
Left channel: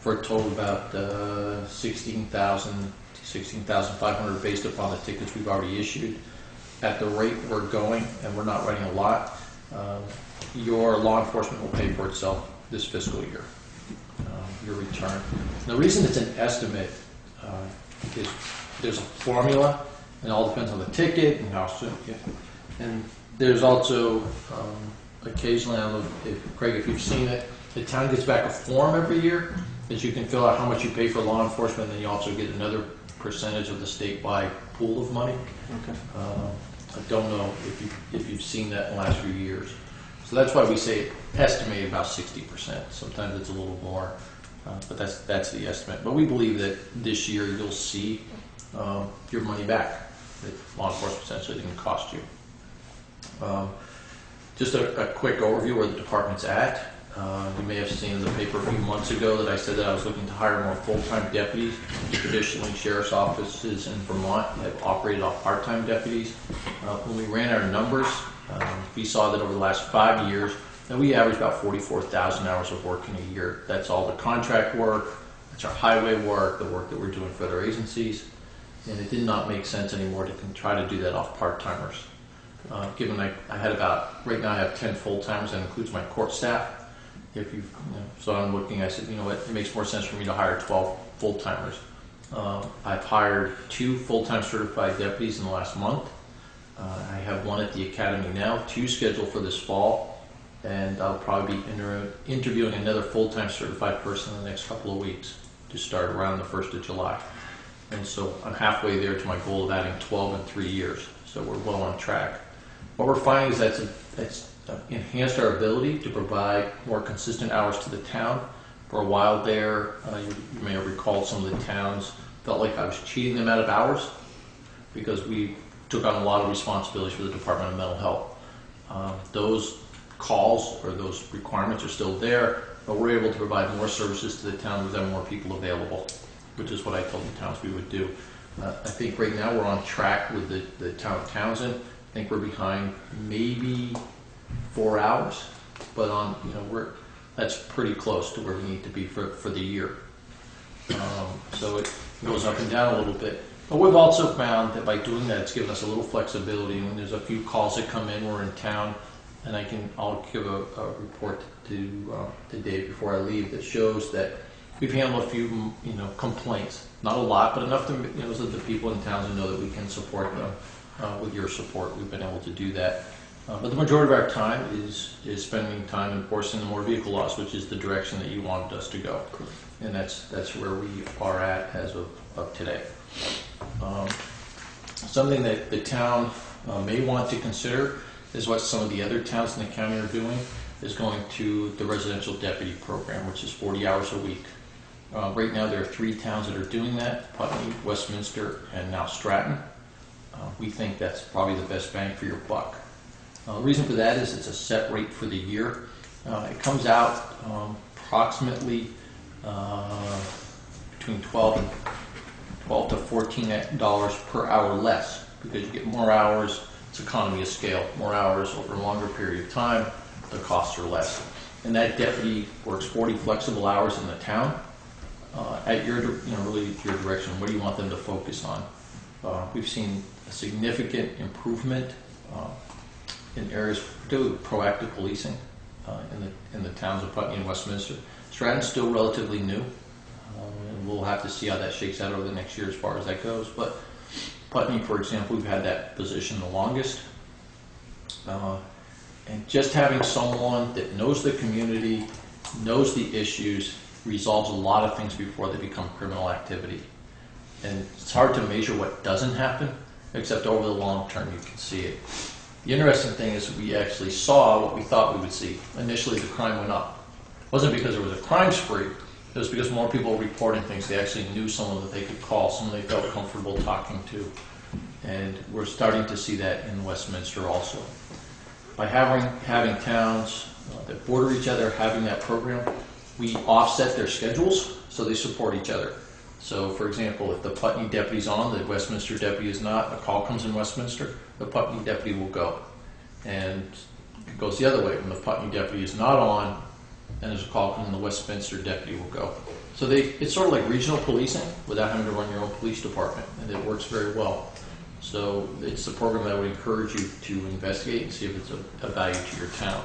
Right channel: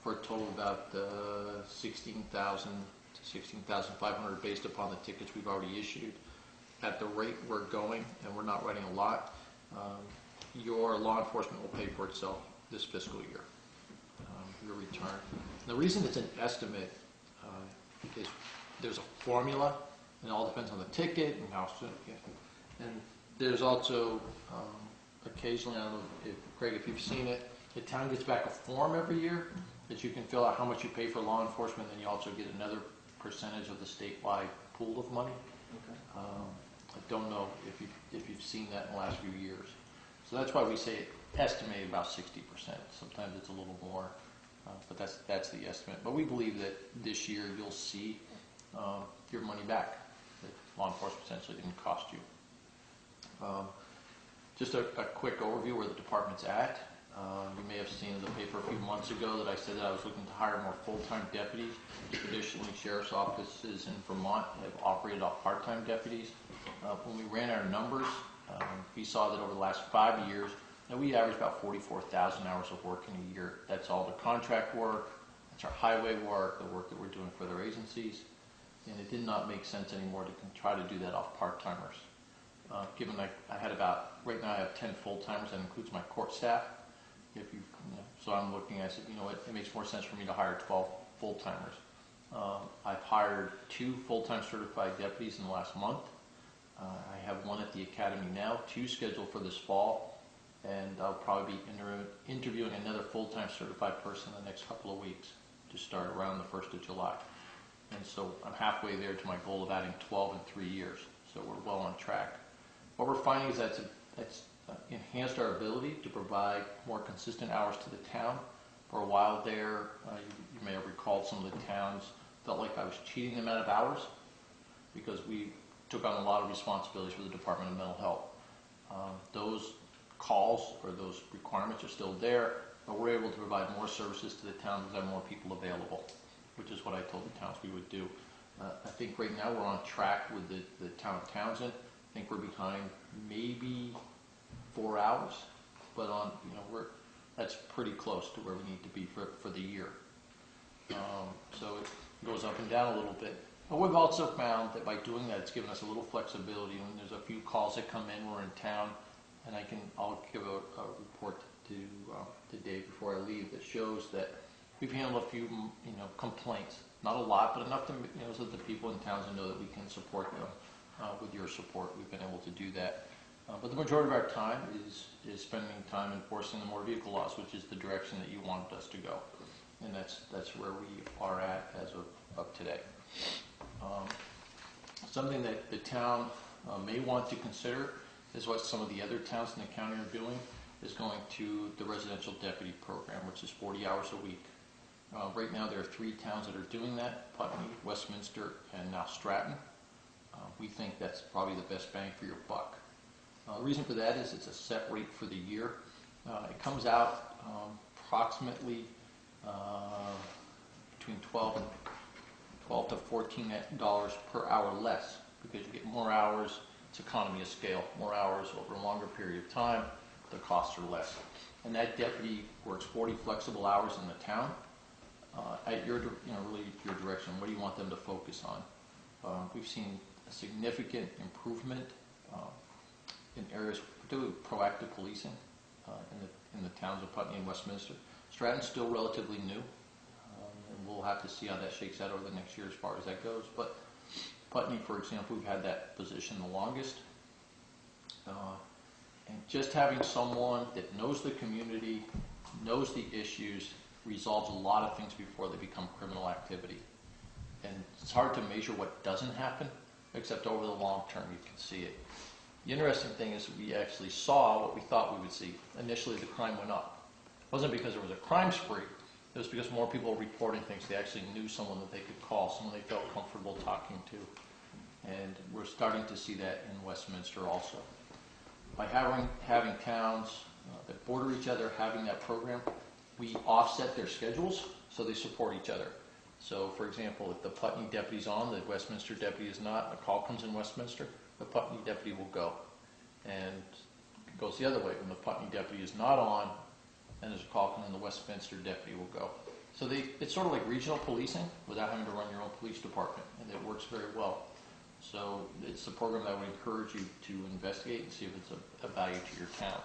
for a total of about $16,000 to $16,500 based upon the tickets we've already issued. At the rate we're going, and we're not writing a lot, your law enforcement will pay for itself this fiscal year, your return. And the reason it's an estimate is there's a formula, and it all depends on the ticket and how soon. And there's also occasionally, I don't know if Craig, if you've seen it, the town gets back a form every year that you can fill out how much you pay for law enforcement, and then you also get another percentage of the statewide pool of money. Okay. I don't know if you've seen that in the last few years. So that's why we say estimate about 60%. Sometimes it's a little more, but that's the estimate. But we believe that this year you'll see your money back. That law enforcement essentially didn't cost you. Just a quick overview where the department's at. You may have seen in the paper a few months ago that I said that I was looking to hire more full-time deputies. Traditionally, sheriff's offices in Vermont have operated off part-time deputies. When we ran our numbers, we saw that over the last 5 years, that we averaged about 44,000 hours of work in a year. That's all the contract work, that's our highway work, the work that we're doing for other agencies, and it did not make sense anymore to try to do that off part-timers. Given I had about, right now I have 10 full-timers, that includes my court staff. So I'm looking, I said, you know what, it makes more sense for me to hire 12 full-timers. I've hired 2 full-time certified deputies in the last month. I have 1 at the academy now, 2 scheduled for this fall, and I'll probably be interviewing another full-time certified person in the next couple of weeks to start around the 1st of July. And so I'm halfway there to my goal of adding 12 in 3 years, so we're well on track. What we're finding is that's enhanced our ability to provide more consistent hours to the town. For a while there, you may have recalled some of the towns felt like I was cheating them out of hours because we took on a lot of responsibilities for the Department of Mental Health. Those calls or those requirements are still there, but we're able to provide more services to the town with more people available, which is what I told the towns we would do. I think right now we're on track with the town of Townshend. I think we're behind maybe 4 hours, but that's pretty close to where we need to be for the year. So it goes up and down a little bit. But we've also found that by doing that, it's given us a little flexibility. When there's a few calls that come in, we're in town, and I'll give a report to Dave before I leave that shows that we've handled a few, complaints. Not a lot, but enough to, so that the people in towns know that we can support them. With your support, we've been able to do that. But the majority of our time is spending time enforcing the motor vehicle laws, which is the direction that you wanted us to go. And that's where we are at as of today. Something that the town may want to consider is what some of the other towns in the county are doing, is going to the residential deputy program, which is 40 hours a week. Right now there are 3 towns that are doing that: Putney, Westminster, and now Stratton. We think that's probably the best bang for your buck. The reason for that is it's a set rate for the year. It comes out approximately between $12 to $14 per hour less, because you get more hours. It's economy of scale. More hours over a longer period of time, the costs are less. And that deputy works 40 flexible hours in the town. At your, really your direction, what do you want them to focus on? We've seen a significant improvement in areas, particularly proactive policing in the towns of Putney and Westminster. Stratton's still relatively new, and we'll have to see how that shakes out over the next year as far as that goes. But Putney, for example, we've had that position the longest. And just having someone that knows the community, knows the issues, resolves a lot of things before they become criminal activity. And it's hard to measure what doesn't happen, except over the long term you can see it. The interesting thing is we actually saw what we thought we would see. Initially the crime went up. It wasn't because there was a crime spree, it was because more people were reporting things. They actually knew someone that they could call, someone they felt comfortable talking to. And we're starting to see that in Westminster also. By having towns that border each other, having that program, we offset their schedules so they support each other. So, for example, if the Putney deputy's on, the Westminster deputy is not, a call comes in Westminster, the Putney deputy will go. And it goes the other way. When the Putney deputy is not on, and there's a call coming in, the Westminster deputy will go. So it's sort of like regional policing without having to run your own police department, and it works very well. So it's a program that I would encourage you to investigate and see if it's a value to your town.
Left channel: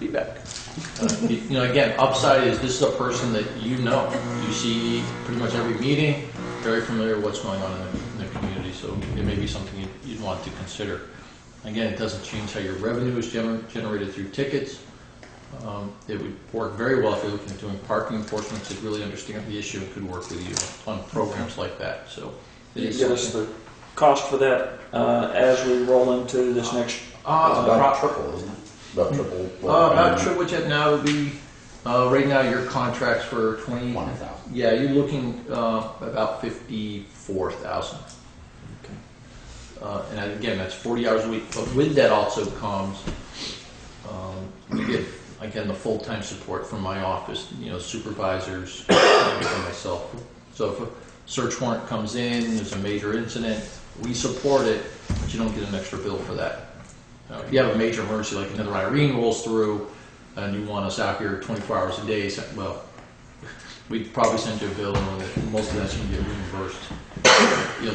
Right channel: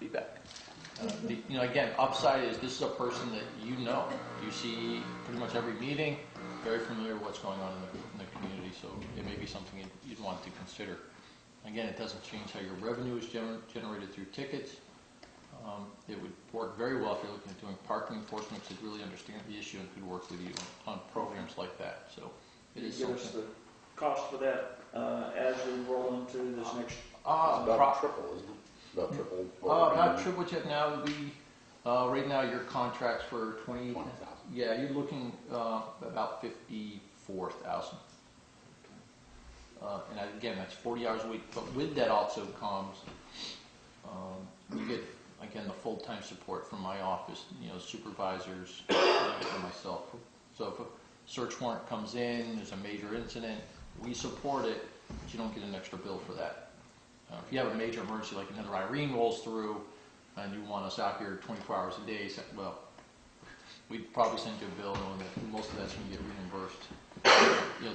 Feedback. Again, upside is this is a person that you see pretty much every meeting, very familiar with what's going on in the community, so it may be something you'd want to consider. Again, it doesn't change how your revenue is generated through tickets. It would work very well if you're looking at doing parking enforcement to really understand the issue and could work with you on programs like that. So Can you give us the cost for that as we roll into this next? It's about triple, isn't it? About triple. About triple what you have now would be, right now your contract's for 20,000. Yeah, you're looking about 54,000. And again, that's 40 hours a week. But with that also comes, we get, again, the full-time support from my office, supervisors, and myself. So if a search warrant comes in, there's a major incident, we support it, but you don't get an extra bill for that. If you have a major emergency, like another Irene rolls through, and you want us out here 24 hours a day, well, we'd probably send you a bill, and most of that's going to get reimbursed.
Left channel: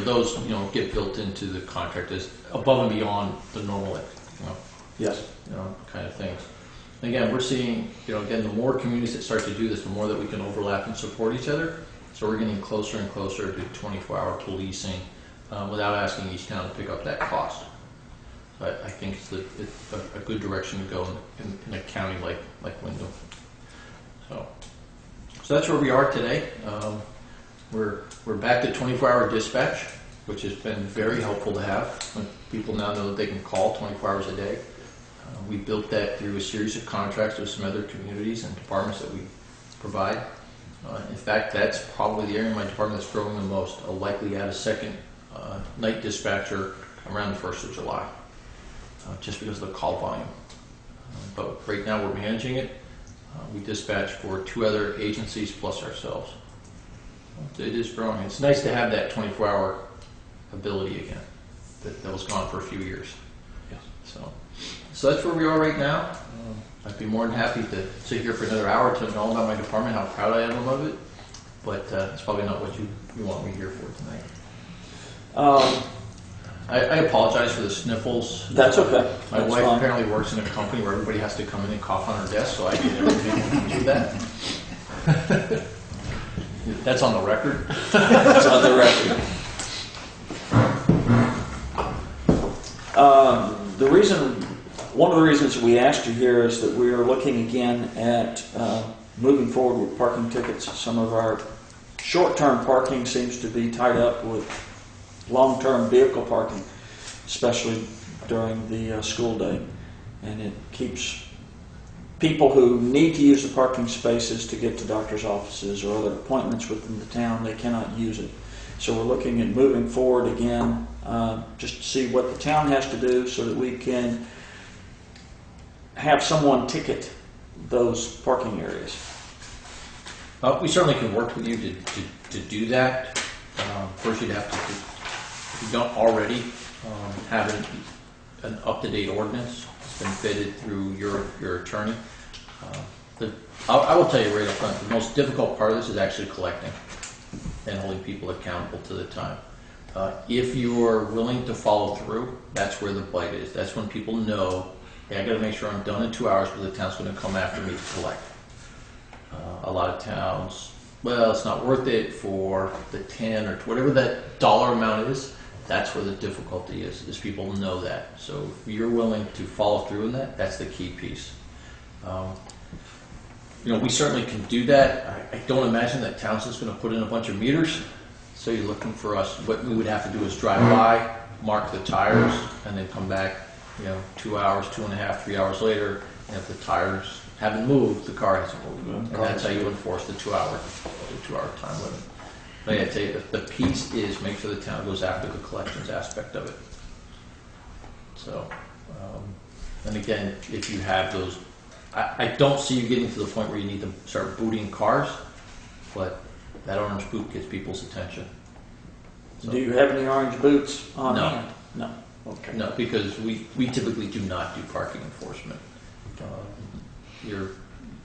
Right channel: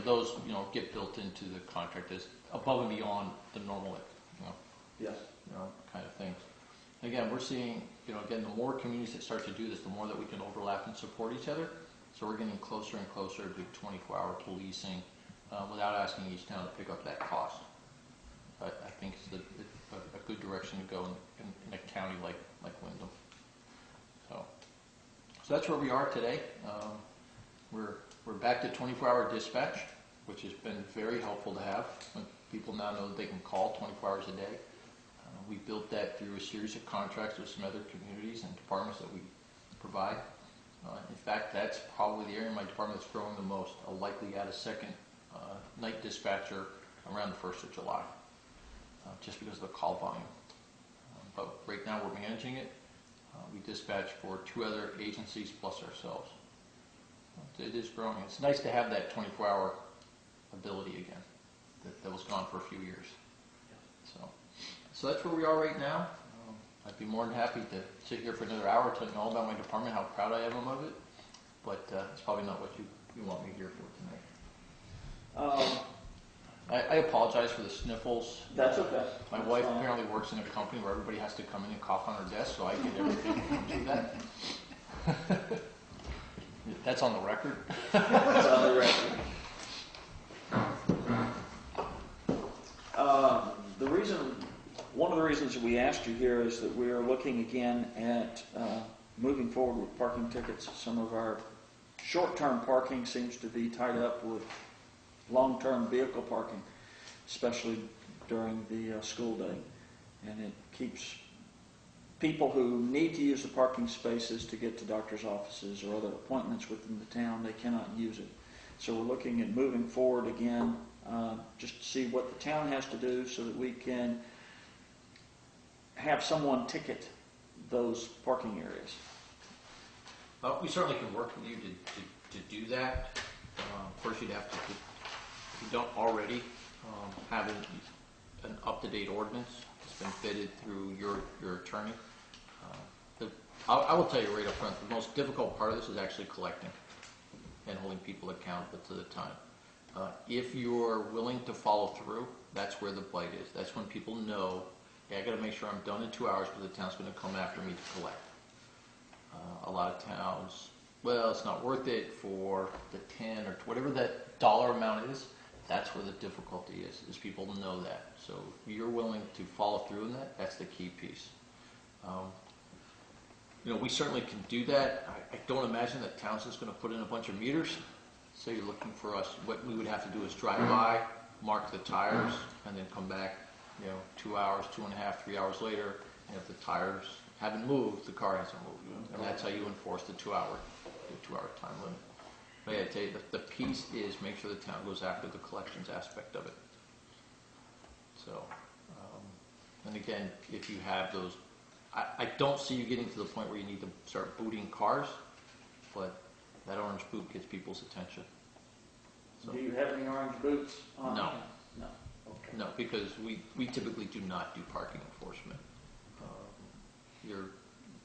Those, get built into the contract as above and beyond the normal, Yes. kind of things. Again, we're seeing, again, the more communities that start to do this, the more that we can overlap and support each other. So we're getting closer and closer to 24-hour policing without asking each town to pick up that cost. I think it's a good direction to go in a county like Wyndham. So that's where we are today. We're back to 24-hour dispatch, which has been very helpful to have. When people now know that they can call 24 hours a day. We built that through a series of contracts with some other communities and departments that we provide. In fact, that's probably the area in my department that's growing the most. I'll likely add a second night dispatcher around the 1st of July, just because of the call volume. But right now we're managing it. We dispatch for 2 other agencies plus ourselves. It is growing. It's nice to have that 24-hour ability again that was gone for a few years. Yes. So that's where we are right now. I'd be more than happy to sit here for another hour telling you all about my department, how proud I am of it. but it's probably not what you want me here for tonight. Um, I apologize for the sniffles. That's okay. My That's wife fine. apparently works in a company where everybody has to come in and cough on her desk, so I get everything that comes with that. That's on the record. It's on the record. One of the reasons we asked you here is that we are looking again at moving forward with parking tickets. Some of our short-term parking seems to be tied up with long-term vehicle parking, especially during the school day. And it keeps people who need to use the parking spaces to get to doctor's offices or other appointments within the town, they cannot use it. So we're looking at moving forward again, just to see what the town has to do so that we can have someone ticket those parking areas. We certainly can work with you to do that. First, you'd have to, if you don't already have an up-to-date ordinance, it's been vetted through your attorney. I will tell you right up front, the most difficult part of this is actually collecting and holding people accountable to the time. If you're willing to follow through, that's where the bite is. That's when people know, hey, I got to make sure I'm done in 2 hours because the town's going to come after me to collect. A lot of towns, well, it's not worth it for the 10 or whatever that dollar amount is. That's where the difficulty is people know that. So if you're willing to follow through in that, that's the key piece. We certainly can do that. I don't imagine that Townsend's going to put in a bunch of meters. So you're looking for us, what we would have to do is drive by, mark the tires, and then come back, 2 hours, 2.5, 3 hours later, and if the tires haven't moved, the car hasn't moved. And that's how you enforce the 2 hour time limit. But I tell you, the piece is make sure the town goes after the collections aspect of it. So, and again, if you have those, I don't see you getting to the point where you need to start booting cars, but that orange boot gets people's attention. So, Do you have any orange boots on No. hand? No. Okay. no, because we typically do not do parking enforcement.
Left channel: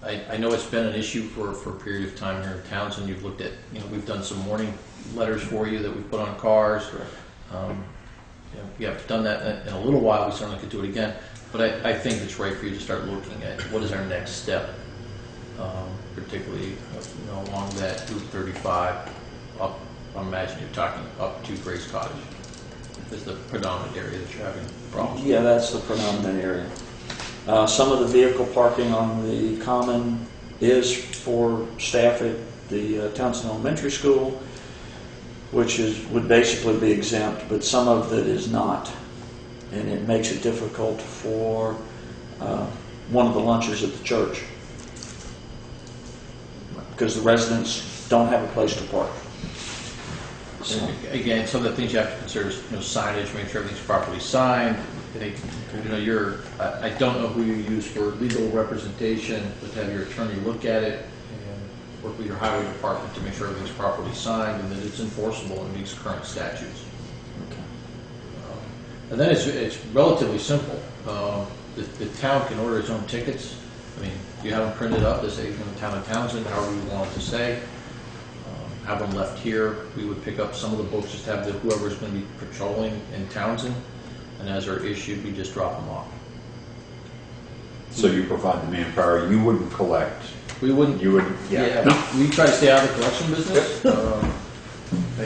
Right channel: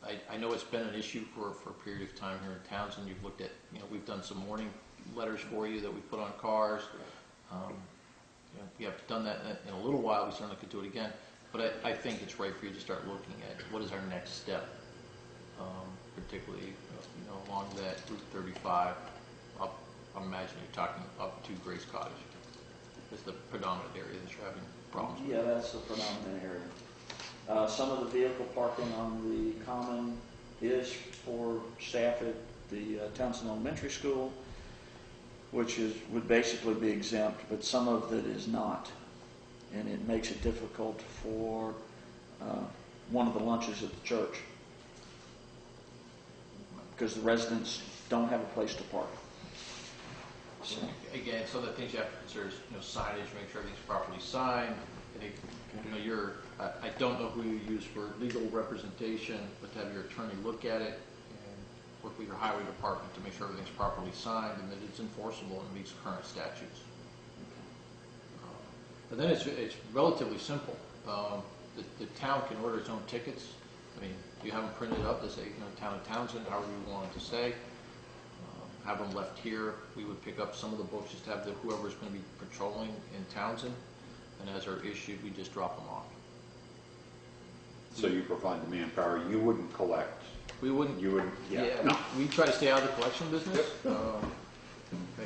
I know it's been an issue for a period of time here in Townsend. You've looked at, we've done some warning letters for you that we put on cars. We haven't done that in a little while. We certainly could do it again. But I think it's right for you to start looking at what is our next step, particularly along that Route 35 up. I imagine you're talking up to Grace Cottage. Is the predominant area that you're having problems with? Yeah, that's the predominant area. Some of the vehicle parking on the common is for staff at the Townshend Elementary School, which would basically be exempt, but some of it is not. And it makes it difficult for one of the lunches at the church because the residents don't have a place to park. So, again, some of the things you have to consider is signage, make sure everything's properly signed. I don't know who you use for legal representation, but to have your attorney look at it and work with your highway department to make sure everything's properly signed and that it's enforceable and meets current statutes. And then it's relatively simple. The town can order its own tickets. I mean, you have them printed up to say, Town of Townsend, however you want it to say. Have them left here. We would pick up some of the books, just have whoever's going to be patrolling in Townsend, and as they're issued, we just drop them off. So you provide the manpower, you wouldn't collect? We wouldn't. You wouldn't, yeah. No. We try to stay out of the collection business.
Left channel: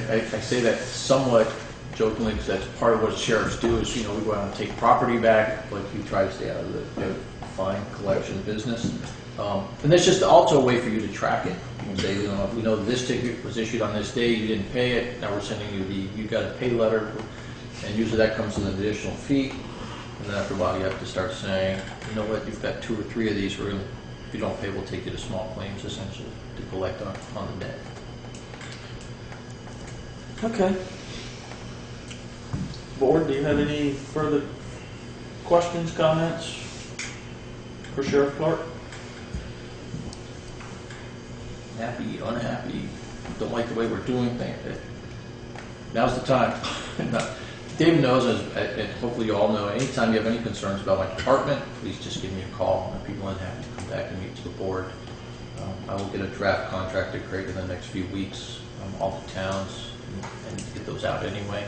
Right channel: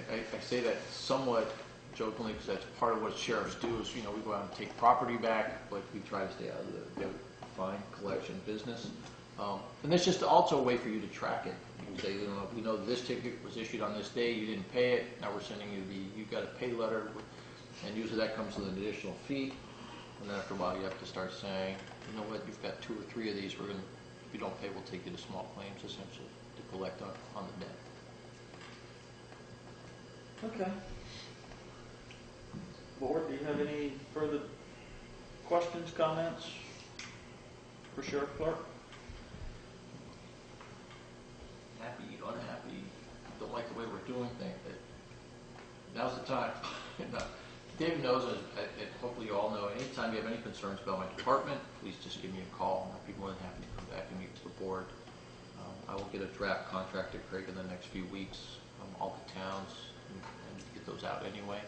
I say that somewhat jokingly because that's part of what sheriffs do is, we go out and take property back, but we try to stay out of the fine collection business. And that's just also a way for you to track it. You can say, if we know this ticket was issued on this day, you didn't pay it, now we're sending you you got to pay letter, and usually that comes with an additional fee. And then after a while, you have to start saying, you know what, you've got 2 or 3 of these. If you don't pay, we'll take you to small claims, essentially, to collect on the debt. Okay. Board, do you have any further questions, comments for Sheriff Clark? Happy, unhappy, don't like the way we're doing things. Now's the time. David knows, and hopefully you all know, anytime you have any concerns about my department, please just give me a call. I'd be more than happy to come back and meet to the board. I will get a draft contract to Craig in the next few weeks, all the towns, and get those out anyway.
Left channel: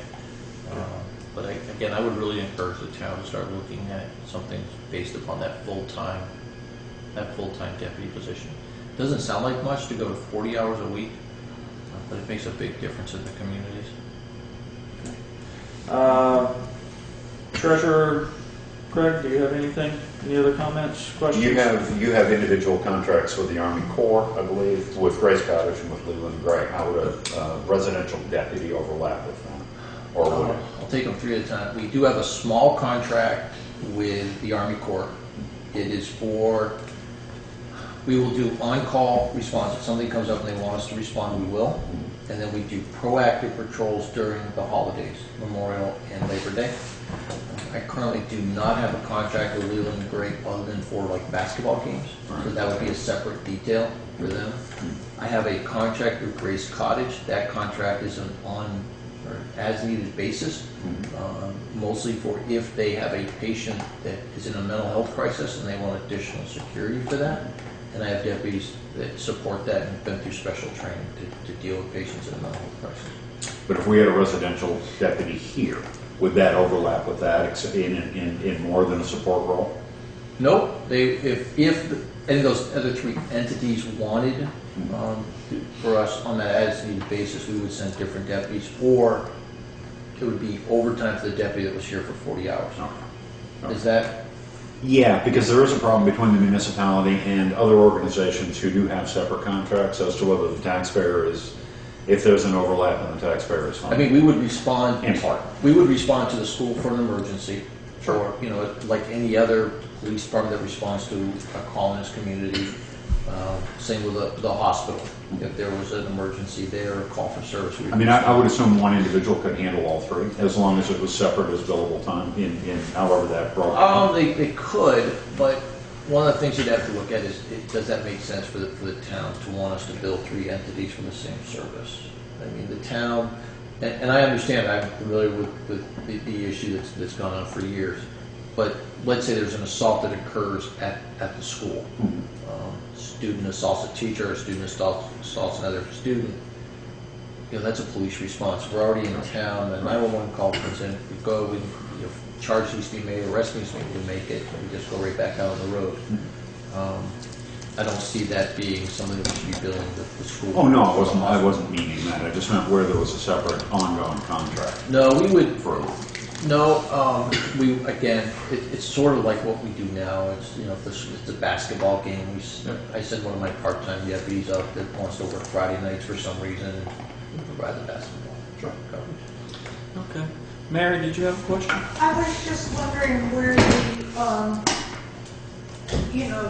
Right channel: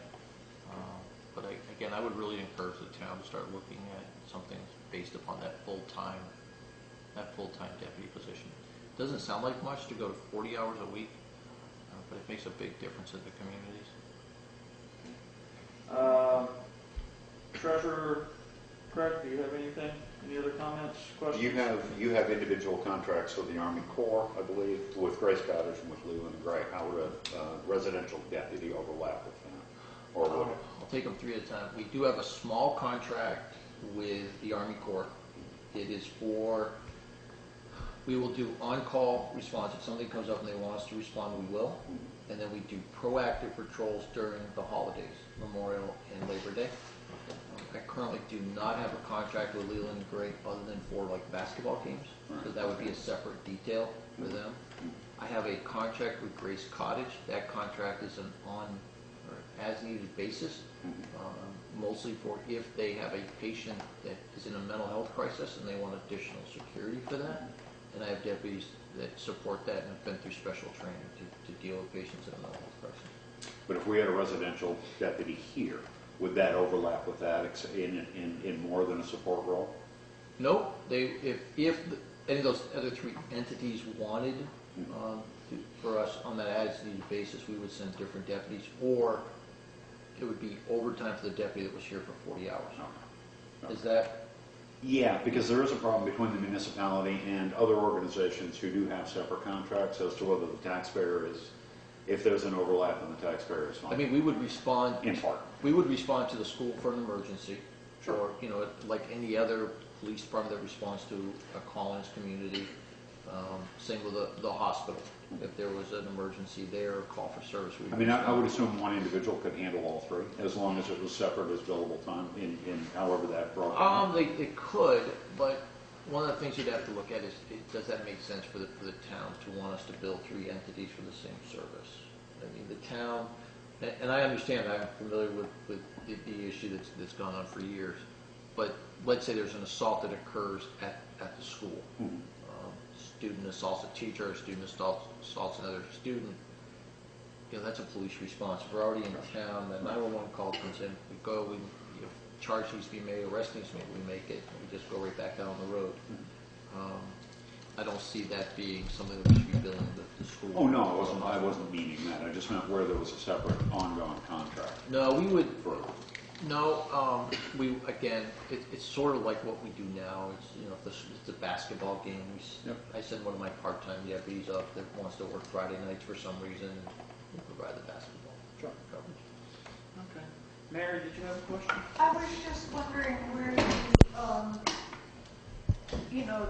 But again, I would really encourage the town to start looking at something based upon that full-time deputy position. Doesn't sound like much to go to 40 hours a week, but it makes a big difference in the communities. Treasurer Craig, do you have anything? Any other comments, questions? You have individual contracts with the Army Corps, I believe, with Grace Cottage and with Leland and Gray. How would a residential deputy overlap with them? Or would it? I'll take them three at a time. We do have a small contract with the Army Corps. It is for, we will do on-call response. If something comes up and they want us to respond, we will. And then we do proactive patrols during the holidays, Memorial and Labor Day. I currently do not have a contract with Leland and Gray other than for like basketball games. So that would be a separate detail for them. I have a contract with Grace Cottage. That contract is an on or as needed basis, mostly for if they have a patient that is in a mental health crisis and they want additional security for that. And I have deputies that support that and have been through special training to deal with patients in a mental health crisis. But if we had a residential deputy here, would that overlap with that in more than a support role? Nope. If any of those other three entities wanted for us on that as needed basis, we would send different deputies, or it would be overtime for the deputy that was here for 40 hours. Okay. Is that? Yeah, because there is a problem between the municipality and other organizations who do have separate contracts as to whether the taxpayer is, if there's an overlap and the taxpayer is fine. I mean, we would respond. In part. We would respond to the school for an emergency, Sure. or like any other police department that responds to a call in its community. Same with the hospital. If there was an emergency there, or call for service. I mean, I would assume one individual could handle all three, as long as it was separate as billable time in however that broke down. They could, but one of the things you'd have to look at is, does that make sense for the town to want us to bill three entities for the same service? I mean, the town, and I understand, I'm familiar with the issue that's gone on for years, but let's say there's an assault that occurs at the school. Student assaults a teacher, a student assaults another student. That's a police response. We're already in town, the 911 call comes in, we go, charge needs to be made, arrest needs to be made, we make it, and we just go right back out on the road. I don't see that being something that we should be billing the school. Oh, no, I wasn't meaning that. I just meant where there was a separate ongoing contract. No, we would, For again, it's sort of like what we do now. It's, if it's a basketball game, I send one of my part-time deputies up that wants to work Friday nights for some reason, we provide the basketball coverage. Okay. Mary, did you have a question? I was just wondering where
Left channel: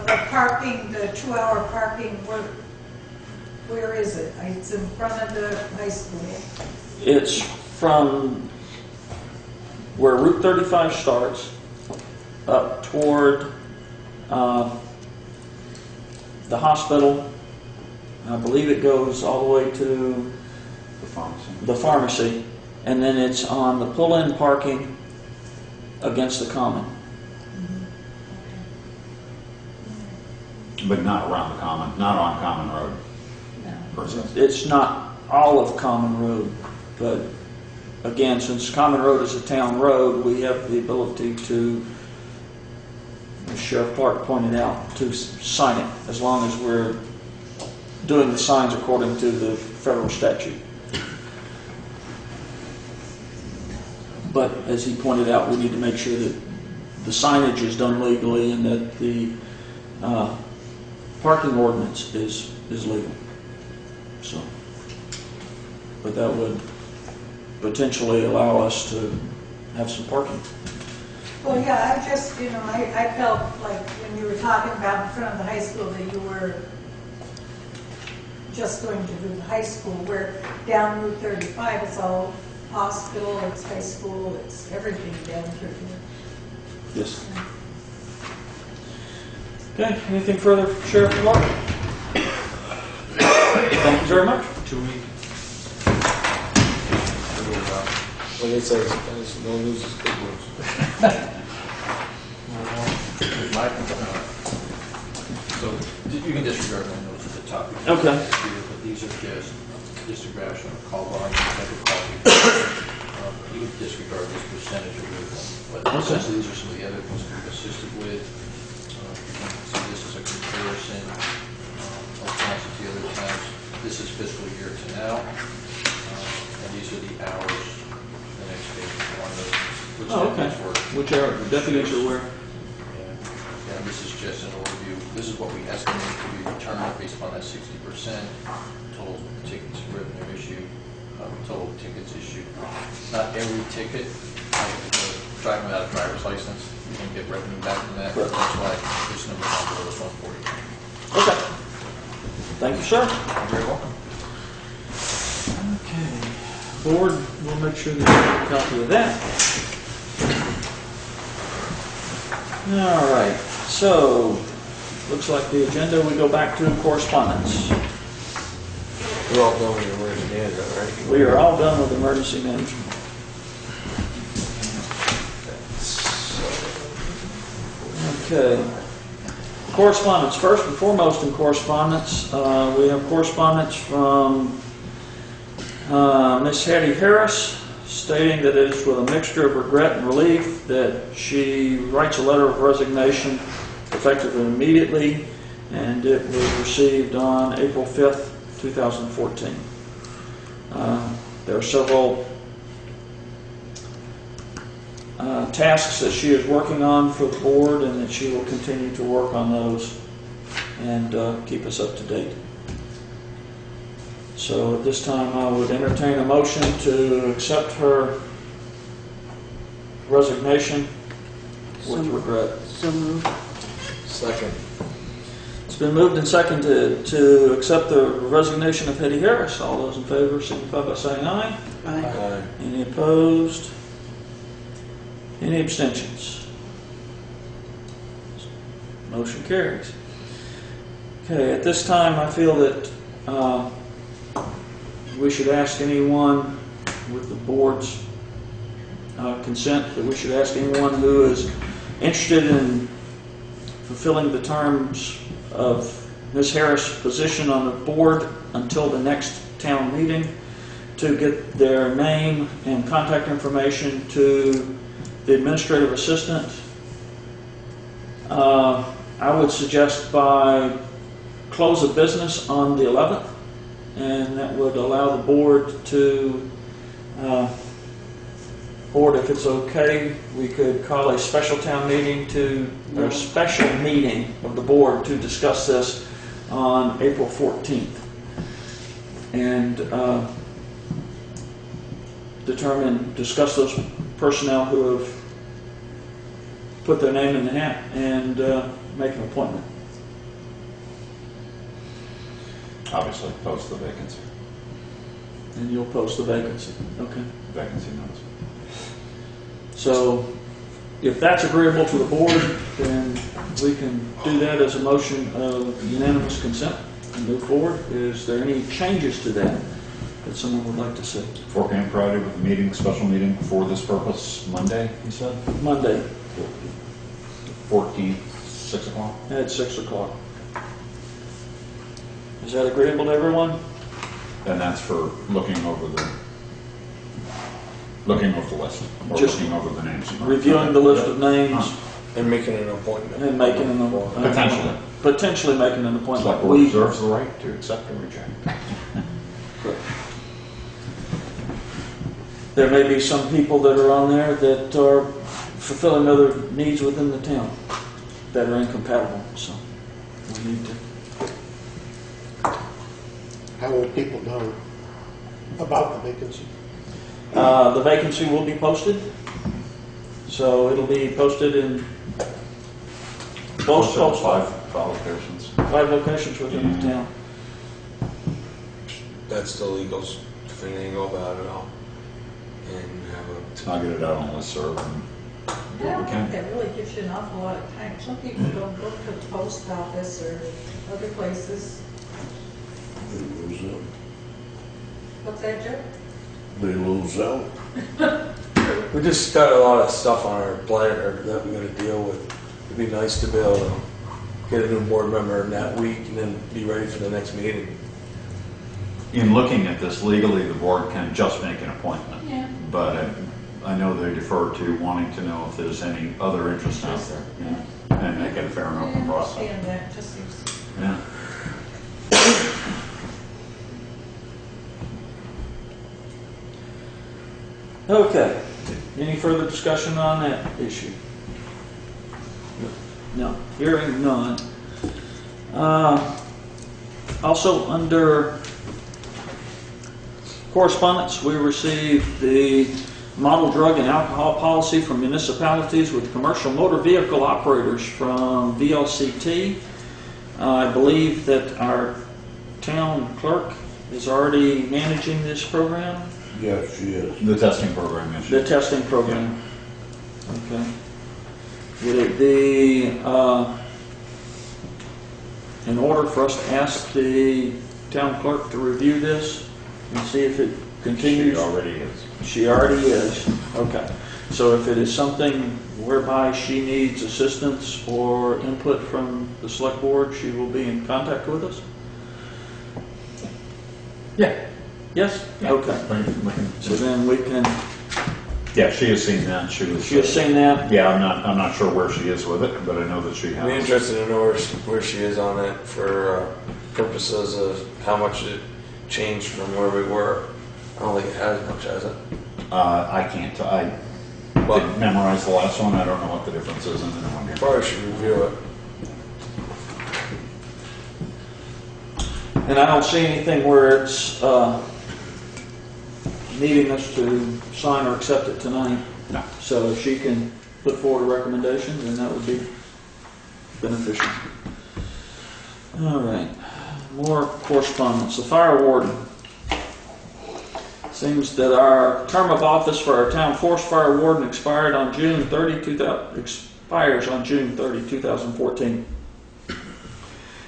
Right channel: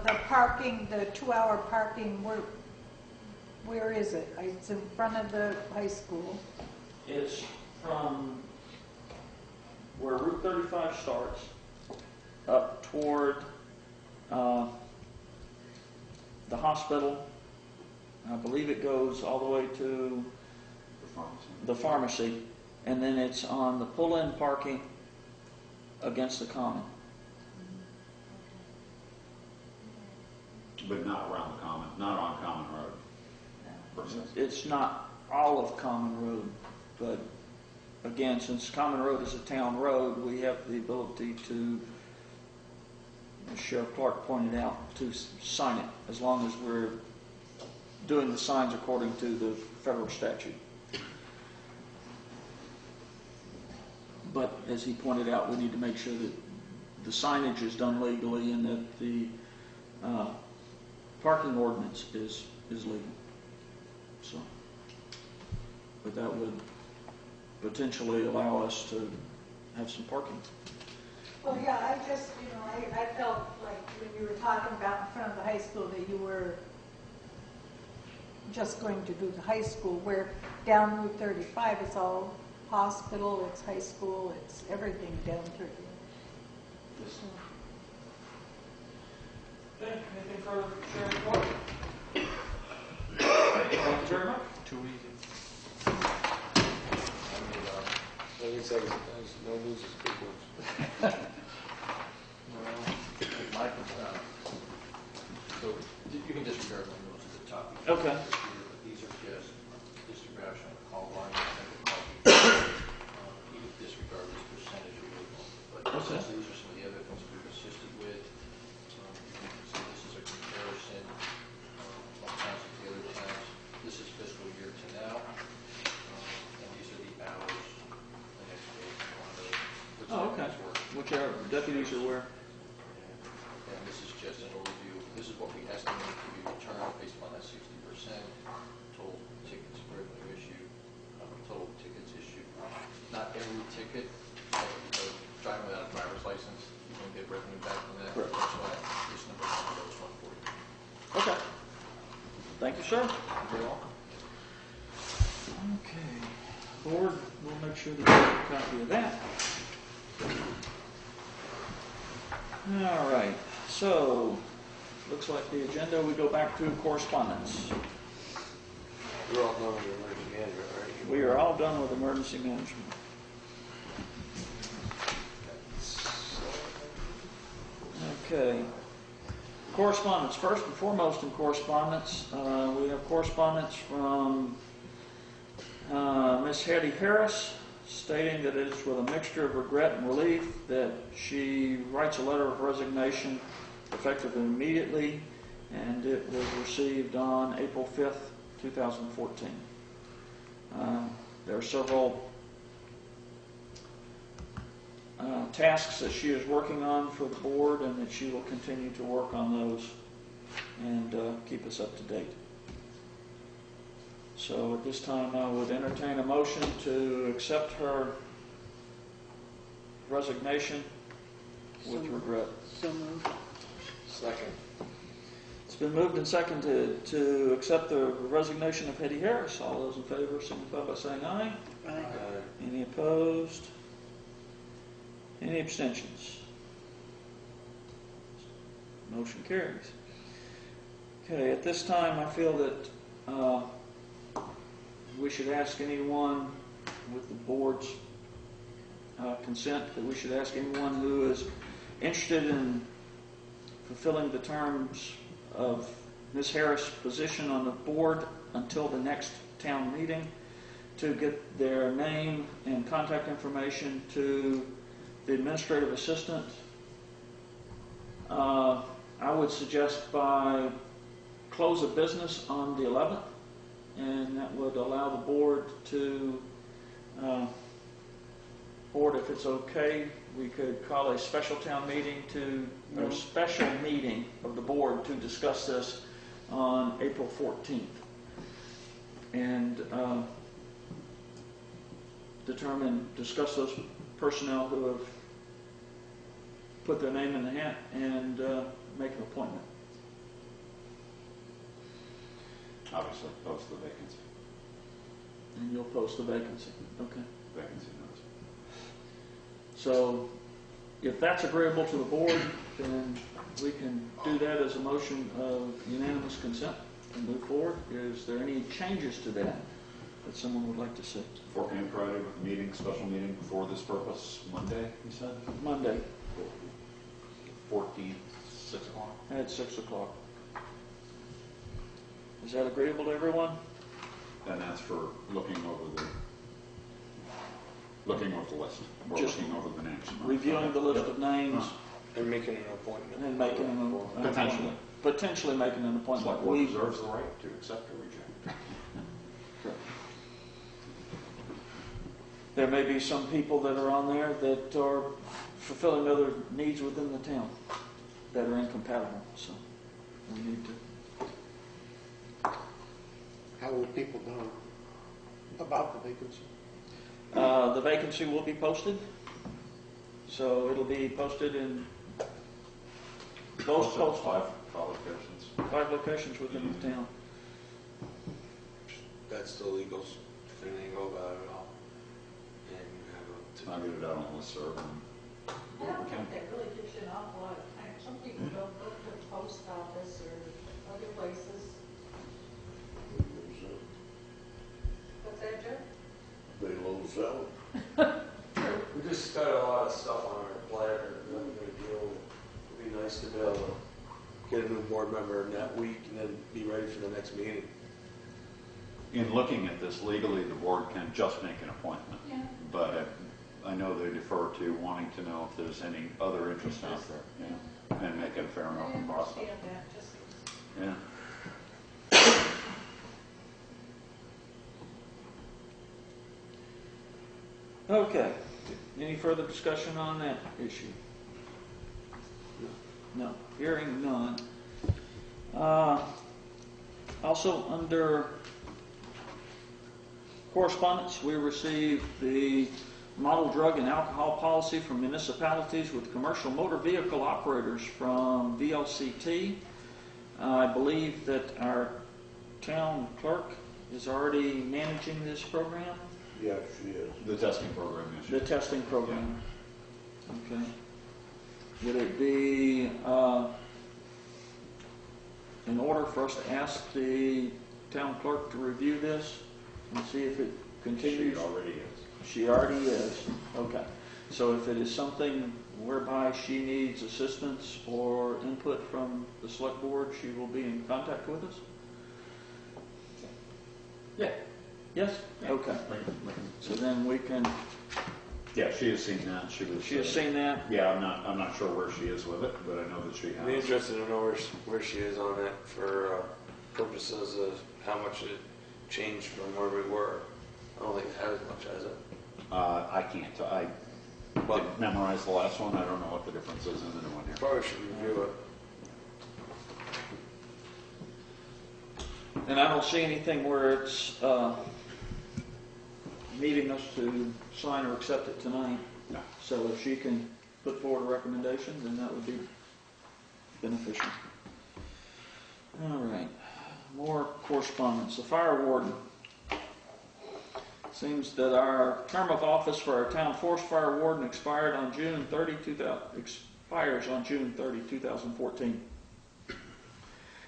the parking, the 2-hour parking, where is it? It's in front of the high school. It's from where Route 35 starts up toward the hospital. I believe it goes all the way to the pharmacy, and then it's on the pull-in parking against the common. But not around the common, not on Common Road, per se. It's not all of Common Road, but again, since Common Road is a town road, we have the ability to, as Sheriff Clark pointed out, to sign it as long as we're doing the signs according to the federal statute. But as he pointed out, we need to make sure that the signage is done legally and that the parking ordinance is legal. So, but that would potentially allow us to have some parking. Well, yeah, I just, I felt like when you were talking about in front of the high school that you were just going to do the high school, where down Route 35 it's all hospital, it's high school, it's everything down through here. Yes. Okay, anything further, Sheriff Clark? Thank you very much. 2 weeks. What they say, no news is good news. So you can disregard my notes. top. Okay. But these are just disregard of call volume, type of call. You can disregard this percentage of it, but Okay. essentially these are some of the other things we've assisted with. So this is a comparison of towns with the other towns. This is fiscal year to now, and these are the hours. The next page, one of which Oh, okay. deputies work. Which are, the deputies are where? And this is just an overview. This is what we estimate to be returned based upon that 60% total tickets revenue issue, total tickets issued. Not every ticket, driving without a driver's license, you can get revenue back from that. Correct. That's why this number is on below this 140. Okay. Thank you, sir. You're very welcome. Okay. Board, we'll make sure that you have a copy of that. All right. So, looks like the agenda, we go back to correspondence. We're all done with your emergency management, right? We are all done with emergency management. Okay. Correspondence. First and foremost in correspondence, we have correspondence from Miss Hattie Harris stating that it is with a mixture of regret and relief that she writes a letter of resignation effective immediately, and it was received on April 5th, 2014. There are several tasks that she is working on for the board, and that she will continue to work on those and keep us up to date. So at this time, I would entertain a motion to accept her resignation with regret. So moved. Second. It's been moved and seconded to accept the resignation of Hetty Harris. All those in favor signify by saying aye. Aye. Any opposed? Any abstentions? Motion carries. Okay, at this time, I feel that we should ask anyone with the board's consent, that we should ask anyone who is interested in fulfilling the terms of Ms. Harris' position on the board until the next town meeting to get their name and contact information to the administrative assistant. I would suggest by close of business on the 11th, and that would allow the board to, board, if it's okay, we could call a special town meeting or a special meeting of the board to discuss this on April 14th. And discuss those personnel who have put their name in the hat and make an appointment. Obviously, post the vacancy, And you'll post the vacancy. Okay. vacancy notice. So if that's agreeable to the board, then we can do that as a motion of unanimous consent and move forward. Is there any changes to that someone would like to see? 4 p.m. Friday with a meeting, special meeting for this purpose, Monday, you said? Monday 14th, 6 o'clock? at 6 o'clock. Is that agreeable to everyone? And that's for looking over the list, or Just looking over the names. Reviewing the list of names And making an appointment. and making an potentially making an appointment. Select board reserves the right to accept or reject. There may be some people that are on there that are fulfilling other needs within the town that are incompatible, so we need to. How will people know about the vacancy? The vacancy will be posted, so it'll be posted in both Five locations. 5 locations within the town. That's the legal thing they go about it all. And have I'll get it out on listserv and I do what don't we think can. that really gives you an awful lot of time. Some people don't go to the post office or other places. They lose out. What's that, Joe? They lose out. we just got a lot of stuff on our plate that we got to deal with. It'd be nice to be able to get a new board member in that week and then be ready for the next meeting. In looking at this legally, the board can just make an appointment. Yeah. But I know they defer to wanting to know if there's any other interest out there, and make it a fair and open process. understand that, just seems. Yeah. Okay, any further discussion on that issue? No, hearing none. Also, under correspondence, we received the model drug and alcohol policy from municipalities with commercial motor vehicle operators from VLCT. I believe that our town clerk is already managing this program. Yes, she is. The testing program, yes. The testing program. Okay. Would it be in order for us to ask the town clerk to review this and see if it continues? She already is. She already is. Okay. So if it is something whereby she needs assistance or input from the select board, she will be in contact with us? Yeah. Yes? Okay. So then we can, Yeah, she has seen that. She has seen that? Yeah, I'm not sure where she is with it, but I know that she I'd be has. interested to know where she is on it for purposes of how much it changed from where we were. I don't think it has much, has it? I can't. I didn't memorize the last one. I don't know what the difference is in the new one here. Probably should review it. And I don't see anything where it's needing us to sign or accept it tonight. No. So if she can put forward a recommendation, then that would be beneficial. All right, more correspondence. The fire warden. Seems that our term of office for our town forest fire warden expires on June 30, 2014.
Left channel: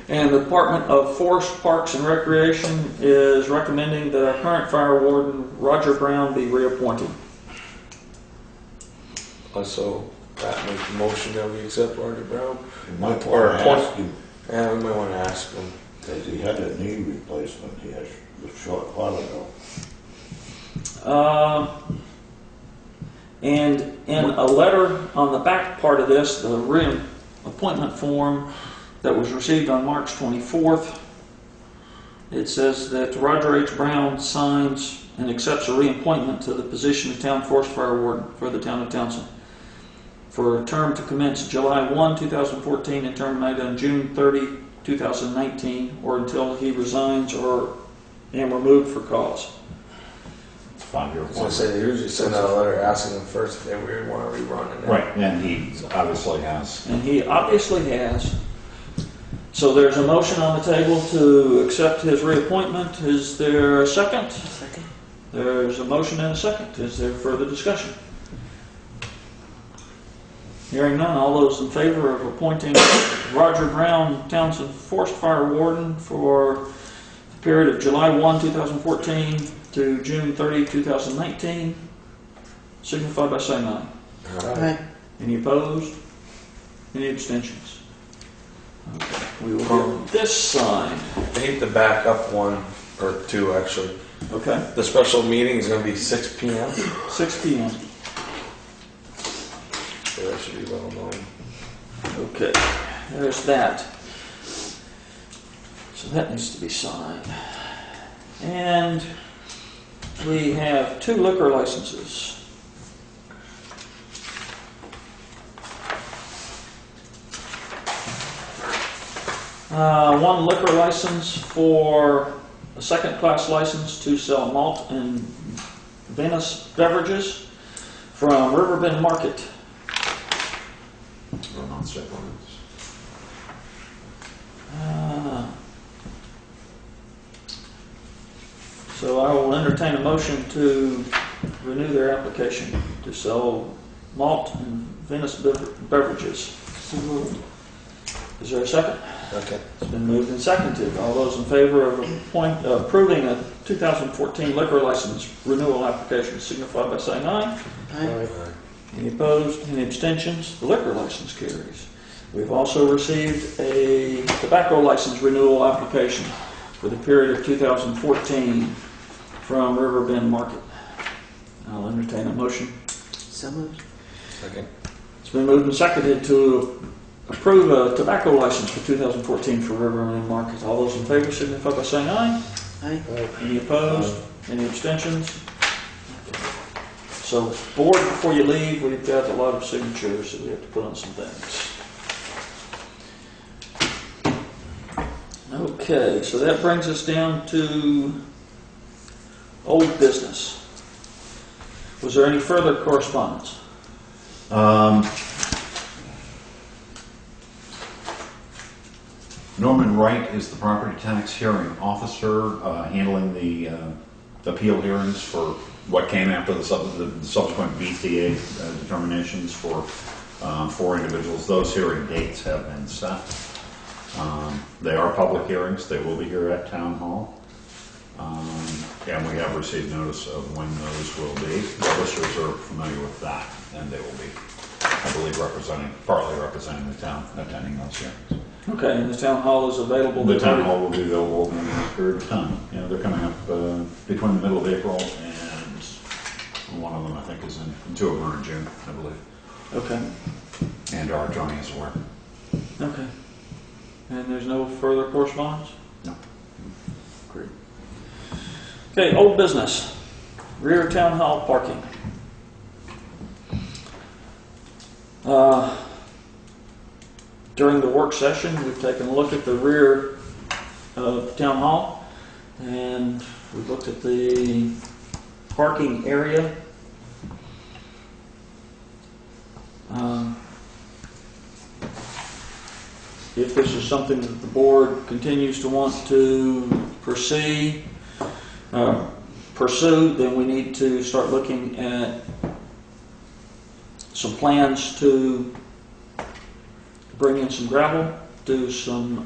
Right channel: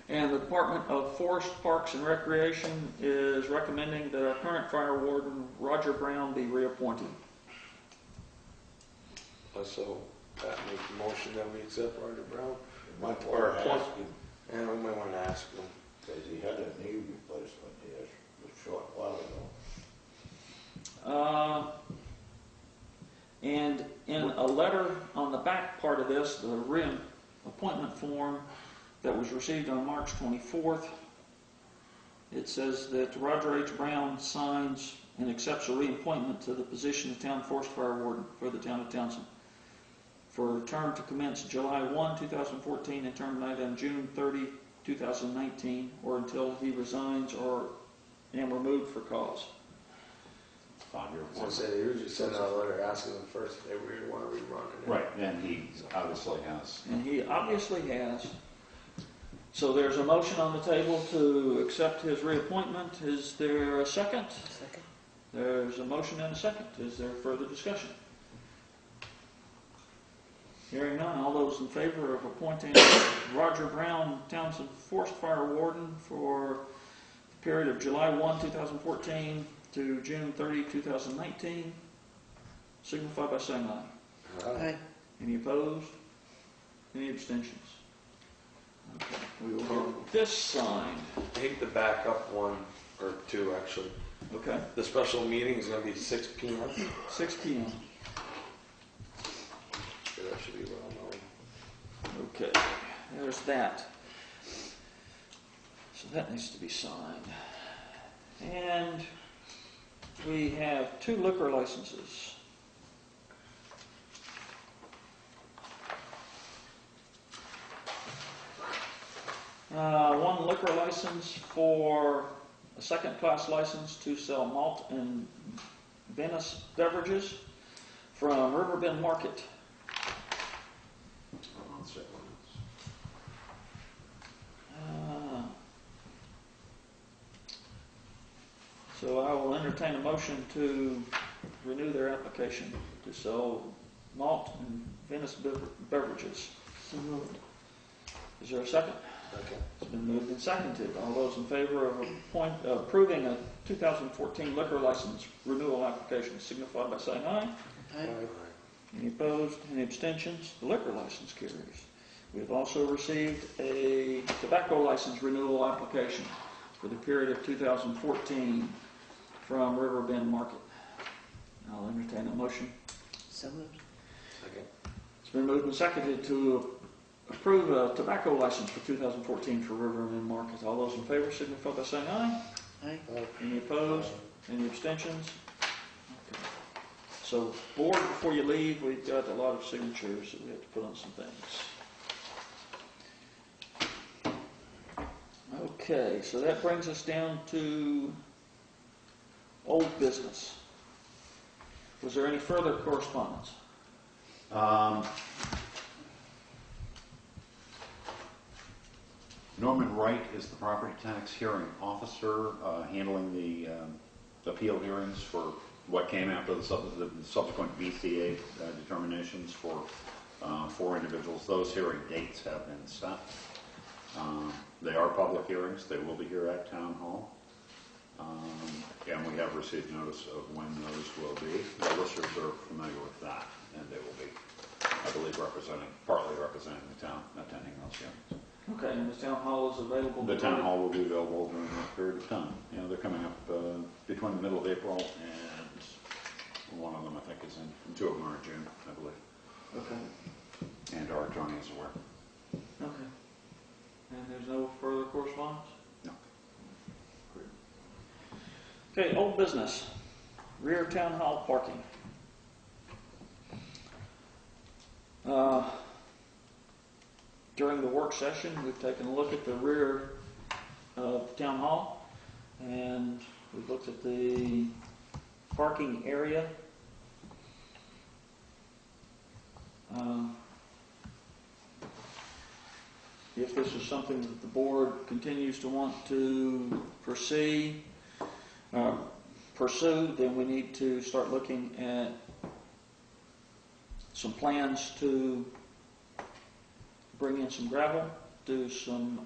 And the Department of Forest, Parks, and Recreation is recommending that our current fire warden, Roger Brown, be reappointed. So that makes the motion that we accept Roger Brown. You might Or want to appoint- ask him, Yeah, we might want to ask him. because he had a knee replacement he had a short while ago. And in a letter on the back part of this, the reappointment form that was received on March 24th, it says that Roger H. Brown signs and accepts a reappointment to the position of Town Forest Fire Warden for the town of Townshend for a term to commence July 1, 2014 and terminate on June 30, 2019, or until he resigns or am removed for cause. 5-year So I say they usually send out a letter asking them first if they really want to rerun it. Right, and he obviously has. And he obviously has. So there's a motion on the table to accept his reappointment. Is there a second? Second. There's a motion and a second. Is there further discussion? Hearing none, all those in favor of appointing Roger Brown, Townshend Forest Fire Warden for the period of July 1, 2014 to June 30, 2019, signify by saying aye. Right. Any opposed? Any abstentions? Okay, we will get this signed. I hate to back up one or two, actually. Okay, The special meeting is going to be 6 p.m. 6 p.m. So that should be well known. Okay, there's that. So that needs to be signed. And we have 2 liquor licenses. One liquor license for a second-class license to sell malt and Venice beverages from Riverbend Market. Or non-state ordinance. So I will entertain a motion to renew their application to sell malt and Venice beverages. Is there a second? Okay. It's been moved and seconded. All those in favor of approving a 2014 liquor license renewal application signify by saying aye. Aye. Any opposed? Any abstentions? The liquor license carries. We've also received a tobacco license renewal application for the period of 2014 from Riverbend Market. I'll entertain a motion. So moved. Second. It's been moved and seconded to approve a tobacco license for 2014 for Riverbend Market. All those in favor signify by saying aye. Aye. Any opposed? Any abstentions? So, board, before you leave, we've got a lot of signatures that we have to put on some things. Okay, so that brings us down to old business. Was there any further correspondence? Norman Wright is the property tax hearing officer, handling the appeal hearings for what came after the subsequent BTA determinations for 4 individuals. Those hearing dates have been set. They are public hearings. They will be here at Town Hall. And we have received notice of when those will be. The listers are familiar with that, and they will be, I believe, partly representing the town, attending those hearings. Okay, and the town hall is available? The town hall will be available in a period of time. You know, they're coming up between the middle of April and one of them, I think, is in, 2 of them are in June, I believe. Okay, And our Johnny is aware. okay. And there's no further correspondence? No. Great. Okay, old business. Rear town hall parking. During the work session, we've taken a look at the rear of town hall, and we've looked at the parking area. If this is something that the board continues to want to pursue, then we need to start looking at some plans to bring in some gravel, do some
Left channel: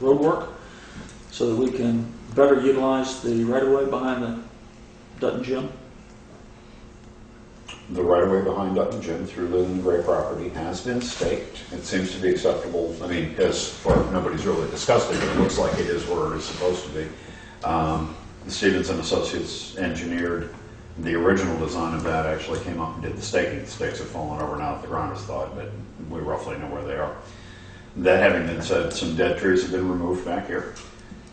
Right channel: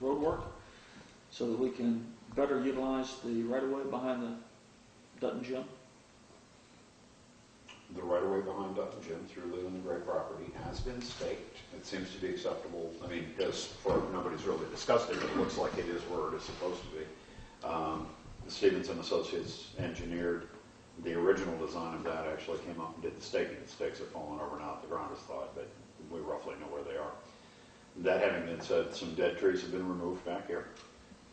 road work, so that we can better utilize the right-of-way behind the Dutton Gym. The right-of-way behind Dutton Gym through the Gray property has been staked. It seems to be acceptable. I mean, as far nobody's really discussed it, but it looks like it is where it is supposed to be. Stevens and Associates engineered the original design of that, actually came up and did the staking. The stakes have fallen over now that the ground is thawed, but we roughly know where they are. That having been said, some dead trees have been removed back here,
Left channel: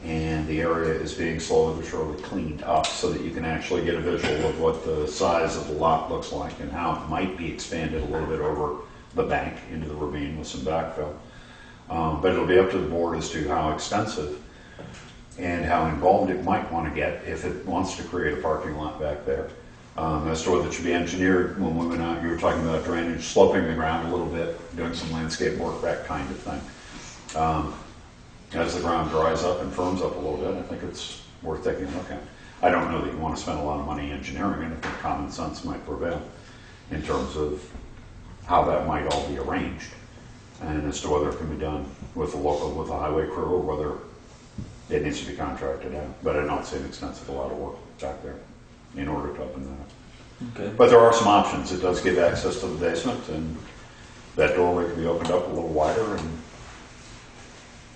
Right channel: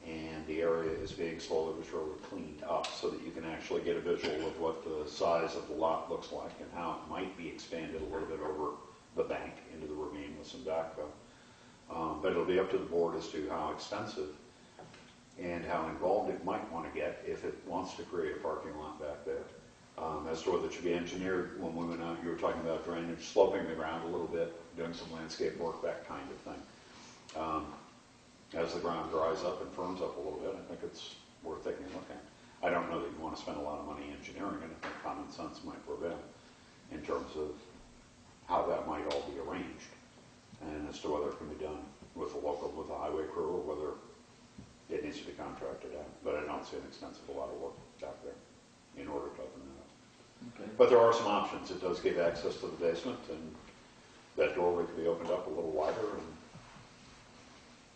and the area is being slowly but surely cleaned up so that you can actually get a visual of what the size of the lot looks like and how it might be expanded a little bit over the bank into the ravine with some backfill. But it'll be up to the board as to how extensive and how involved it might want to get if it wants to create a parking lot back there. As to whether it should be engineered, when we went out, you were talking about drainage, sloping the ground a little bit, doing some landscape work, that kind of thing. As the ground dries up and firms up a little bit, I think it's worth taking a look at. I don't know that you want to spend a lot of money engineering it. I think common sense might prevail in terms of how that might all be arranged, and as to whether it can be done with a highway crew, or whether it needs to be contracted out. But I don't see an extensive lot of work back there in order to open that up. Okay. But there are some options. It does give access to the basement, and that doorway can be opened up a little wider, and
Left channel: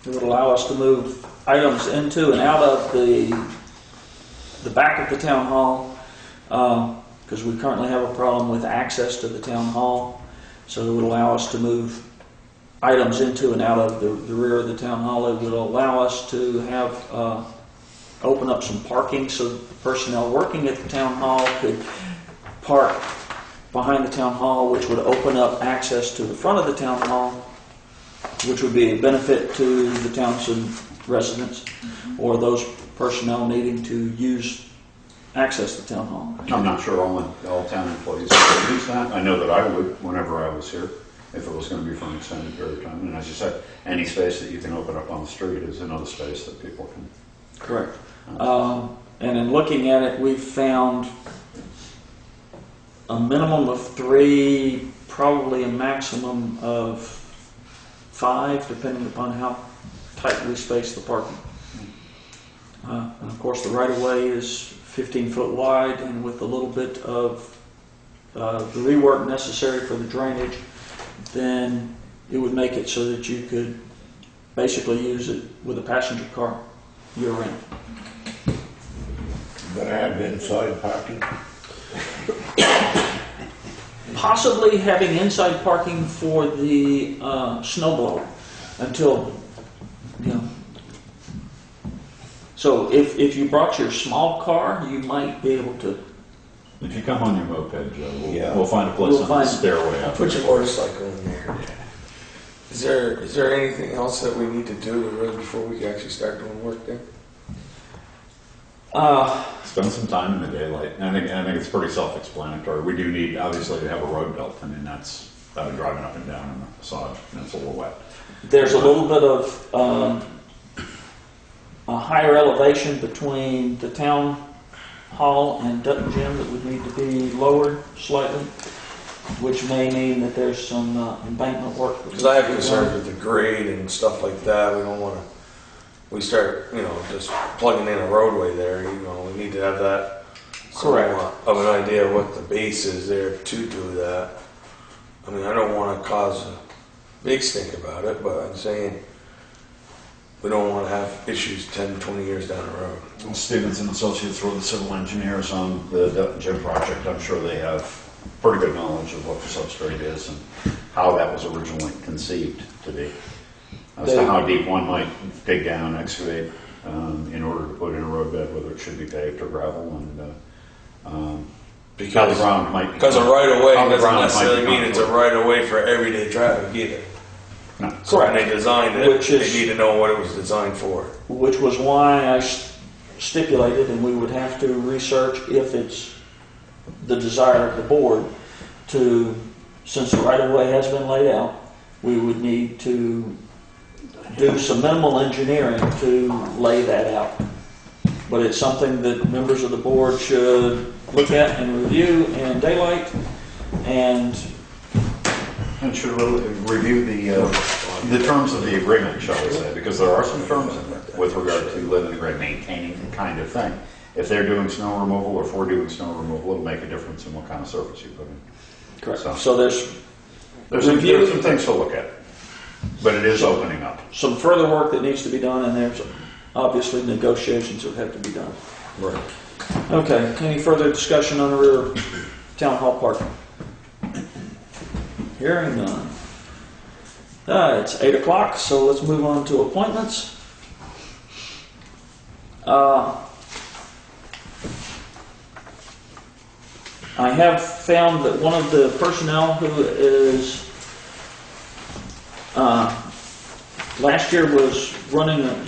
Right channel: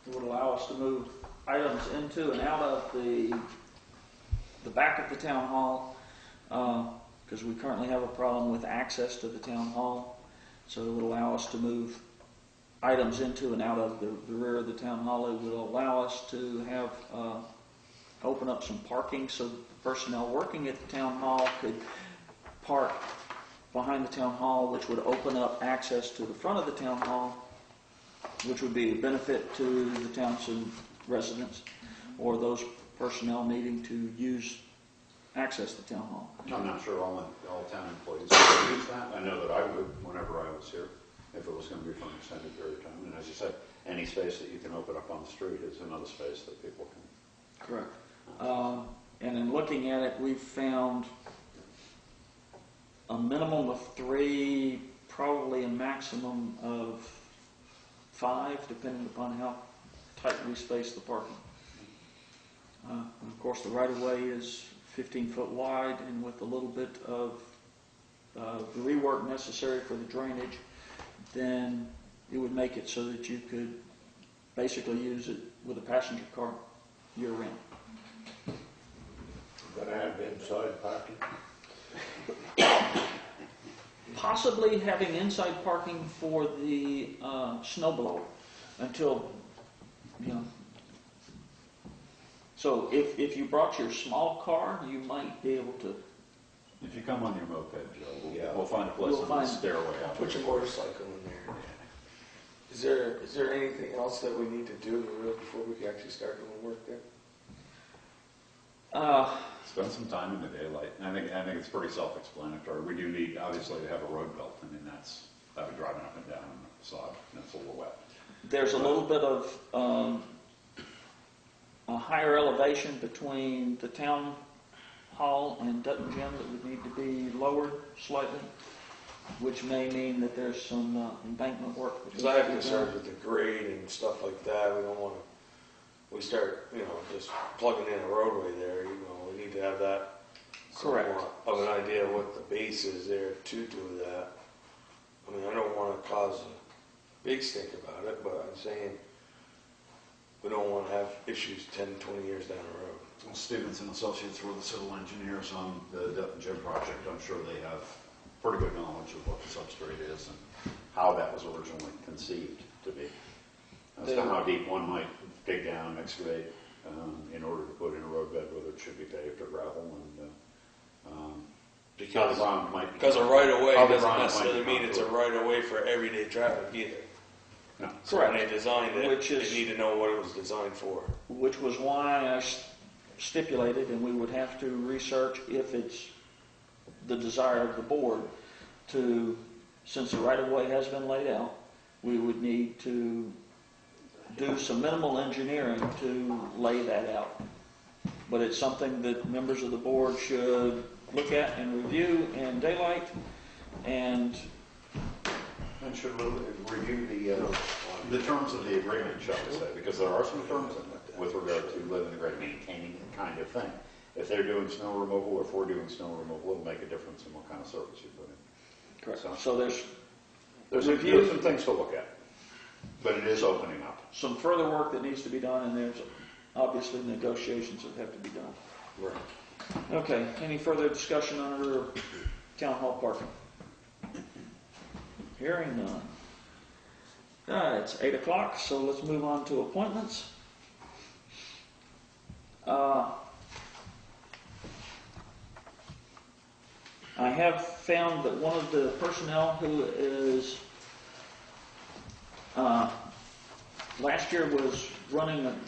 It would allow us to move items into and out of the back of the town hall, because we currently have a problem with access to the town hall. So it would allow us to move items into and out of the rear of the town hall. It would allow us to have open up some parking so that the personnel working at the town hall could park behind the town hall, which would open up access to the front of the town hall, which would be a benefit to the Townshend residents or those personnel needing to access the town hall. I'm not sure all town employees would use that. I know that I would whenever I was here, if it was going to be for an extended period of time. And as you said, any space that you can open up on the street is another space that people can. Correct. And in looking at it, we've found a minimum of 3, probably a maximum of 5, depending upon how tight we space the parking. And of course, the right-of-way is 15 foot wide, and with a little bit of the rework necessary for the drainage, then it would make it so that you could basically use it with a passenger car year-round. Gonna have inside parking? Possibly having inside parking for the snowblower until, you know. So if you brought your small car, you might be able to. If you come on your moped, Joe, Yeah. we'll find a place We'll on the find- stairway. Put your motorcycle in there. Is there anything else that we need to do to really before we can actually start doing work there? Spend some time in the daylight. I think it's pretty self-explanatory. We do need, obviously, to have a road built. I mean, I've been driving up and down in the sod, and it's a little wet. There's a little bit of a higher elevation between the town hall and Dutton Gym that would need to be lowered slightly, which may mean that there's some embankment work. Because I have concerns with the grade and stuff like that. We don't want to. We start, just plugging in a roadway there. We need to have that Correct. somewhat of an idea of what the base is there to do that. I mean, I don't want to cause a big stink about it, but I'm saying we don't want to have issues 10, 20 years down the road. Well, Stevens and Associates were the civil engineers on the Dutton Gym project. I'm sure they have pretty good knowledge of what the substrate is and how that was originally conceived to be. As to how deep one might dig down, excavate, in order to put in a roadbed, whether it should be paved or gravel, and how the ground might. Because a right of way how the doesn't ground might necessarily become mean it's a fluid. right of way for everyday traffic either. No. So when they designed it, Which is- they need to know what it was designed for. Which was why I stipulated, and we would have to research if it's the desire of the board to, since the right-of-way has been laid out, we would need to do some minimal engineering to lay that out. But it's something that members of the board should look at and review in daylight, and And should review the terms of the agreement, shall we say, because there are some terms in there with regard to living and maintaining kind of thing. If they're doing snow removal or if we're doing snow removal, it'll make a difference in what kind of surface you put in. correct. So there's There's some things to look at, but it is opening up. some further work that needs to be done, and there's obviously negotiations that have to be done. Right. Okay, any further discussion on the rear of town hall parking? Hearing none. It's 8 o'clock, so let's move on to appointments. I have found that one of the personnel who is, last year was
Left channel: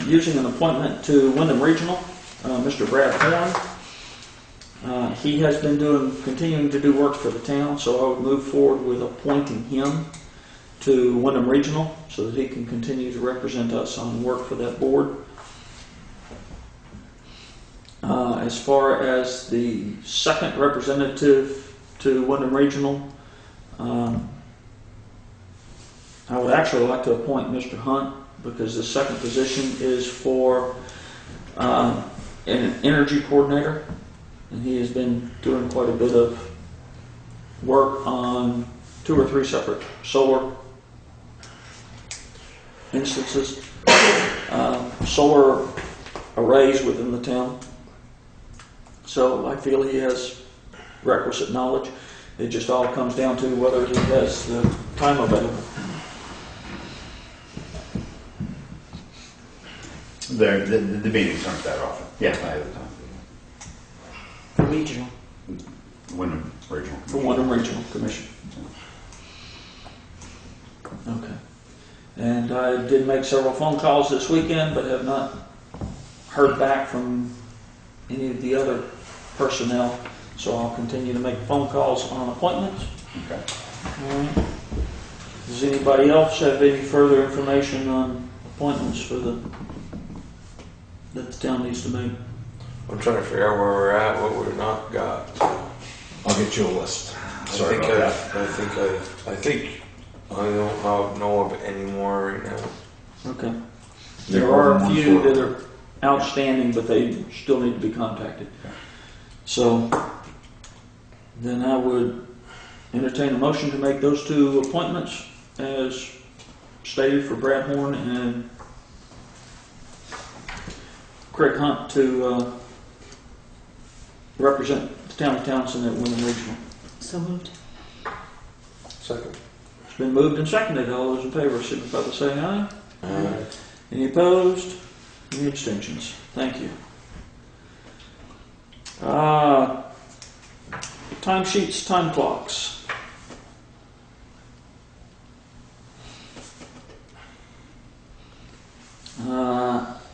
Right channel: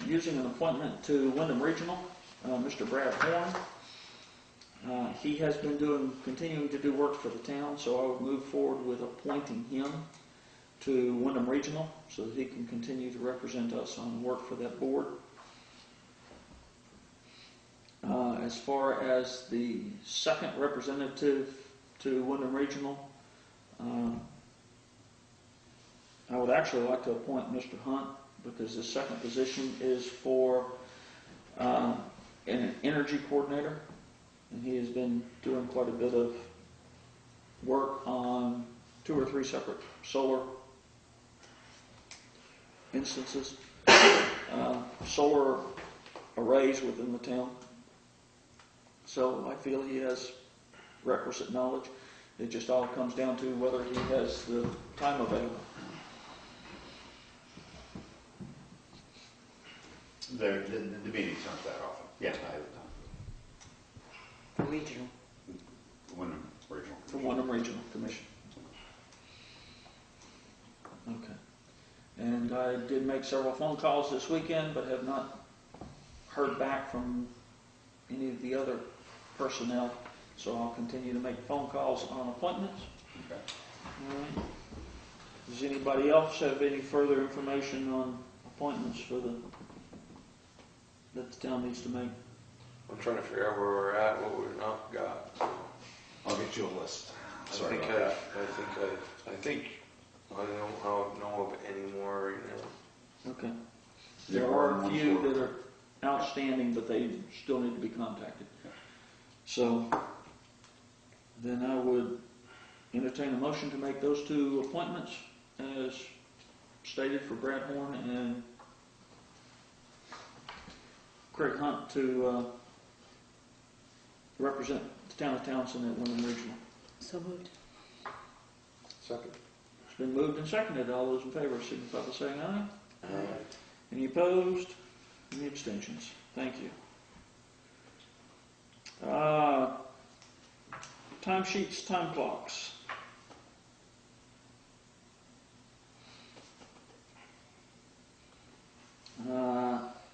using an appointment to Wyndham Regional, Mr. Brad Horn. He has been continuing to do work for the town, so I would move forward with appointing him to Wyndham Regional so that he can continue to represent us on work for that board. As far as the second representative to Wyndham Regional, I would actually like to appoint Mr. Hunt because the second position is for an energy coordinator, and he has been doing quite a bit of work on 2 or 3 separate solar instances, solar arrays within the town. So I feel he has requisite knowledge. It just all comes down to whether he has the time available. The meetings aren't that often. Yeah, I have the time. For regional. Wyndham Regional. For Wyndham Regional Commission. Okay. And I did make several phone calls this weekend, but have not heard back from any of the other personnel. So I'll continue to make phone calls on appointments. Okay. All right. Does anybody else have any further information on appointments that the town needs to make? I'm trying to figure out where we're at, what we've not got. I'll get you a list. Sorry I about that. think I don't know of any more right now. Okay. There There are are a ones few for- that are outstanding, but they still need to be contacted. So then I would entertain a motion to make those 2 appointments as stated for Brad Horn and Craig Hunt to represent the town of Townsend at Wyndham Regional. So moved. Second. It's been moved and seconded. All those in favor signify by saying aye. Aye. Any opposed? Any abstentions? Thank you. Time sheets, time clocks.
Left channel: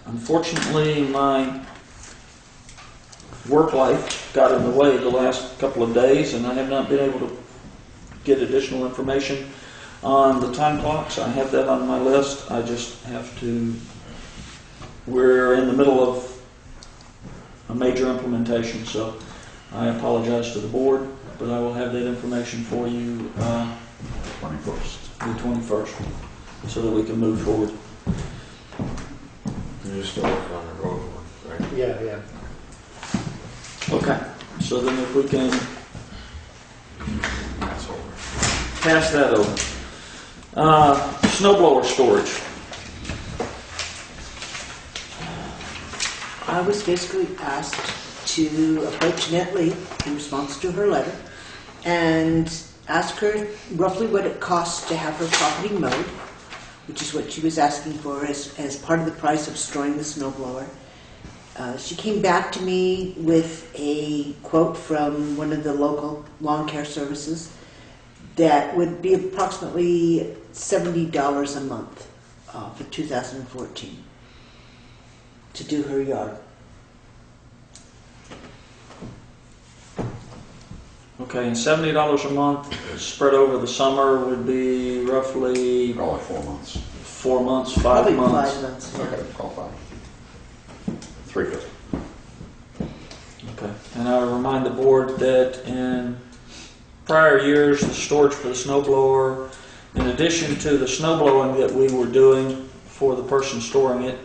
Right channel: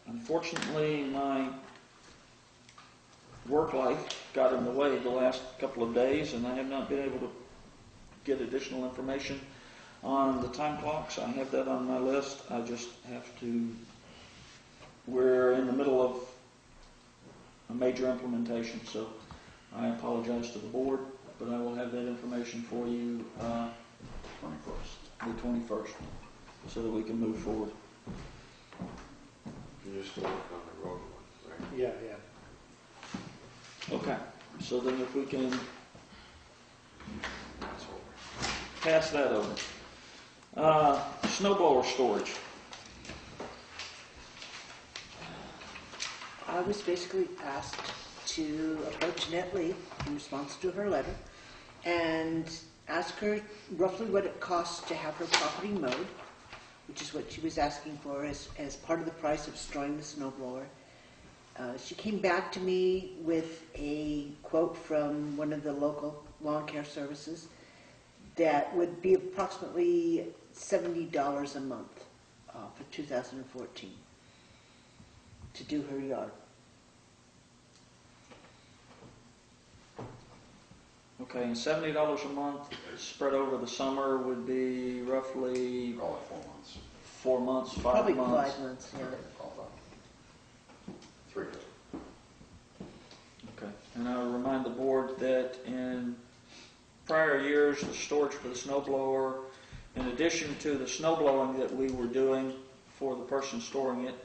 Unfortunately, my work life got in the way the last couple of days, and I have not been able to get additional information on the time clocks. I have that on my list. I just have to. We're in the middle of a major implementation, so I apologize to the board, but I will have that information for you 21st. the 21st, so that we can move forward. You're still working on the road one, right? Yeah, yeah. Okay, so then if we can That's over. pass that over. Snow blower storage. I was basically asked to approach Annette Lee in response to her letter and ask her roughly what it costs to have her property mowed, which is what she was asking for as part of the price of storing the snow blower. She came back to me with a quote from one of the local lawn care services that would be approximately $70 a month for 2014 to do her yard. Okay, and $70 a month spread over the summer would be roughly Probably 4 months. 4 months, 5 Probably months. 5 months. Yeah. Okay, call 5. 350. Okay, and I remind the board that in prior years, the storage for the snow blower, in addition to the snow blowing that we were doing for the person storing it,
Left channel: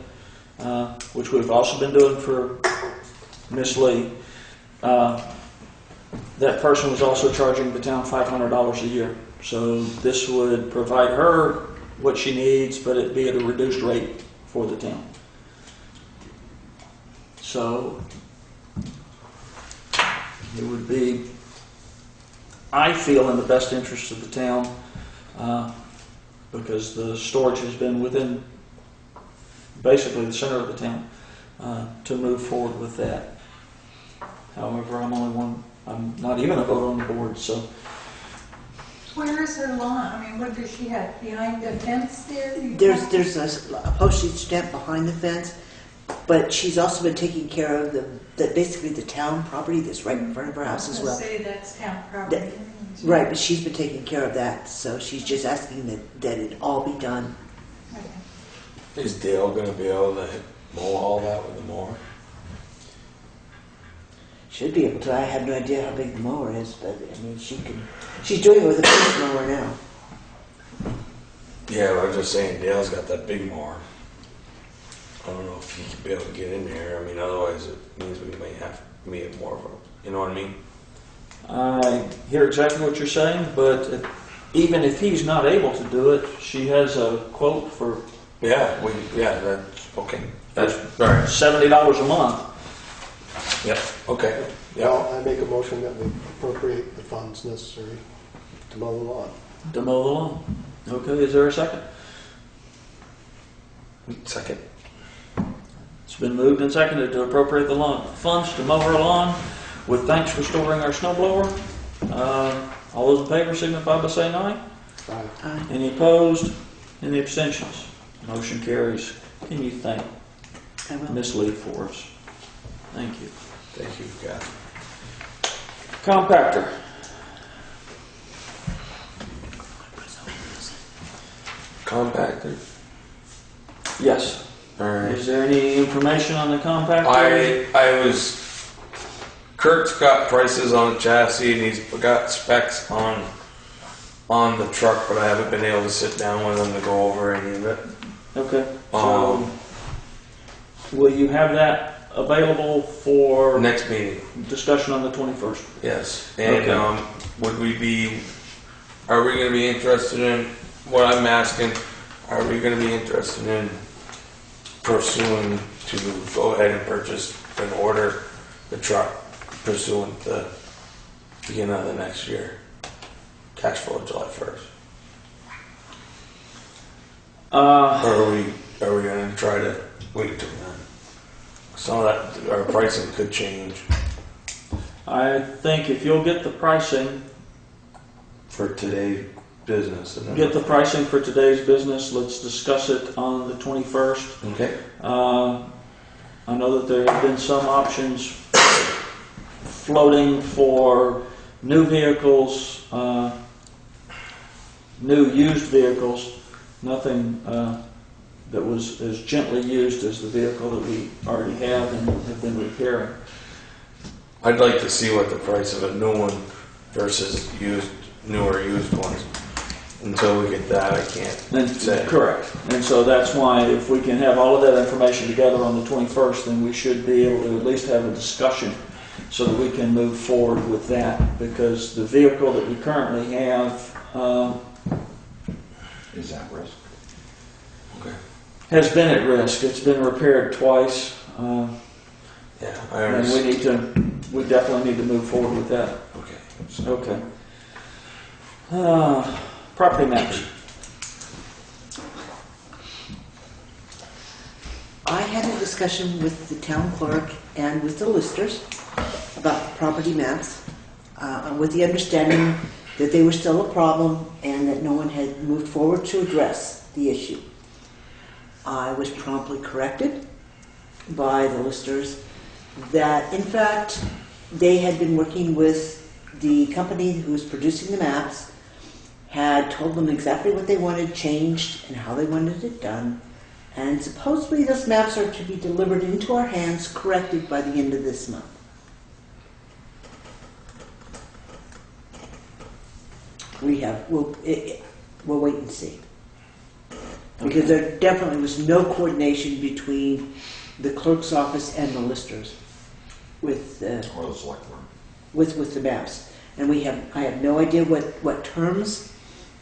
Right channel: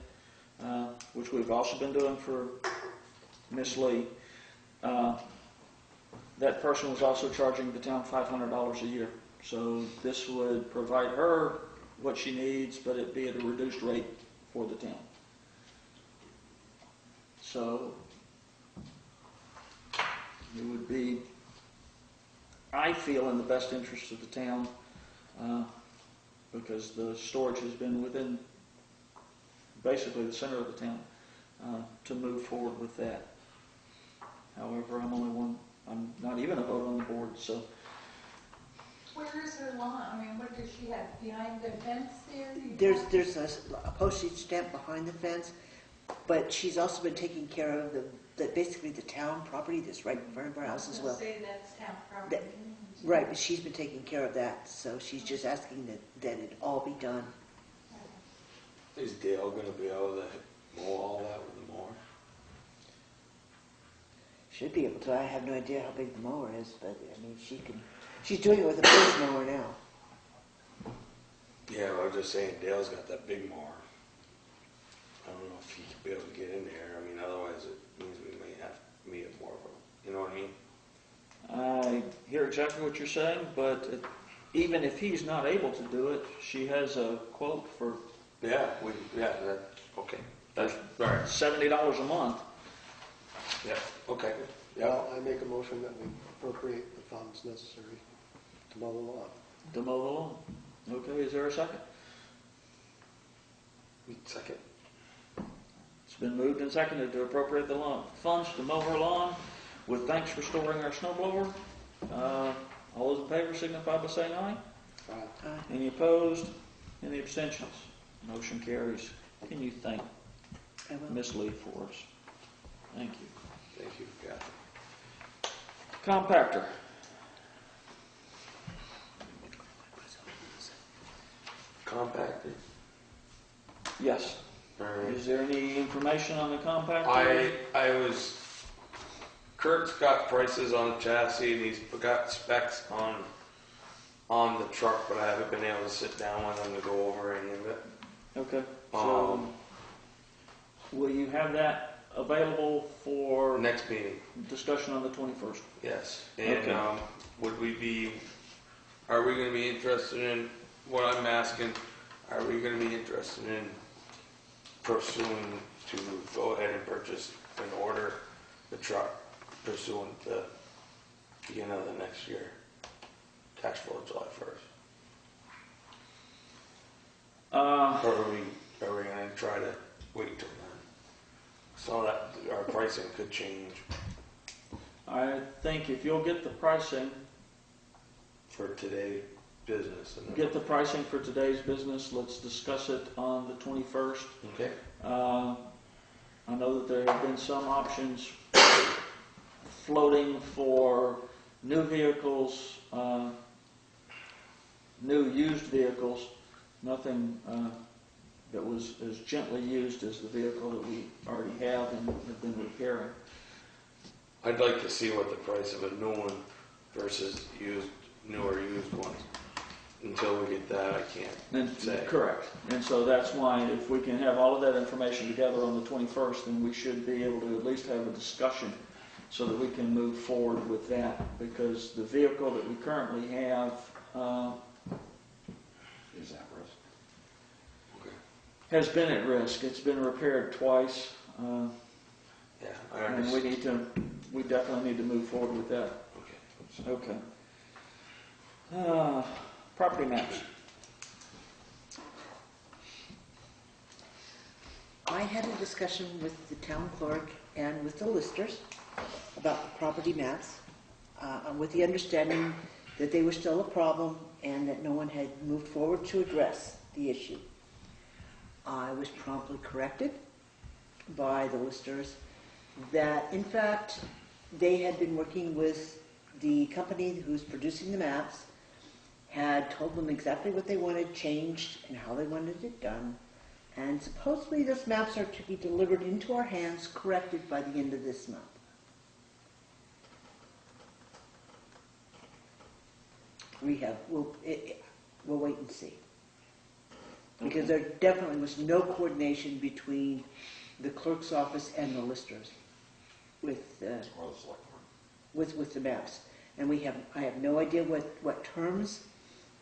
which we've also been doing for Miss Lee, that person was also charging the town $500 a year. So this would provide her what she needs, but it'd be at a reduced rate for the town. So it would be, I feel, in the best interest of the town, because the storage has been within basically the center of the town, to move forward with that. However, I'm not even a vote on the board, so. Where is her lawn? I mean, what does she have, behind the fence there? There's a postage stamp behind the fence, but she's also been taking care of basically the town property that's right in front of her house as well. Say that's town property. Right, but she's been taking care of that, so she's just asking that it all be done. Okay. Is Dale gonna be able to mow all that with the mower? Should be able to. I have no idea how big the mower is, but I mean, she's doing it with a push mower now. Yeah, but I was just saying, Dale's got that big mower. I don't know if he could be able to get in there. I mean, otherwise it means we may have more of a, you know what I mean? I hear exactly what you're saying, but even if he's not able to do it, she has a quote for Yeah, that's okay. That's all right. $70 a month. Yep. Okay. Yeah. Well, I make a motion that we appropriate the funds necessary to mow the lawn. To mow the lawn. Okay, is there a second? Second. It's been moved and seconded to appropriate the funds to mow our lawn with thanks for storing our snow blower. All those in favor signify by saying aye. Aye. Any opposed? Any abstentions? Motion carries. Can you thank I will. Miss Lee for us? Thank you. Thank you, Kathy. Compactor. Compactor. Yes. All right. Is there any information on the compactor? I was. Kirk's got prices on the chassis and he's got specs on the truck, but I haven't been able to sit down with him to go over any of it. Okay. So, will you have that available for Next meeting, discussion on the 21st? yes. And Okay. are we going to be interested in what I'm asking? are we gonna be interested in pursuing to go ahead and purchase and order the truck pursuant to beginning of the next year? Cash flow July 1st. Or are we gonna try to wait till then? Some of that, our pricing could change I think if you'll get the pricing, for today's business. And then get the pricing for today's business, let's discuss it on the 21st. Okay. I know that there have been some options floating for new vehicles, new used vehicles, nothing that was as gently used as the vehicle that we already have and have been repairing. I'd like to see what the price of a new one versus newer used ones. Until we get that, I can't say. Correct. And so that's why if we can have all of that information together on the 21st, then we should be able to at least have a discussion so that we can move forward with that. Because the vehicle that we currently have Is at risk. Okay. has been at risk. It's been repaired twice. Yeah, I And understand. we definitely need to move forward with that. Okay. So, Okay. Property maps. I had a discussion with the town clerk and with the listers about the property maps, with the understanding that they were still a problem and that no one had moved forward to address the issue. I was promptly corrected by the listers that, in fact, they had been working with the company who was producing the maps, had told them exactly what they wanted changed and how they wanted it done, and supposedly those maps are to be delivered into our hands, corrected by the end of this month. We'll wait and see. Because there definitely was no coordination between the clerk's office and the listers with Or the select board. with the maps. And I have no idea what terms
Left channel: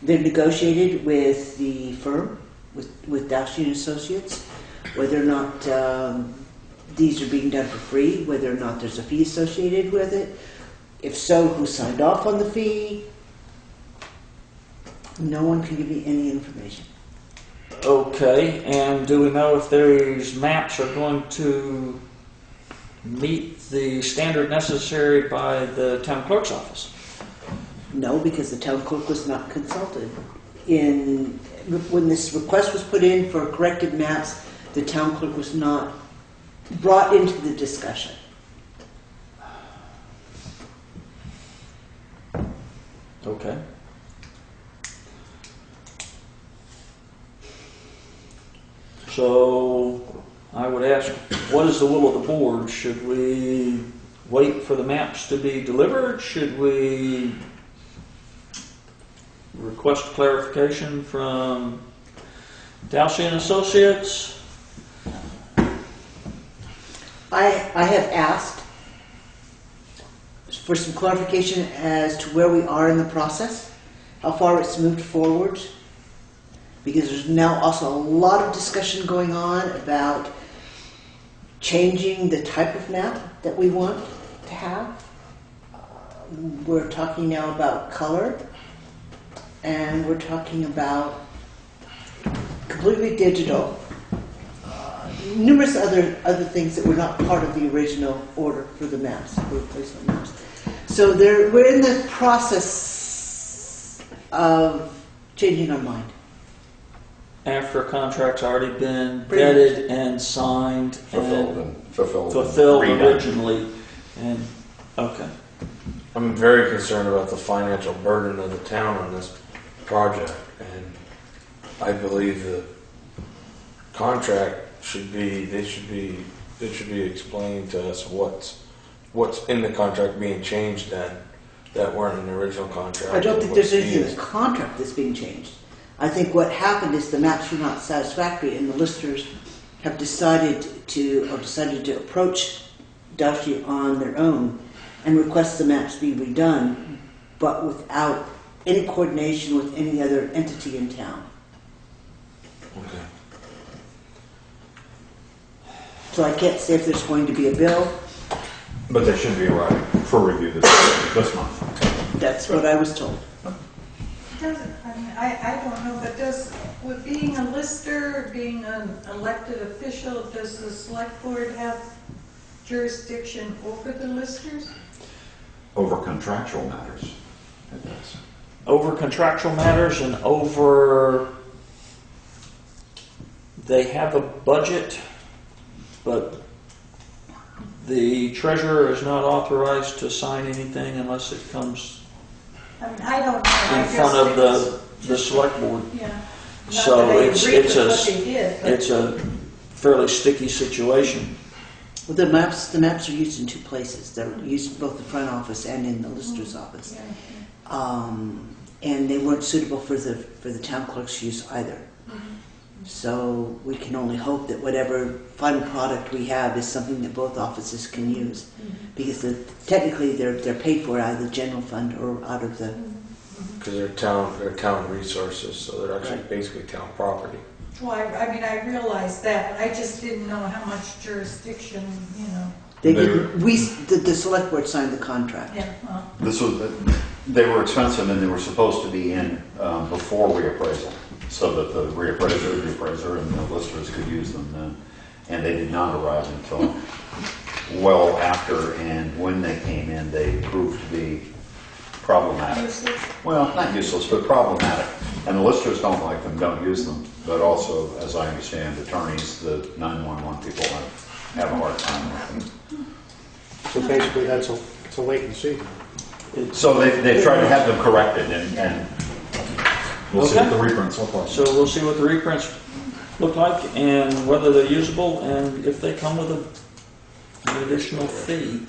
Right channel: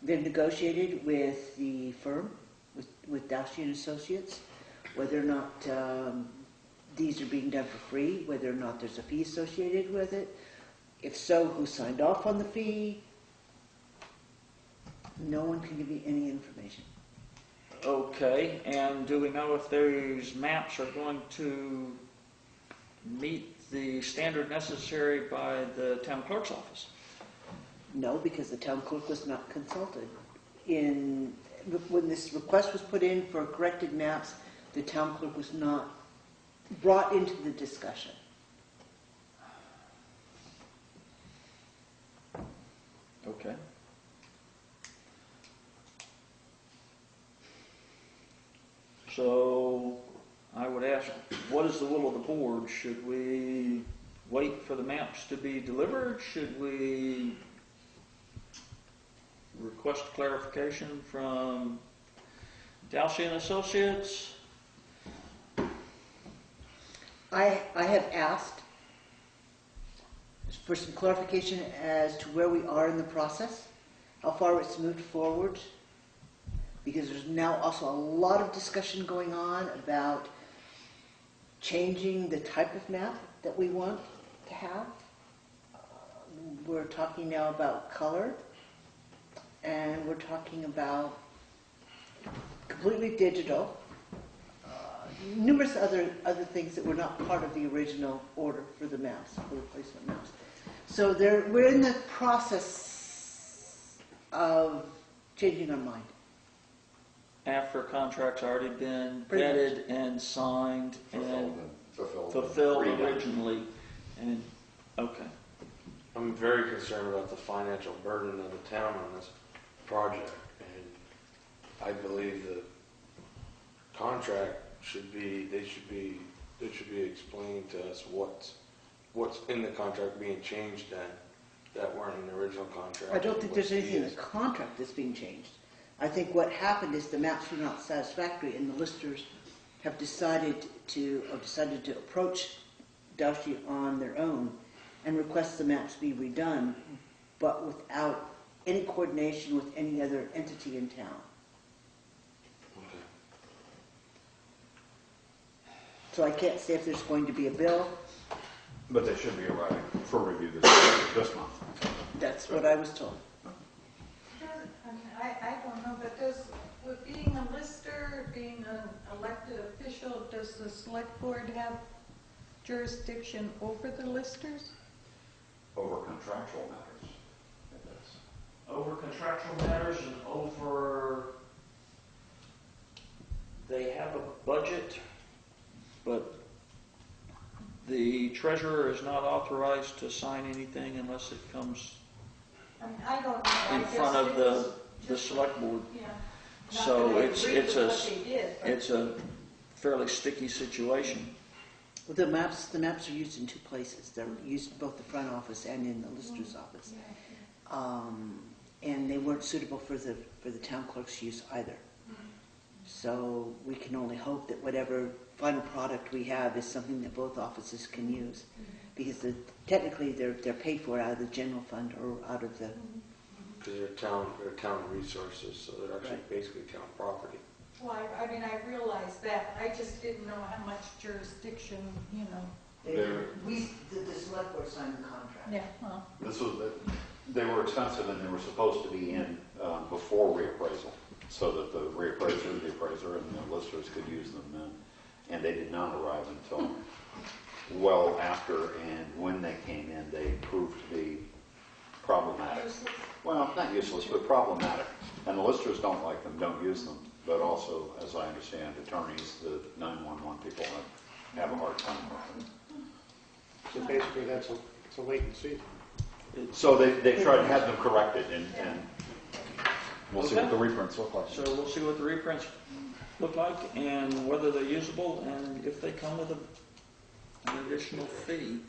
they've negotiated with the firm, with Townshend Associates, whether or not these are being done for free, whether or not there's a fee associated with it. If so, who signed off on the fee? No one can give me any information. Okay, and do we know if these maps are going to meet the standard necessary by the town clerk's office? No, because the town clerk was not consulted. When this request was put in for corrected maps, the town clerk was not brought into the discussion. Okay. So I would ask, what is the will of the board? Should we wait for the maps to be delivered? Should we request clarification from Townshend Associates? I have asked for some clarification as to where we are in the process, how far it's moved forward, because there's now also a lot of discussion going on about changing the type of map that we want to have. We're talking now about color, and we're talking about completely digital. Numerous other things that were not part of the original order for the maps, for replacement maps. So we're in the process of changing our mind. After a contract's already been Pretty vetted and signed and fulfilled redone. originally, and okay. I'm very concerned about the financial burden of the town on this project, and I believe the contract should be explaining to us what's in the contract being changed then that weren't in the original contract. I don't and think what's there's anything in needed. the contract that's being changed. I think what happened is the maps were not satisfactory, and the listers have decided to approach Townshend on their own and request the maps be redone, but without any coordination with any other entity in town. Okay. So I can't say if there's going to be a bill. But they should be arriving for review this month. That's what I was told. Does it, I mean, I don't know, but does, with being a lister, being an elected official, does the select board have jurisdiction over the listers? Over contractual matters, it does. Over contractual matters and over, they have a budget, but the treasurer is not authorized to sign anything unless it comes I mean, I don't know. in front of the select board. Yeah. Not So that I it's agree with what they did, but- it's a fairly sticky situation. Well, the maps are used in two places. They're used both the front office and in the lister's office. Yeah. And they weren't suitable for the town clerk's use either. So we can only hope that whatever final product we have is something that both offices can use, because technically they're paid for out of the general fund or out of the. Because they're town resources, so they're actually basically town property. Well, I mean, I realized that, I just didn't know how much jurisdiction, you know. They didn't. The select board signed the contract. Yeah, well, They were expensive and they were supposed to be in before reappraisal, so that the reappraiser, the appraiser, and the listers could use them then. And they did not arrive until well after, and when they came in, they proved to be problematic. useless. Well, not useless, but problematic. And the listers don't like them, don't use them. But also, as I understand, attorneys, the 911 people have a hard time with them. So basically, it's a wait and see. So they tried to have them corrected, and we'll see what the reprints look like. So we'll see what the reprints look like and whether they're usable and if they come with an additional fee.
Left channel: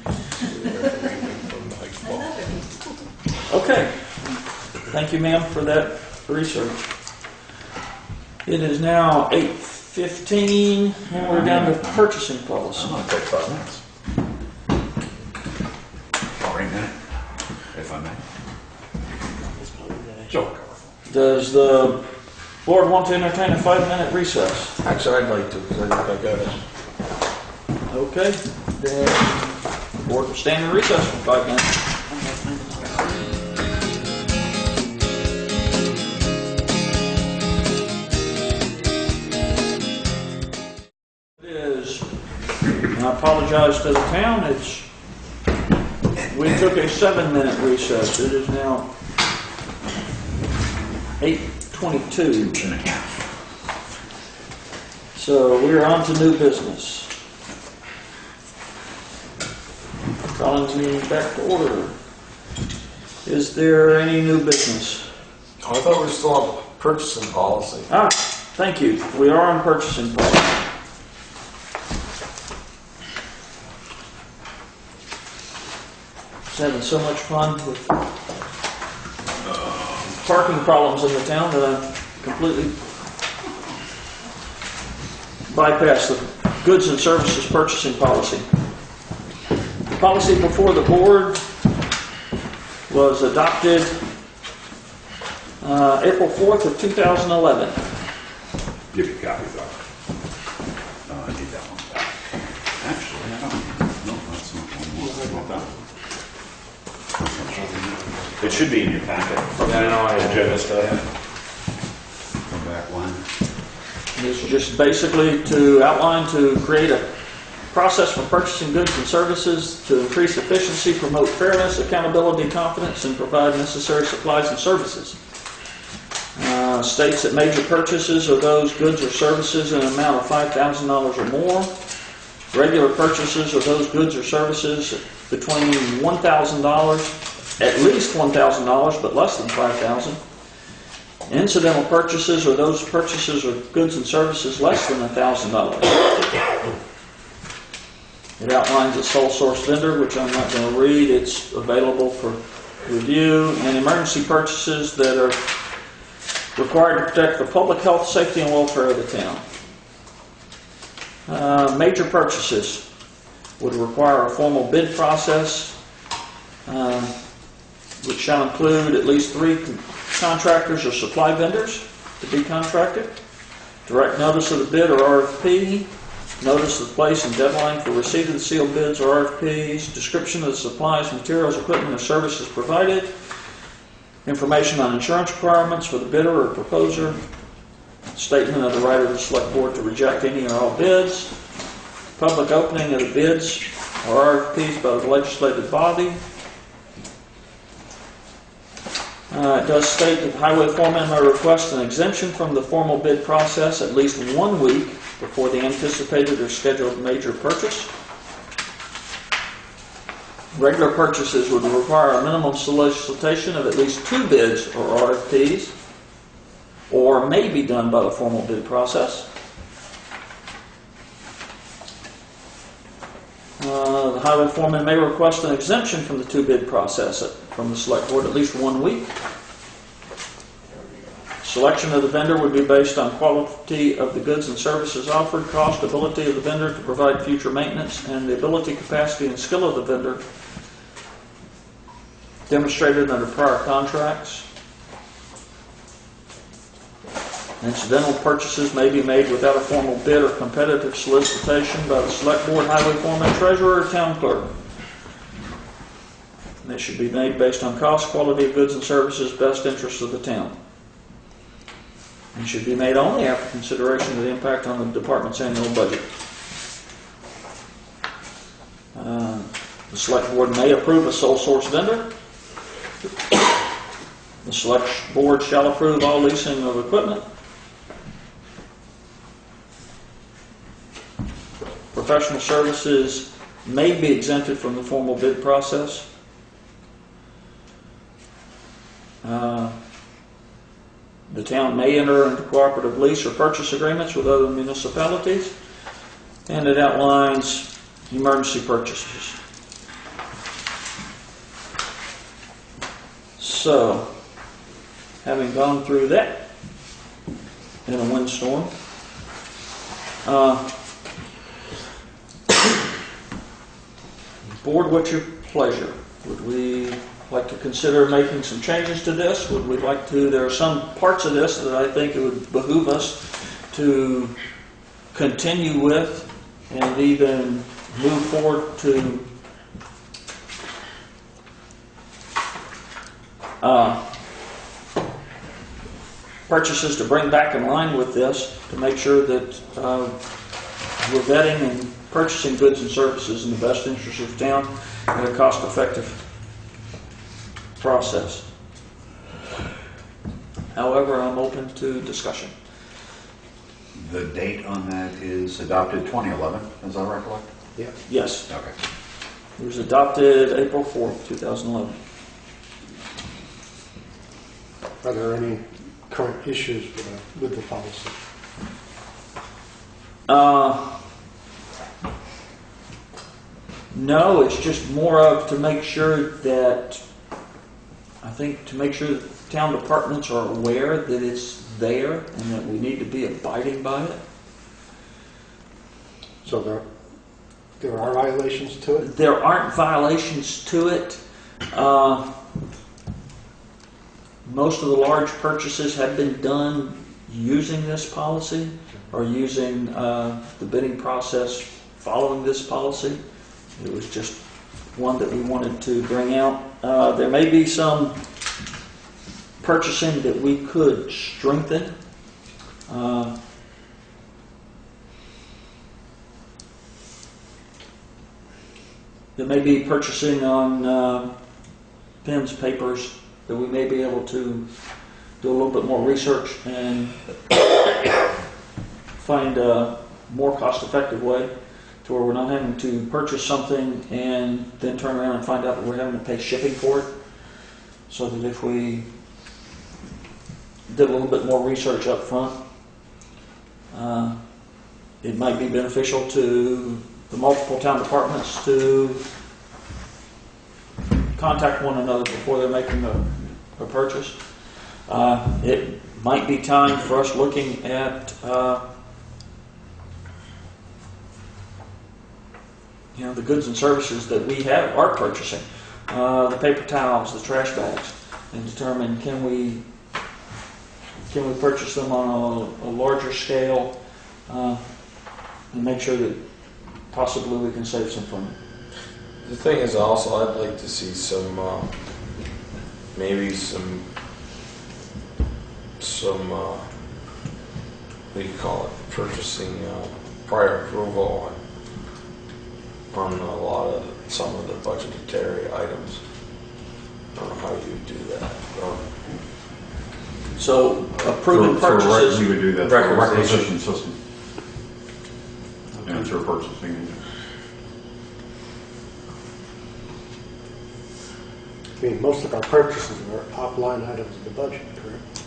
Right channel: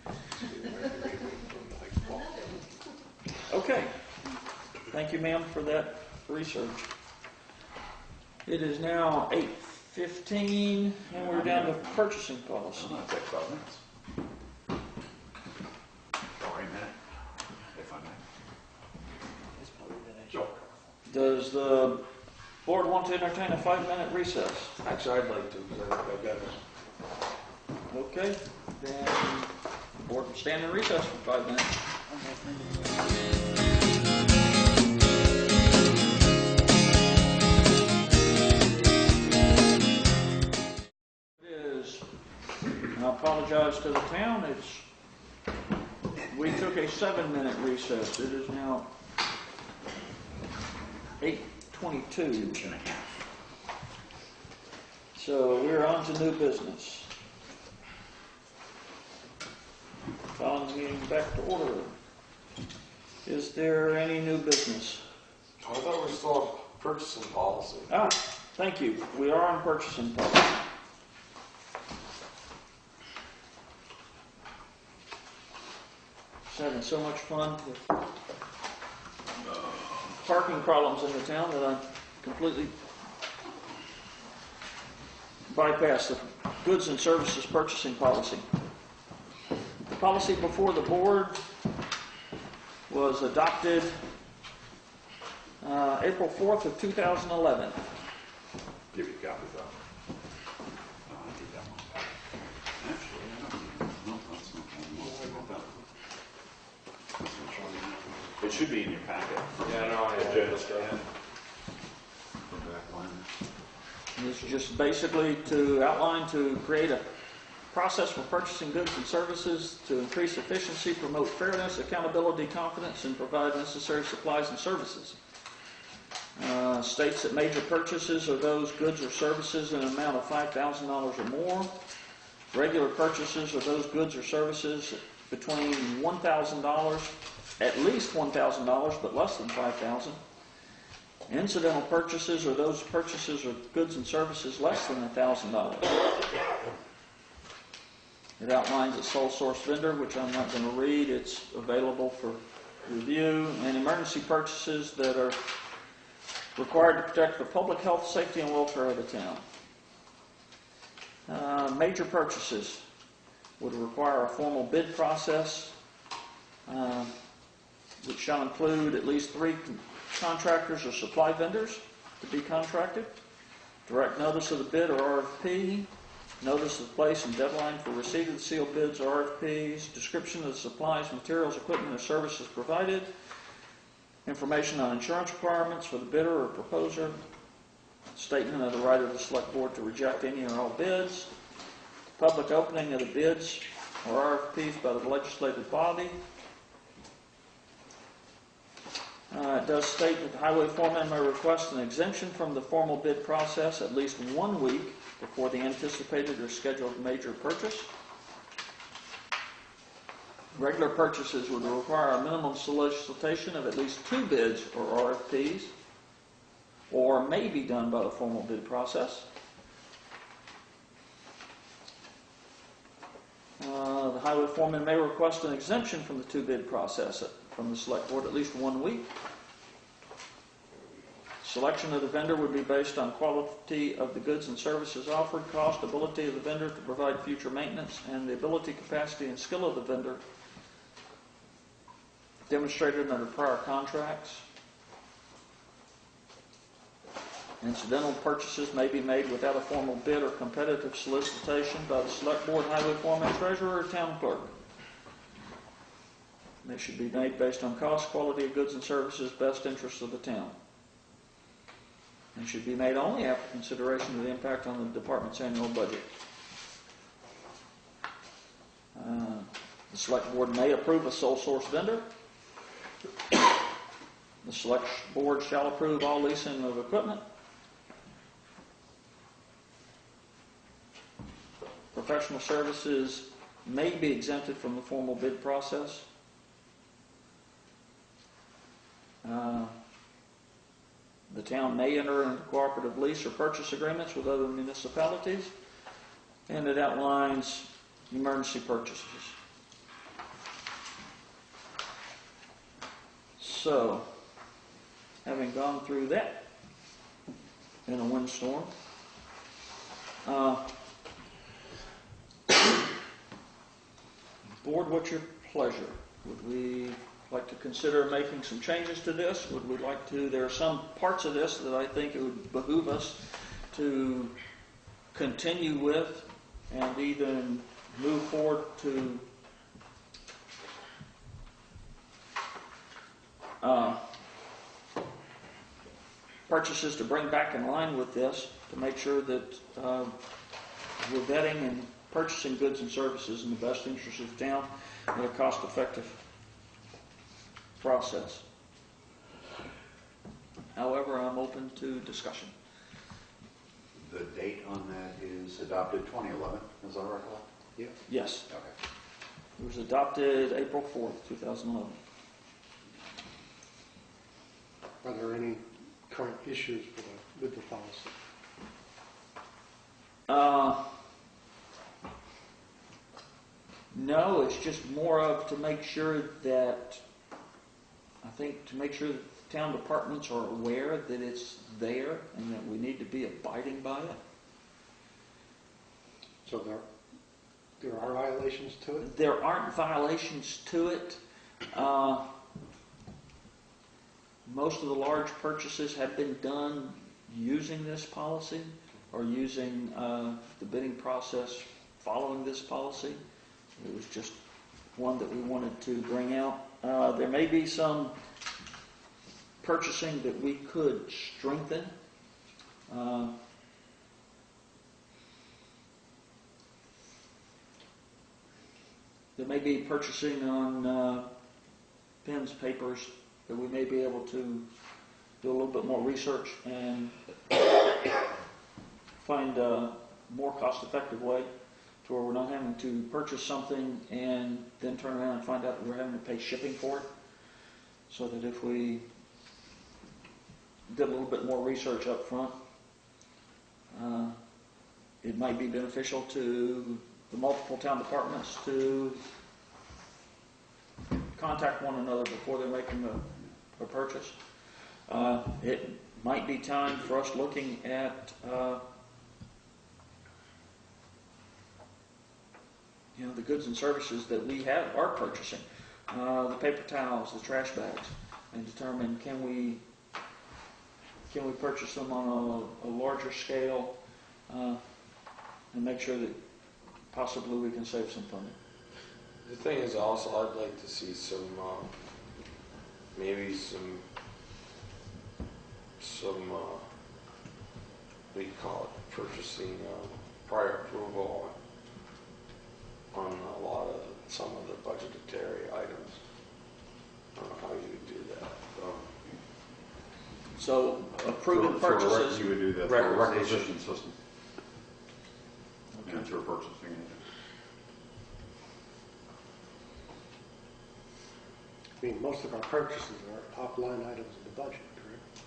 Okay. Thank you, ma'am, for that research. It is now 8:15 and we're down to purchasing policy. I'm gonna take 5 minutes. Or a minute, if I may. Joe. Does the board want to entertain a 5-minute recess? Actually, I'd like to, because I think I got it. Okay, then the board will stand in recess for 5 minutes. It is, and I apologize to the town, we took a 7-minute recess. It is now 8:22. And a half. So we're on to new business. Calling the meeting back to order. Is there any new business? Oh, I thought we were still on purchasing policy. Ah, thank you. We are on purchasing policy. Just having so much fun with parking problems in the town that I completely bypassed the goods and services purchasing policy. The policy before the board was adopted April 4th of 2011. Give you copies of it. No, I need that one back. Actually, I don't. No, that's not one. Not that one. It should be in your packet. Yeah, I know, I just go back one. This is just basically to outline, to create a process for purchasing goods and services to increase efficiency, promote fairness, accountability, confidence, and provide necessary supplies and services. States that major purchases of those goods or services in an amount of $5,000 or more, regular purchases of those goods or services between $1,000, at least $1,000, but less than $5,000. Incidental purchases are those purchases of goods and services less than $1,000. It outlines a sole source vendor, which I'm not going to read. It's available for review, and emergency purchases that are required to protect the public health, safety, and welfare of the town. Major purchases would require a formal bid process, which shall include at least 3 contractors or supply vendors to be contracted. Direct notice of the bid or RFP, notice of place and deadline for receipt of the sealed bids or RFPs, description of the supplies, materials, equipment, or services provided, information on insurance requirements for the bidder or proposer, statement of the right of the select board to reject any or all bids, public opening of the bids or RFPs by the legislative body. It does state that the highway foreman may request an exemption from the formal bid process at least 1 week before the anticipated or scheduled major purchase. Regular purchases would require a minimum solicitation of at least 2 bids or RFPs, or may be done by the formal bid process. The highway foreman may request an exemption from the 2-bid process from the select board at least 1 week. Selection of the vendor would be based on quality of the goods and services offered, cost, ability of the vendor to provide future maintenance, and the ability, capacity, and skill of the vendor demonstrated under prior contracts. Incidental purchases may be made without a formal bid or competitive solicitation by the select board, highway foreman, treasurer, or town clerk. And they should be made based on cost, quality of goods and services, best interests of the town. And should be made only after consideration of the impact on the department's annual budget. The select board may approve a sole source vendor. The select board shall approve all leasing of equipment. Professional services may be exempted from the formal bid process. The town may enter into cooperative lease or purchase agreements with other municipalities, and it outlines emergency purchases. So, having gone through that in a windstorm, board, what's your pleasure? Would we like to consider making some changes to this? Would we like to? There are some parts of this that I think it would behoove us to continue with and even move forward to purchases to bring back in line with this, to make sure that we're vetting and purchasing goods and services in the best interest of the town in a cost-effective process. However, I'm open to discussion. The date on that is adopted 2011, as I recollect? Yeah. Yes. Okay. It was adopted April 4th, 2011. Are there any current issues with the policy? No, it's just more of to make sure that, I think to make sure that the town departments are aware that it's there and that we need to be abiding by it. So there are violations to it? There aren't violations to it. Most of the large purchases have been done using this policy or using the bidding process following this policy. It was just one that we wanted to bring out. There may be some purchasing that we could strengthen. There may be purchasing on pens, papers, that we may be able to do a little bit more research and find a more cost-effective way to where we're not having to purchase something and then turn around and find out that we're having to pay shipping for it. So that if we did a little bit more research up front, it might be beneficial to the multiple town departments to contact one another before they're making a purchase. It might be time for us looking at the goods and services that we are purchasing, the paper towels, the trash bags, and determine can can we purchase them on a larger scale, and make sure that possibly we can save some from it. The thing is also, I'd like to see some, maybe some, what do you call it, purchasing, prior approval on a lot of, some of the budgetary items. I don't know how you do that. So approving For purchases. you would do that for a Requisition. requisition system. And through purchasing agent. I mean, most of our purchases are top-line items in the budget, correct?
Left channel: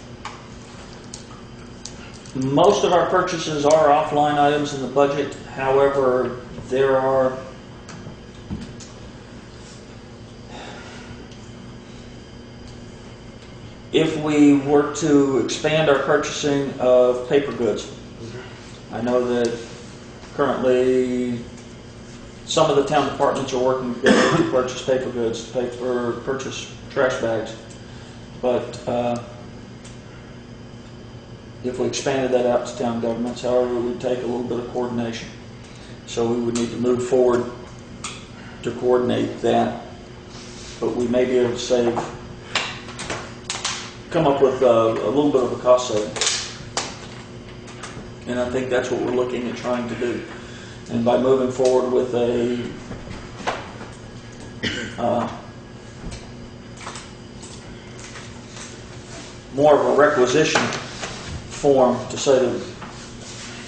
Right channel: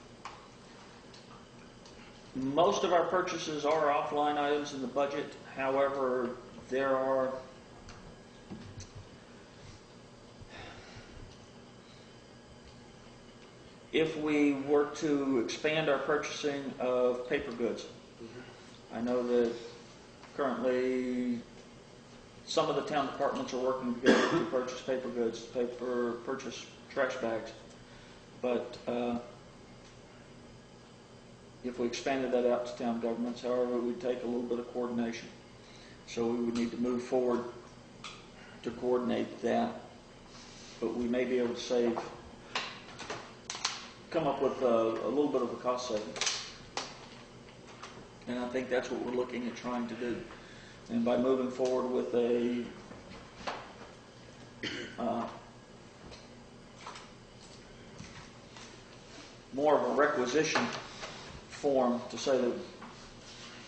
Most of our purchases are offline items in the budget. However, there are if we were to expand our purchasing of paper goods, I know that currently some of the town departments are working together to purchase paper goods, purchase trash bags. But if we expanded that out to town governments, however, it would take a little bit of coordination. So we would need to move forward to coordinate that. But we may be able to come up with a little bit of a cost saving. And I think that's what we're looking at trying to do. And by moving forward with a more of a requisition form to say that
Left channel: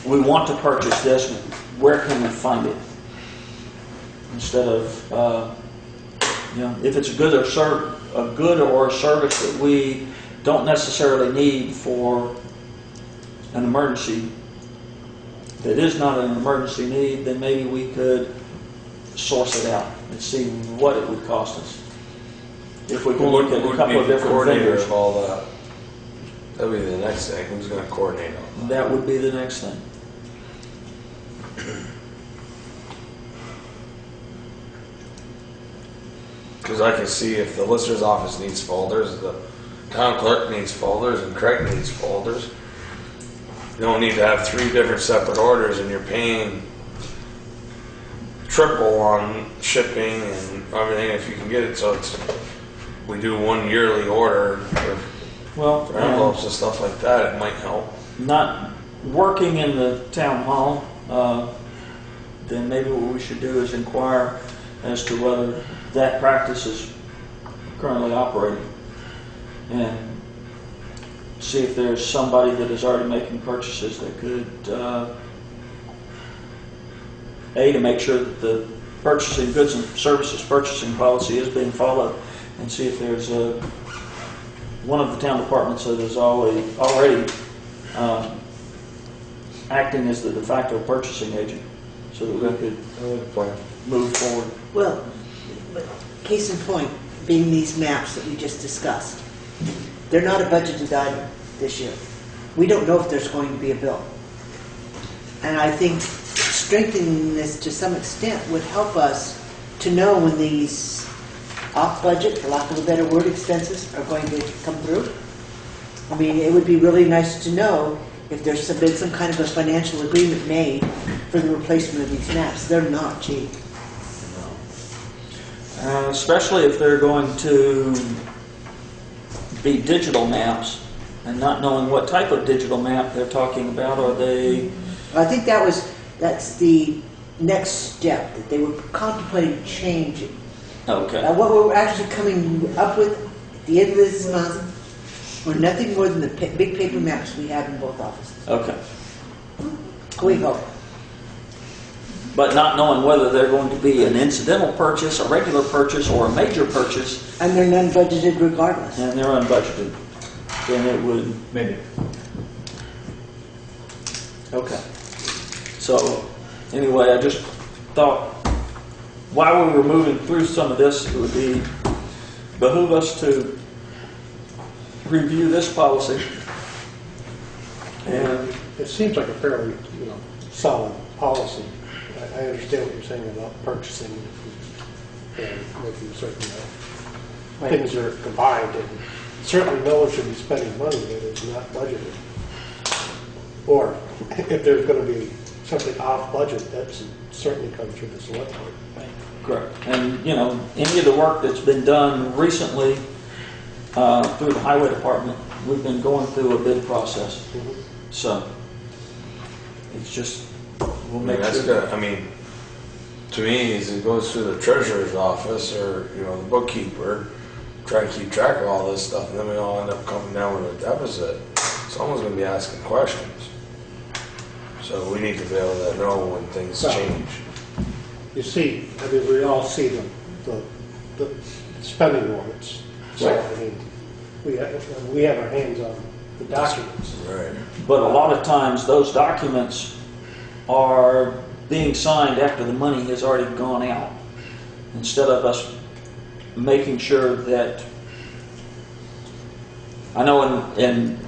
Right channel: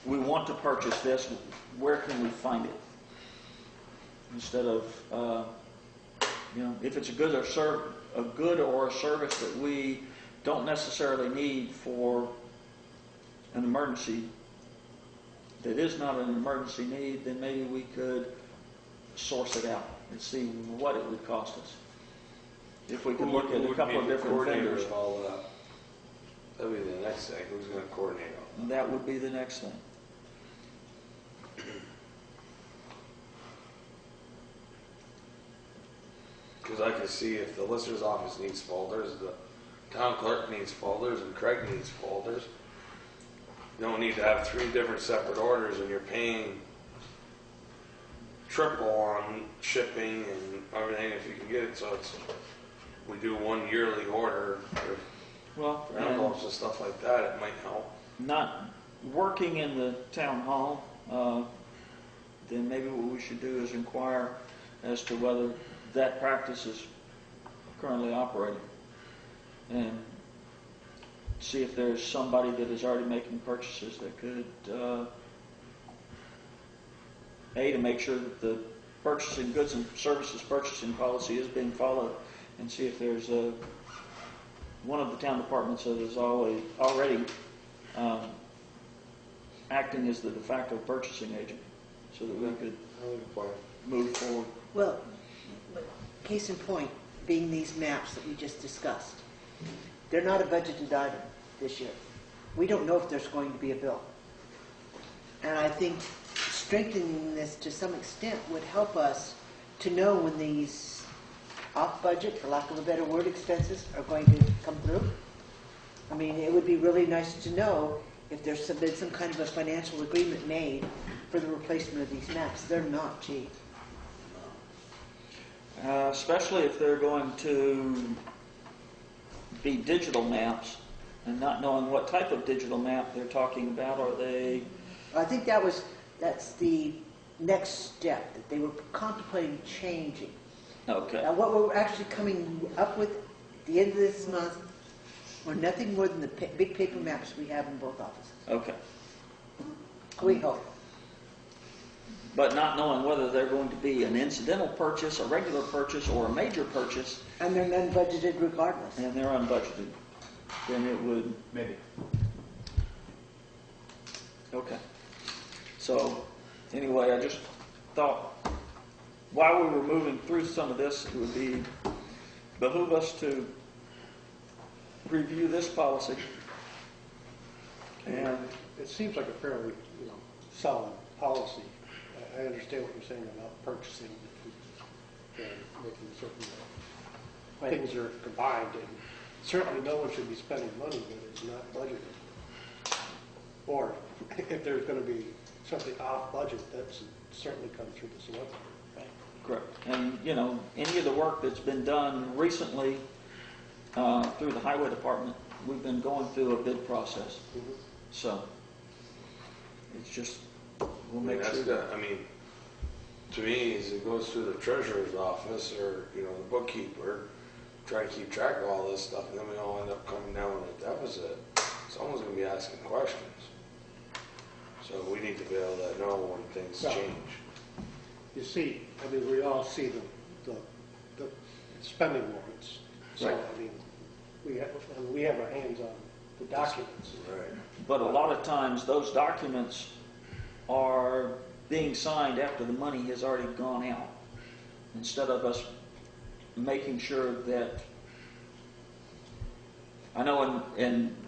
we want to purchase this, where can we find it? Instead of, if it's a good or a service that we don't necessarily need for an emergency, that is not an emergency need, then maybe we could source it out and see what it would cost us. If we can look at a couple of different vendors. Of all that. That'll be the next thing. Who's going to coordinate all that? That would be the next thing. Because I can see if the lister's office needs folders, the town clerk needs folders, and Craig needs folders. You don't need to have 3 different separate orders, and you're paying triple on shipping and everything if you can get it. So we do one yearly order for envelopes and stuff like that. It might help. Not working in the town hall, then maybe what we should do is inquire as to whether that practice is currently operating, and see if there's somebody that is already making purchases that could, to make sure that the purchasing goods and services purchasing policy is being followed, and see if there's one of the town departments that is already acting as the de facto purchasing agent, so that we could move forward. Well, case in point, being these maps that we just discussed, they're not a budgeted item this year. We don't know if there's going to be a bill. And I think strengthening this to some extent would help us to know when these off-budget, for lack of a better word, expenses are going to come through. I mean, it would be really nice to know if there's been some kind of a financial agreement made for the replacement of these maps. They're not cheap. Especially if they're going to be digital maps, and not knowing what type of digital map they're talking about. Are they? I think that's the next step, that they were contemplating changing. Okay. What we're actually coming up with at the end of this month were nothing more than the big paper maps we have in both offices. Okay. We hope. But not knowing whether they're going to be an incidental purchase, a regular purchase, or a major purchase. And they're non-budgeted regardless. And they're unbudgeted. Then it would... Maybe. Okay. So, anyway, I just thought, while we were moving through some of this, it would behoove us to review this policy. And It seems like a fairly, solid policy. I understand what you're saying about purchasing and making certain things are combined and certainly no one should be spending money that is not budgeted. Or if there's gonna be something off budget, that's certainly come through the select board. Correct. And, you know, any of the work that's been done recently through the highway department, we've been going through a bid process. So it's just, we'll make That's sure. good. I mean, to me, is it goes through the treasurer's office or, you know, the bookkeeper, try to keep track of all this stuff, and then we all end up coming down with a deficit. Someone's gonna be asking questions. So we need to be able to know when things Well, change. You see, I mean, we all see the spending warrants. So, Right. I mean, we have our hands on the documents. Right. But a lot of times, those documents are being signed after the money has already gone out. Instead of us making sure that, I know in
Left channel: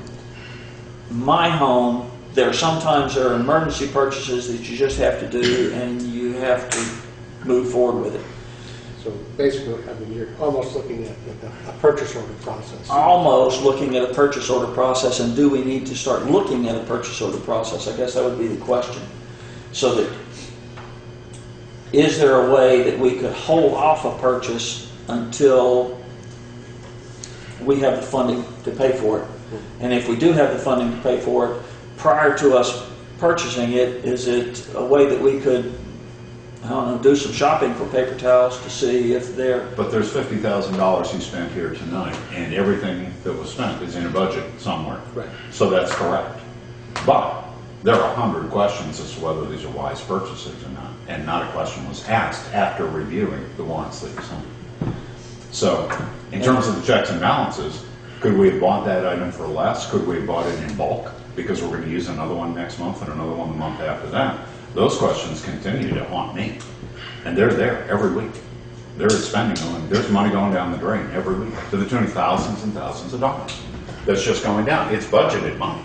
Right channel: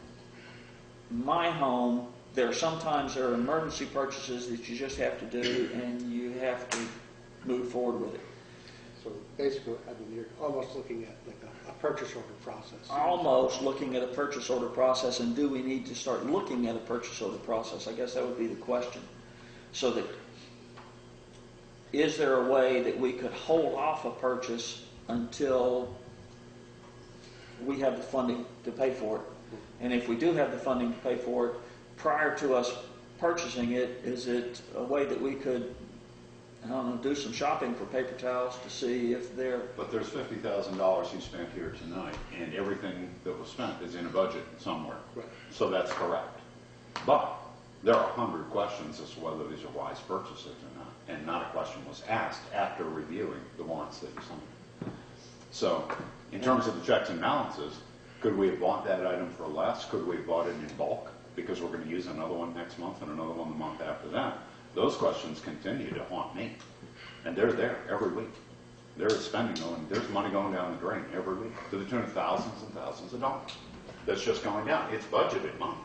my home, there are emergency purchases that you just have to do, and you have to move forward with it. So basically, I mean, you're almost looking at like a purchase order process. Almost looking at a purchase order process, and do we need to start looking at a purchase order process? I guess that would be the question. So that, is there a way that we could hold off a purchase until we have the funding to pay for it? And if we do have the funding to pay for it, prior to us purchasing it, is it a way that we could, I don't know, do some shopping for paper towels to see if they're, But there's $50,000 you spent here tonight, and everything that was spent is in a budget somewhere. Right. So that's correct. But there are 100 questions as to whether these are wise purchases or not, and not a question was asked after reviewing the warrants that you signed. So, in terms of the checks and balances, could we have bought that item for less? Could we have bought it in bulk? Because we're going to use another one next month and another one the month after that. Those questions continue to haunt me. And they're there every week. There is spending going, there's money going down the drain every week to the tune of thousands and thousands of dollars. That's just going down. It's budgeted money.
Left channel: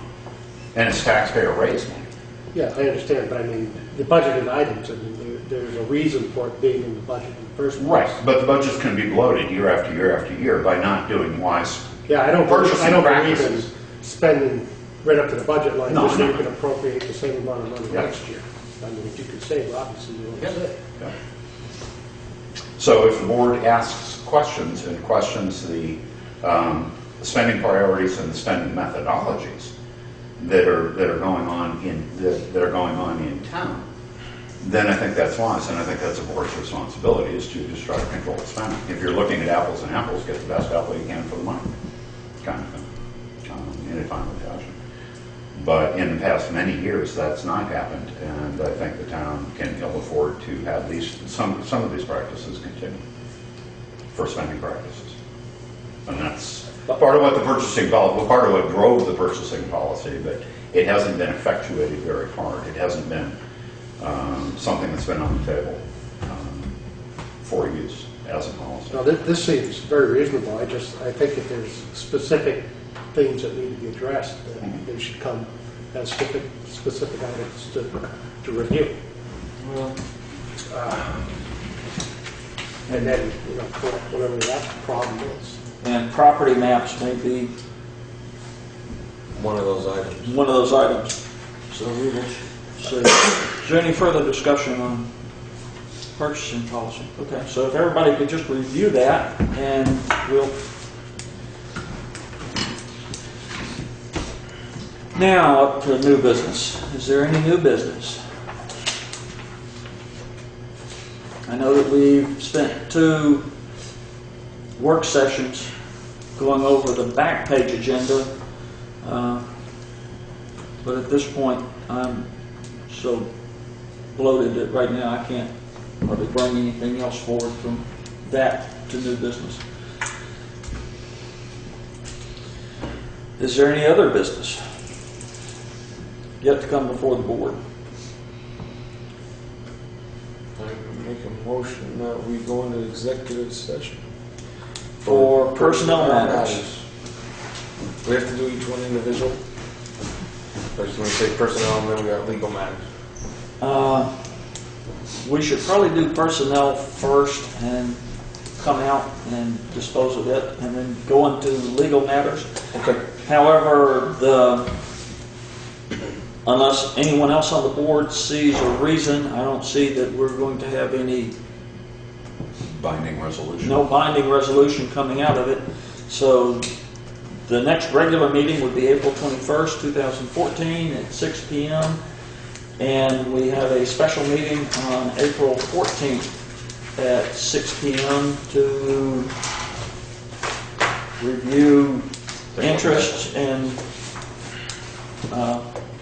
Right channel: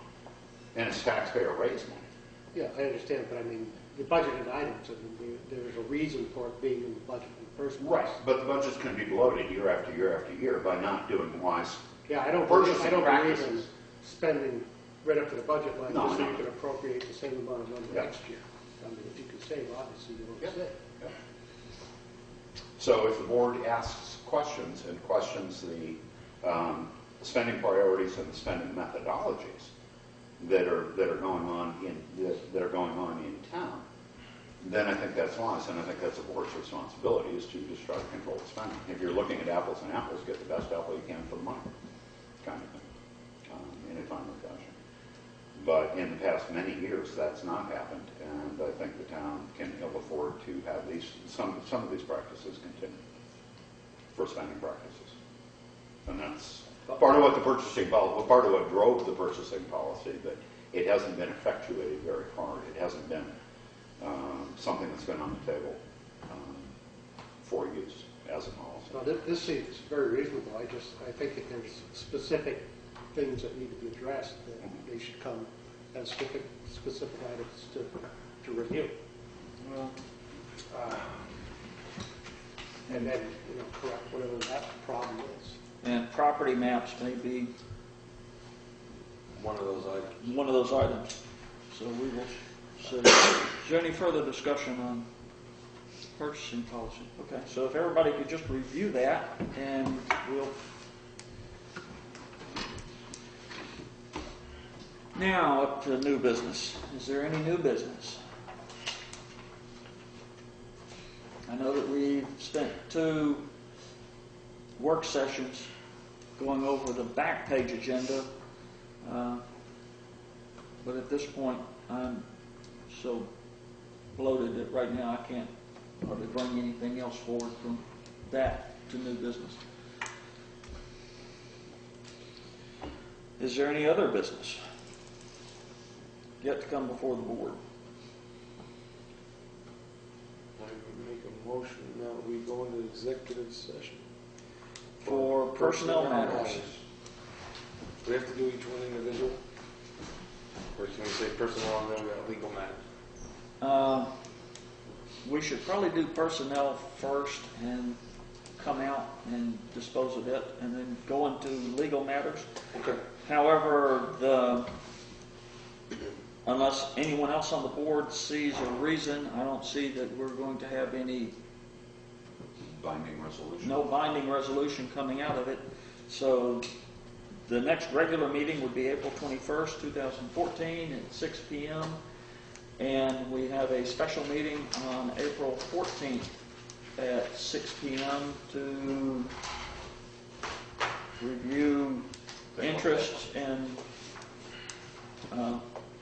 And it's taxpayer raised money. Yeah, I understand, but I mean, the budgeted items, I mean, there's a reason for it being in the budget in the first place. Right, but the budgets can be bloated year after year after year by not doing wise. Yeah, I don't Purchasing believe in practices. spending right up to the budget line, No, just so no. you can appropriate the same amount of money Yeah. next year. I mean, if you could save, obviously you want to save. So if the board asks questions and questions the spending priorities and the spending methodologies that are going on in town, then I think that's wise, and I think that's a board's responsibility, is to just try to control the spending. If you're looking at apples and apples, get the best apple you can for the money, kind of thing, in a timely fashion. But in the past many years, that's not happened, and I think the town can ill afford to have some of these practices continue for spending practices. And that's part of what the purchasing policy, part of what drove the purchasing policy, but it hasn't been effectuated very hard. It hasn't been something that's been on the table for use as a policy. Now, this seems very reasonable. I think if there's specific things that need to be addressed, they should come as specific items to review. And then, correct whatever that problem is. and property maps may be One of those items. one of those items. So we will see. Is there any further discussion on purchasing policy? Okay, so if everybody could just review that, and we'll... Now, up to new business. Is there any new business? I know that we've spent 2 work sessions going over the back page agenda, but at this point, I'm so bloated that right now I can't hardly bring anything else forward from that to new business. Is there any other business yet to come before the board? I make a motion that we go into executive session. For personnel matters. We have to do each one individual? Or just want to say personnel and then we got legal matters? We should probably do personnel first, and come out and dispose of it, and then go into legal matters. Okay. However, unless anyone else on the board sees a reason, I don't see that we're going to have Binding resolution. no binding resolution coming out of it. So the next regular meeting would be April 21st, 2014 at 6 p.m. And we have a special meeting on April 14th at 6 p.m. to review interests and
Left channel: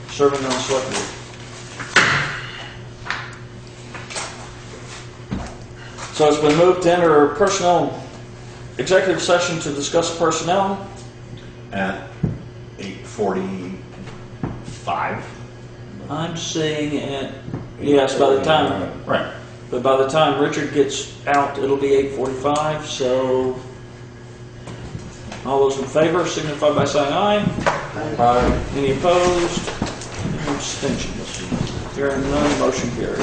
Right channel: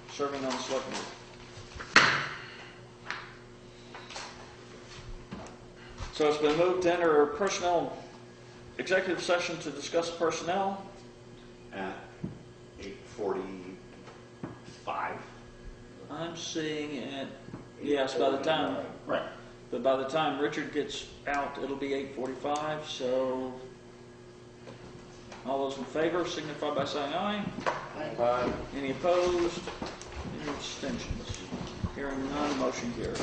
serving on the select board. So it's been moved to enter personnel executive session to discuss personnel. At 8:45. I'm seeing it, yes, by the time, Right. but by the time Richard gets out, it'll be 8:45, so all those in favor signify by saying aye. Bye. Any opposed? Any abstentions? Hearing none, motion carries.